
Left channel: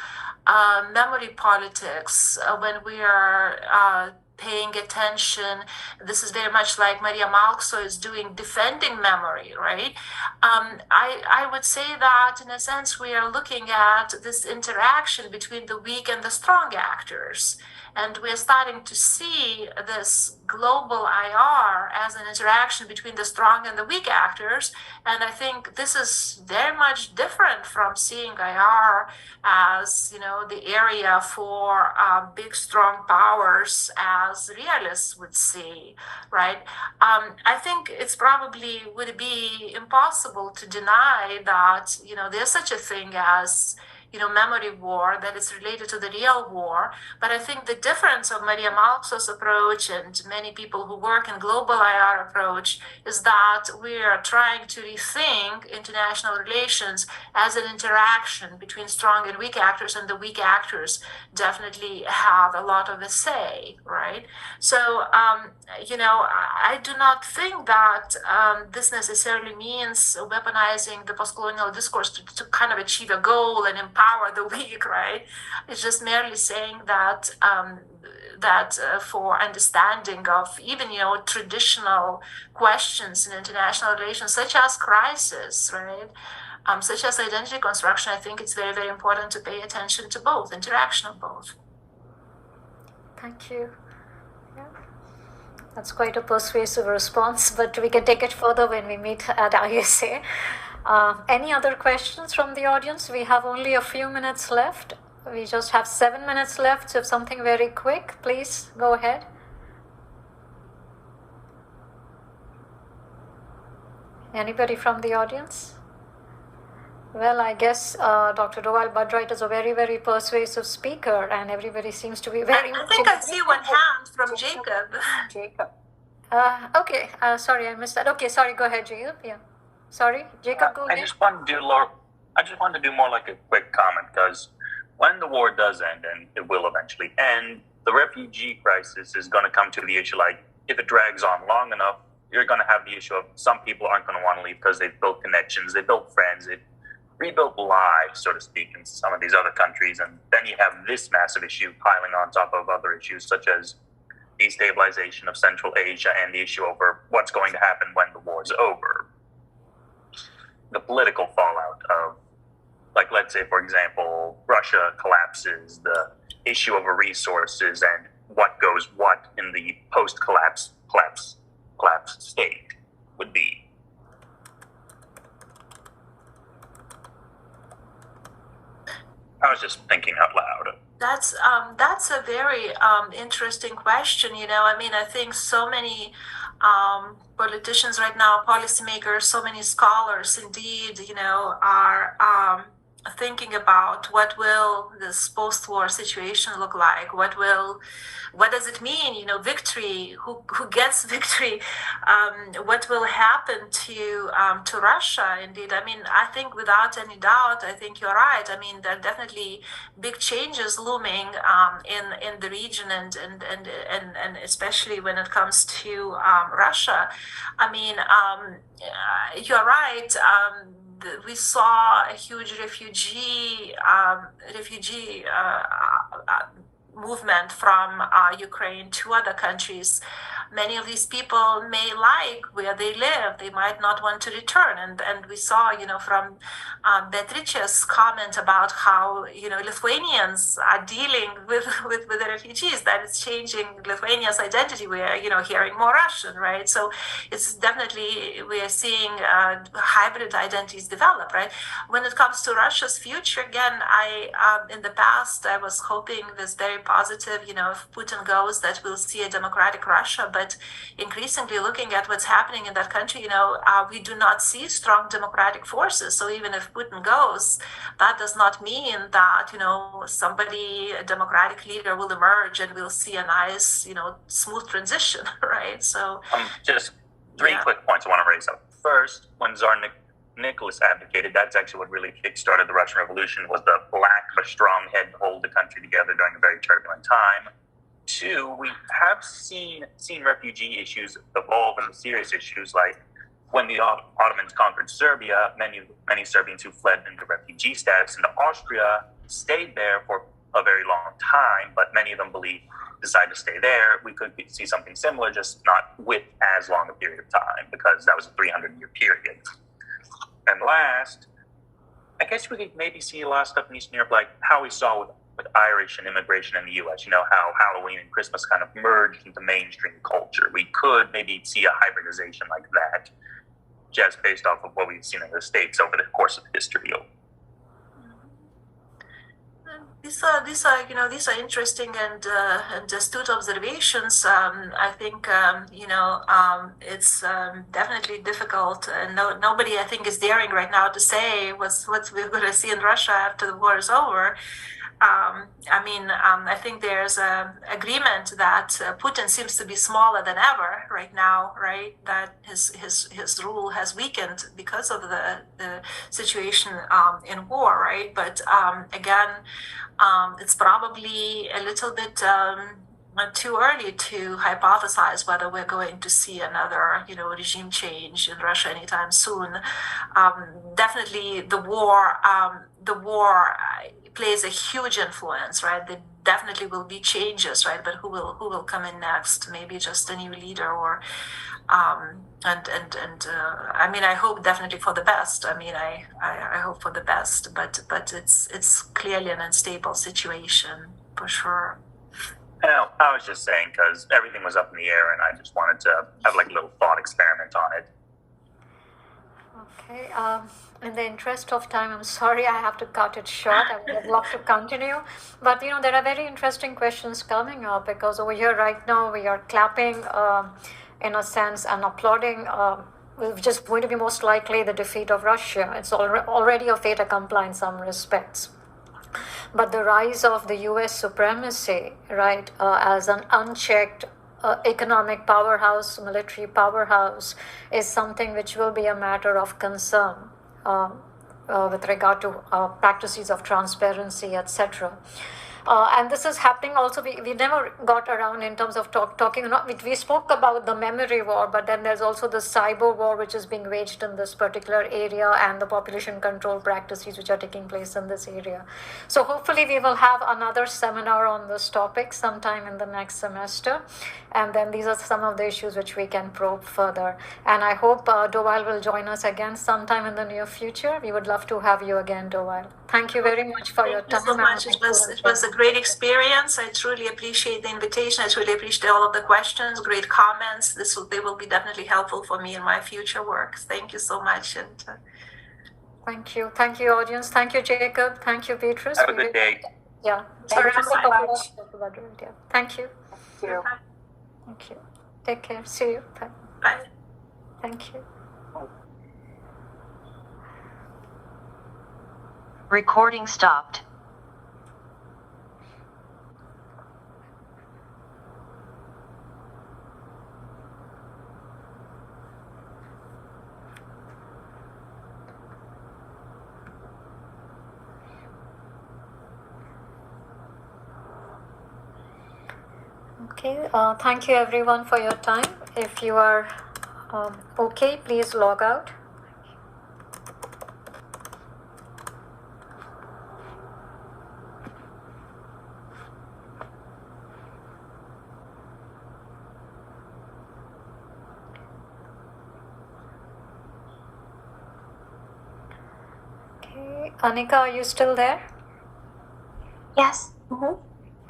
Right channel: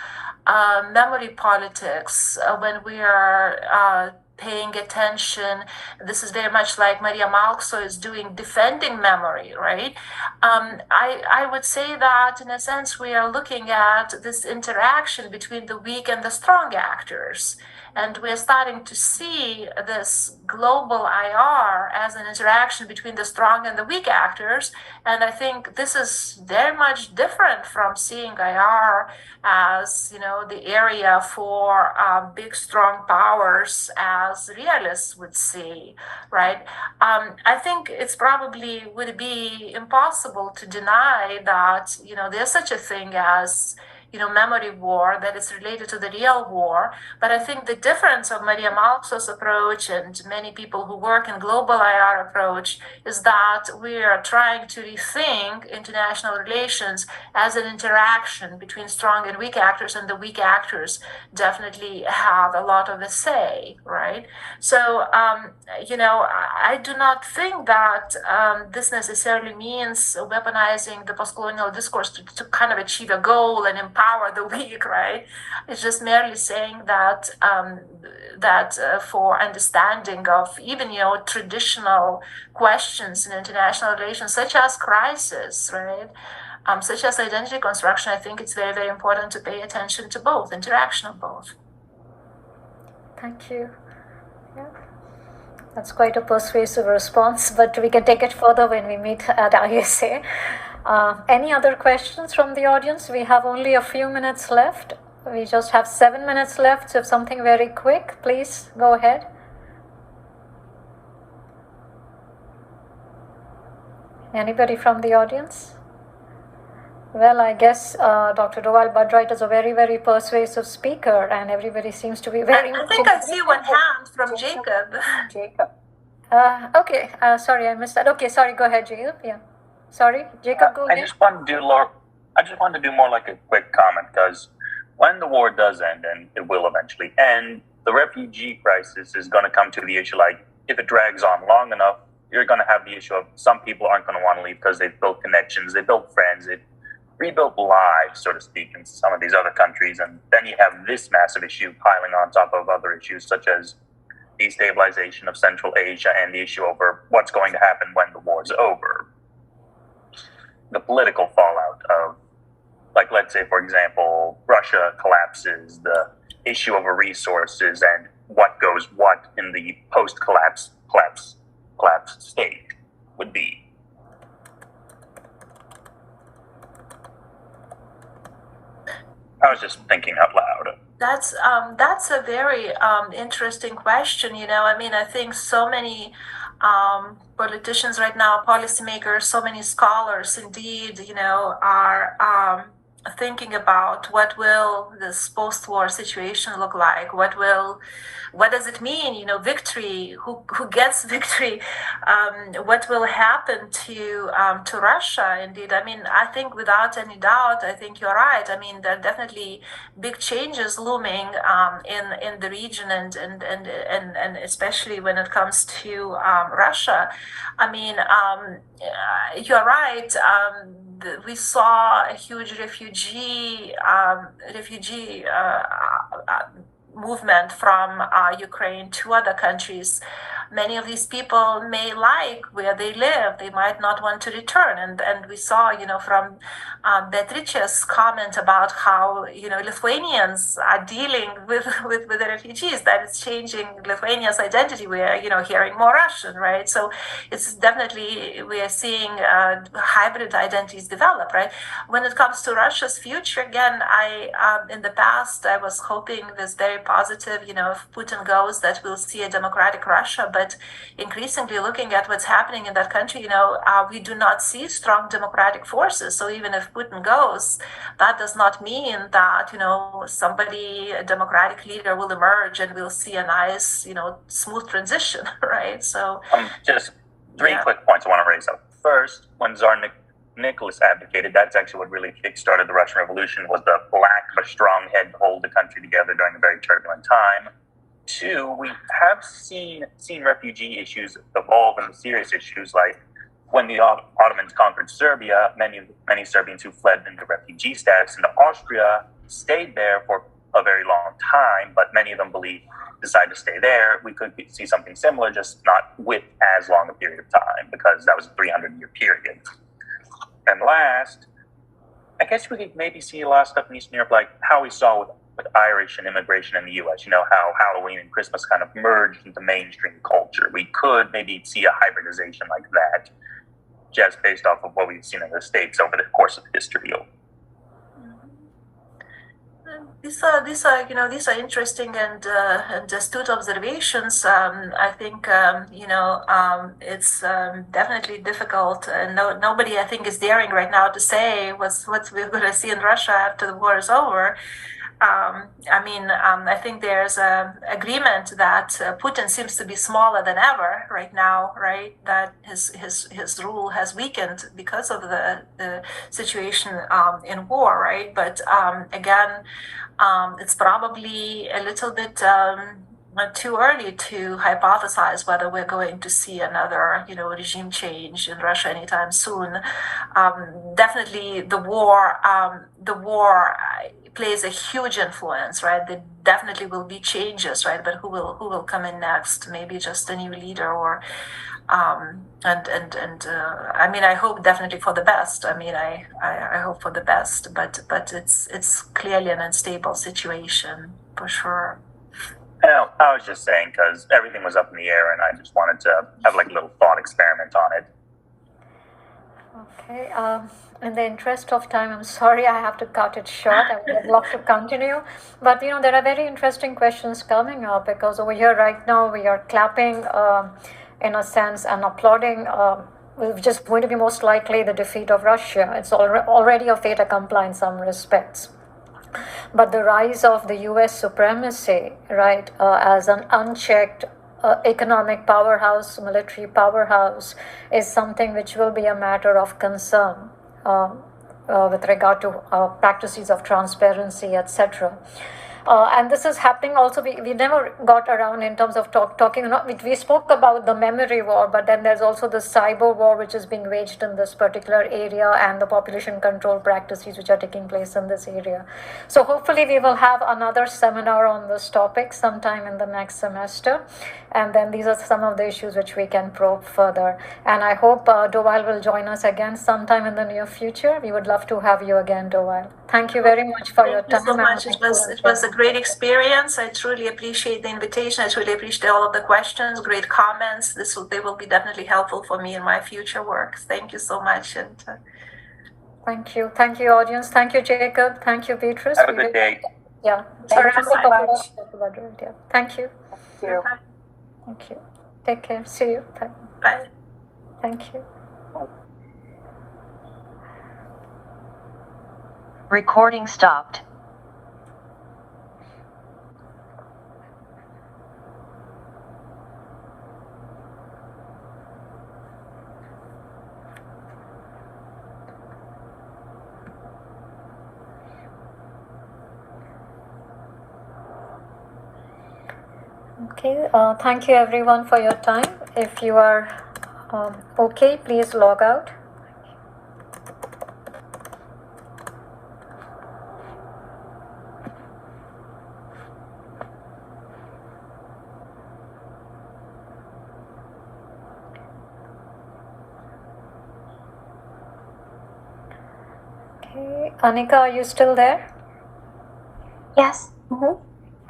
memory politics, when we are paying attention, this is very much like Maria Malkso is doing, defending memory, right? I would say that, in a sense, we are looking at this interaction between the weak and the strong actors. And we're starting to see this global IR as an interaction between the strong and the weak actors. And I think this is very much different from seeing IR as, the area for big, strong powers, as realists would see, right? I think it's probably would be impossible to deny that, there's such a thing as, memory war, that is related to the real war. But I think the difference of Maria Malkso's approach and many people who work in global IR approach is that we are trying to rethink international relations as an interaction between strong and weak actors, and the weak actors definitely have a lot of a say, right? So, I do not think that this necessarily means weaponizing the post-colonial discourse to kind of achieve a goal and empower the weak, right? It's just merely saying that for understanding of even, traditional questions in international relations, such as crisis, right? Such as identity construction, I think it's very, very important to pay attention to both, interaction of both. Thank you. Yeah. That's quite a persuasive response, but we can take it further when we meet at ISA. Any other questions from the audience? We have only a few minutes left. We just have 7 minutes left, so if something very quick, please go ahead. Anybody from the audience? Well, I guess Dr. Dewald Budright is a very, very persuasive speaker, and everybody seems to be very I think I see one hand from Jacob. Jacob. Okay, sorry, I missed that. Okay, sorry, go ahead, Jacob. Yeah. Sorry, Jacob, go ahead. I just wanted to do more like a quick comment, because when the war does end, and it will eventually end, the refugee crisis is going to come to the issue, like, if it drags on long enough, you're going to have the issue of some people aren't going to want to leave because they've built connections, they built friends, they've rebuilt lives, so to speak, in some of these other countries. And then you have this massive issue piling on top of other issues, such as destabilization of Central Asia and the issue over what's going to happen when the war's over. The political fallout of, like, let's say, for example, Russia collapses, the issue over resources and what goes what in the post-collapse state would be. I was just thinking out loud. That's a very interesting question. I mean, I think so many politicians right now, policymakers, so many scholars, indeed, are thinking about what will this post-war situation look like. What does it mean? Victory. Who gets victory? What will happen to Russia? Indeed, I mean, I think without any doubt, I think you're right. I mean, there are definitely big changes looming in the region, and especially when it comes to Russia. I mean, you're right. We saw a huge refugee movement from Ukraine to other countries. Many of these people may like where they live. They might not want to return. And we saw, from Beatrice's comment about how, Lithuanians are dealing with the refugees, that it's changing Lithuania's identity. We are, hearing more Russian, right? So it's definitely, we are seeing hybrid identities develop, right? When it comes to Russia's future, again, in the past, I was hoping this very positive, if Putin goes, that we'll see a democratic Russia. But increasingly looking at what's happening in that country, we do not see strong democratic forces. So even if Putin goes, that does not mean that, a democratic leader will emerge and we'll see a nice, smooth transition, right? So just three quick points I want to raise up. First, when Tsar Nicholas advocated, that's actually what really kickstarted the Russian Revolution, was the lack of a strong head to hold the country together during a very turbulent time. Two, we have seen refugee issues evolve into serious issues, like when the Ottomans conquered Serbia, many Serbians who fled into refugee status into Austria stayed there for a very long time, but many of them decided to stay there. We could see something similar, just not with as long a period of time, because that was a 300-year period. And last, I guess we could maybe see a lot of stuff in Eastern Europe, like how we saw with Irish and immigration in the U.S., how Halloween and Christmas kind of merged into mainstream culture. We could maybe see a hybridization like that, just based off of what we've seen in the States over the course of history. These are interesting and astute observations. I think it's definitely difficult, and nobody I think is daring right now to say what we're going to see in Russia after the war is over. I think there's an agreement that Putin seems to be smaller than ever right now, right? That his rule has weakened because of the situation in war, right? But again, it's probably a little bit too early to hypothesize whether we're going to see another, regime change in Russia anytime soon. Definitely, the war plays a huge influence, right? There definitely will be changes, right? But who will come in next? Maybe just a new leader, or I hope definitely for the best. I hope for the best, but it's clearly an unstable situation for sure. I was just saying because everything was up in the air, and I just wanted to have like a little thought experiment on it. Okay. In the interest of time, I'm sorry I have to cut it short. I would have loved to continue. But, there are very interesting questions coming up, because over here right now we are clapping, in a sense, and applauding, which is going to be most likely the defeat of Russia. It's already a fait accompli in some respects. But the rise of the US supremacy, right, as an unchecked economic powerhouse, military powerhouse, is something which will be a matter of concern with regard to practices of transparency, etc. And this is happening also. We never got around in terms of talking. We spoke about the memory war, but then there's also the cyber war, which is being waged in this particular area, and the population control practices which are taking place in this area. So hopefully we will have another seminar on this topic sometime in the next semester. And then these are some of the issues which we can probe further. And I hope Dovile will join us again sometime in the near future. We would love to have you again, Dovile. Thank you very much for your time. Thank you so much. It was a great experience. I truly appreciate the invitation. I truly appreciate all of the questions, great comments. They will be definitely helpful for me in my future work. Thank you so much. And thank you, audience. Thank you, Jacob. Thank you, Beatrice. Have a good day. Yeah. Thank Around you a so couple of much. talk about it, yeah. Thank you. Thank you. Thank you. Take care. See you. Bye. Bye. Thank you. Recording stopped. Okay. Thank you everyone for your time. If you are okay, please log out. Okay. Anika, are you still there? Yes.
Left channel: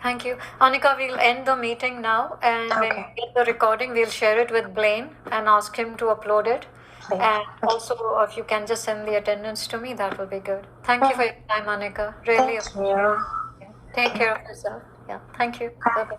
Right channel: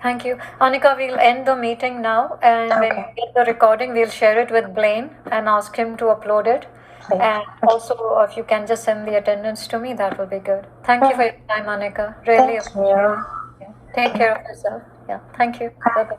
Thank you. Anika, we'll end the meeting now, and when Okay. we get the recording, we'll share it with Blaine and ask him to upload it. Please. And also, if you can just send the attendance to me, that will be good. Thank you for your time, Anika. Really. Thank you. Take care of yourself. Yeah. Thank you. Bye-bye.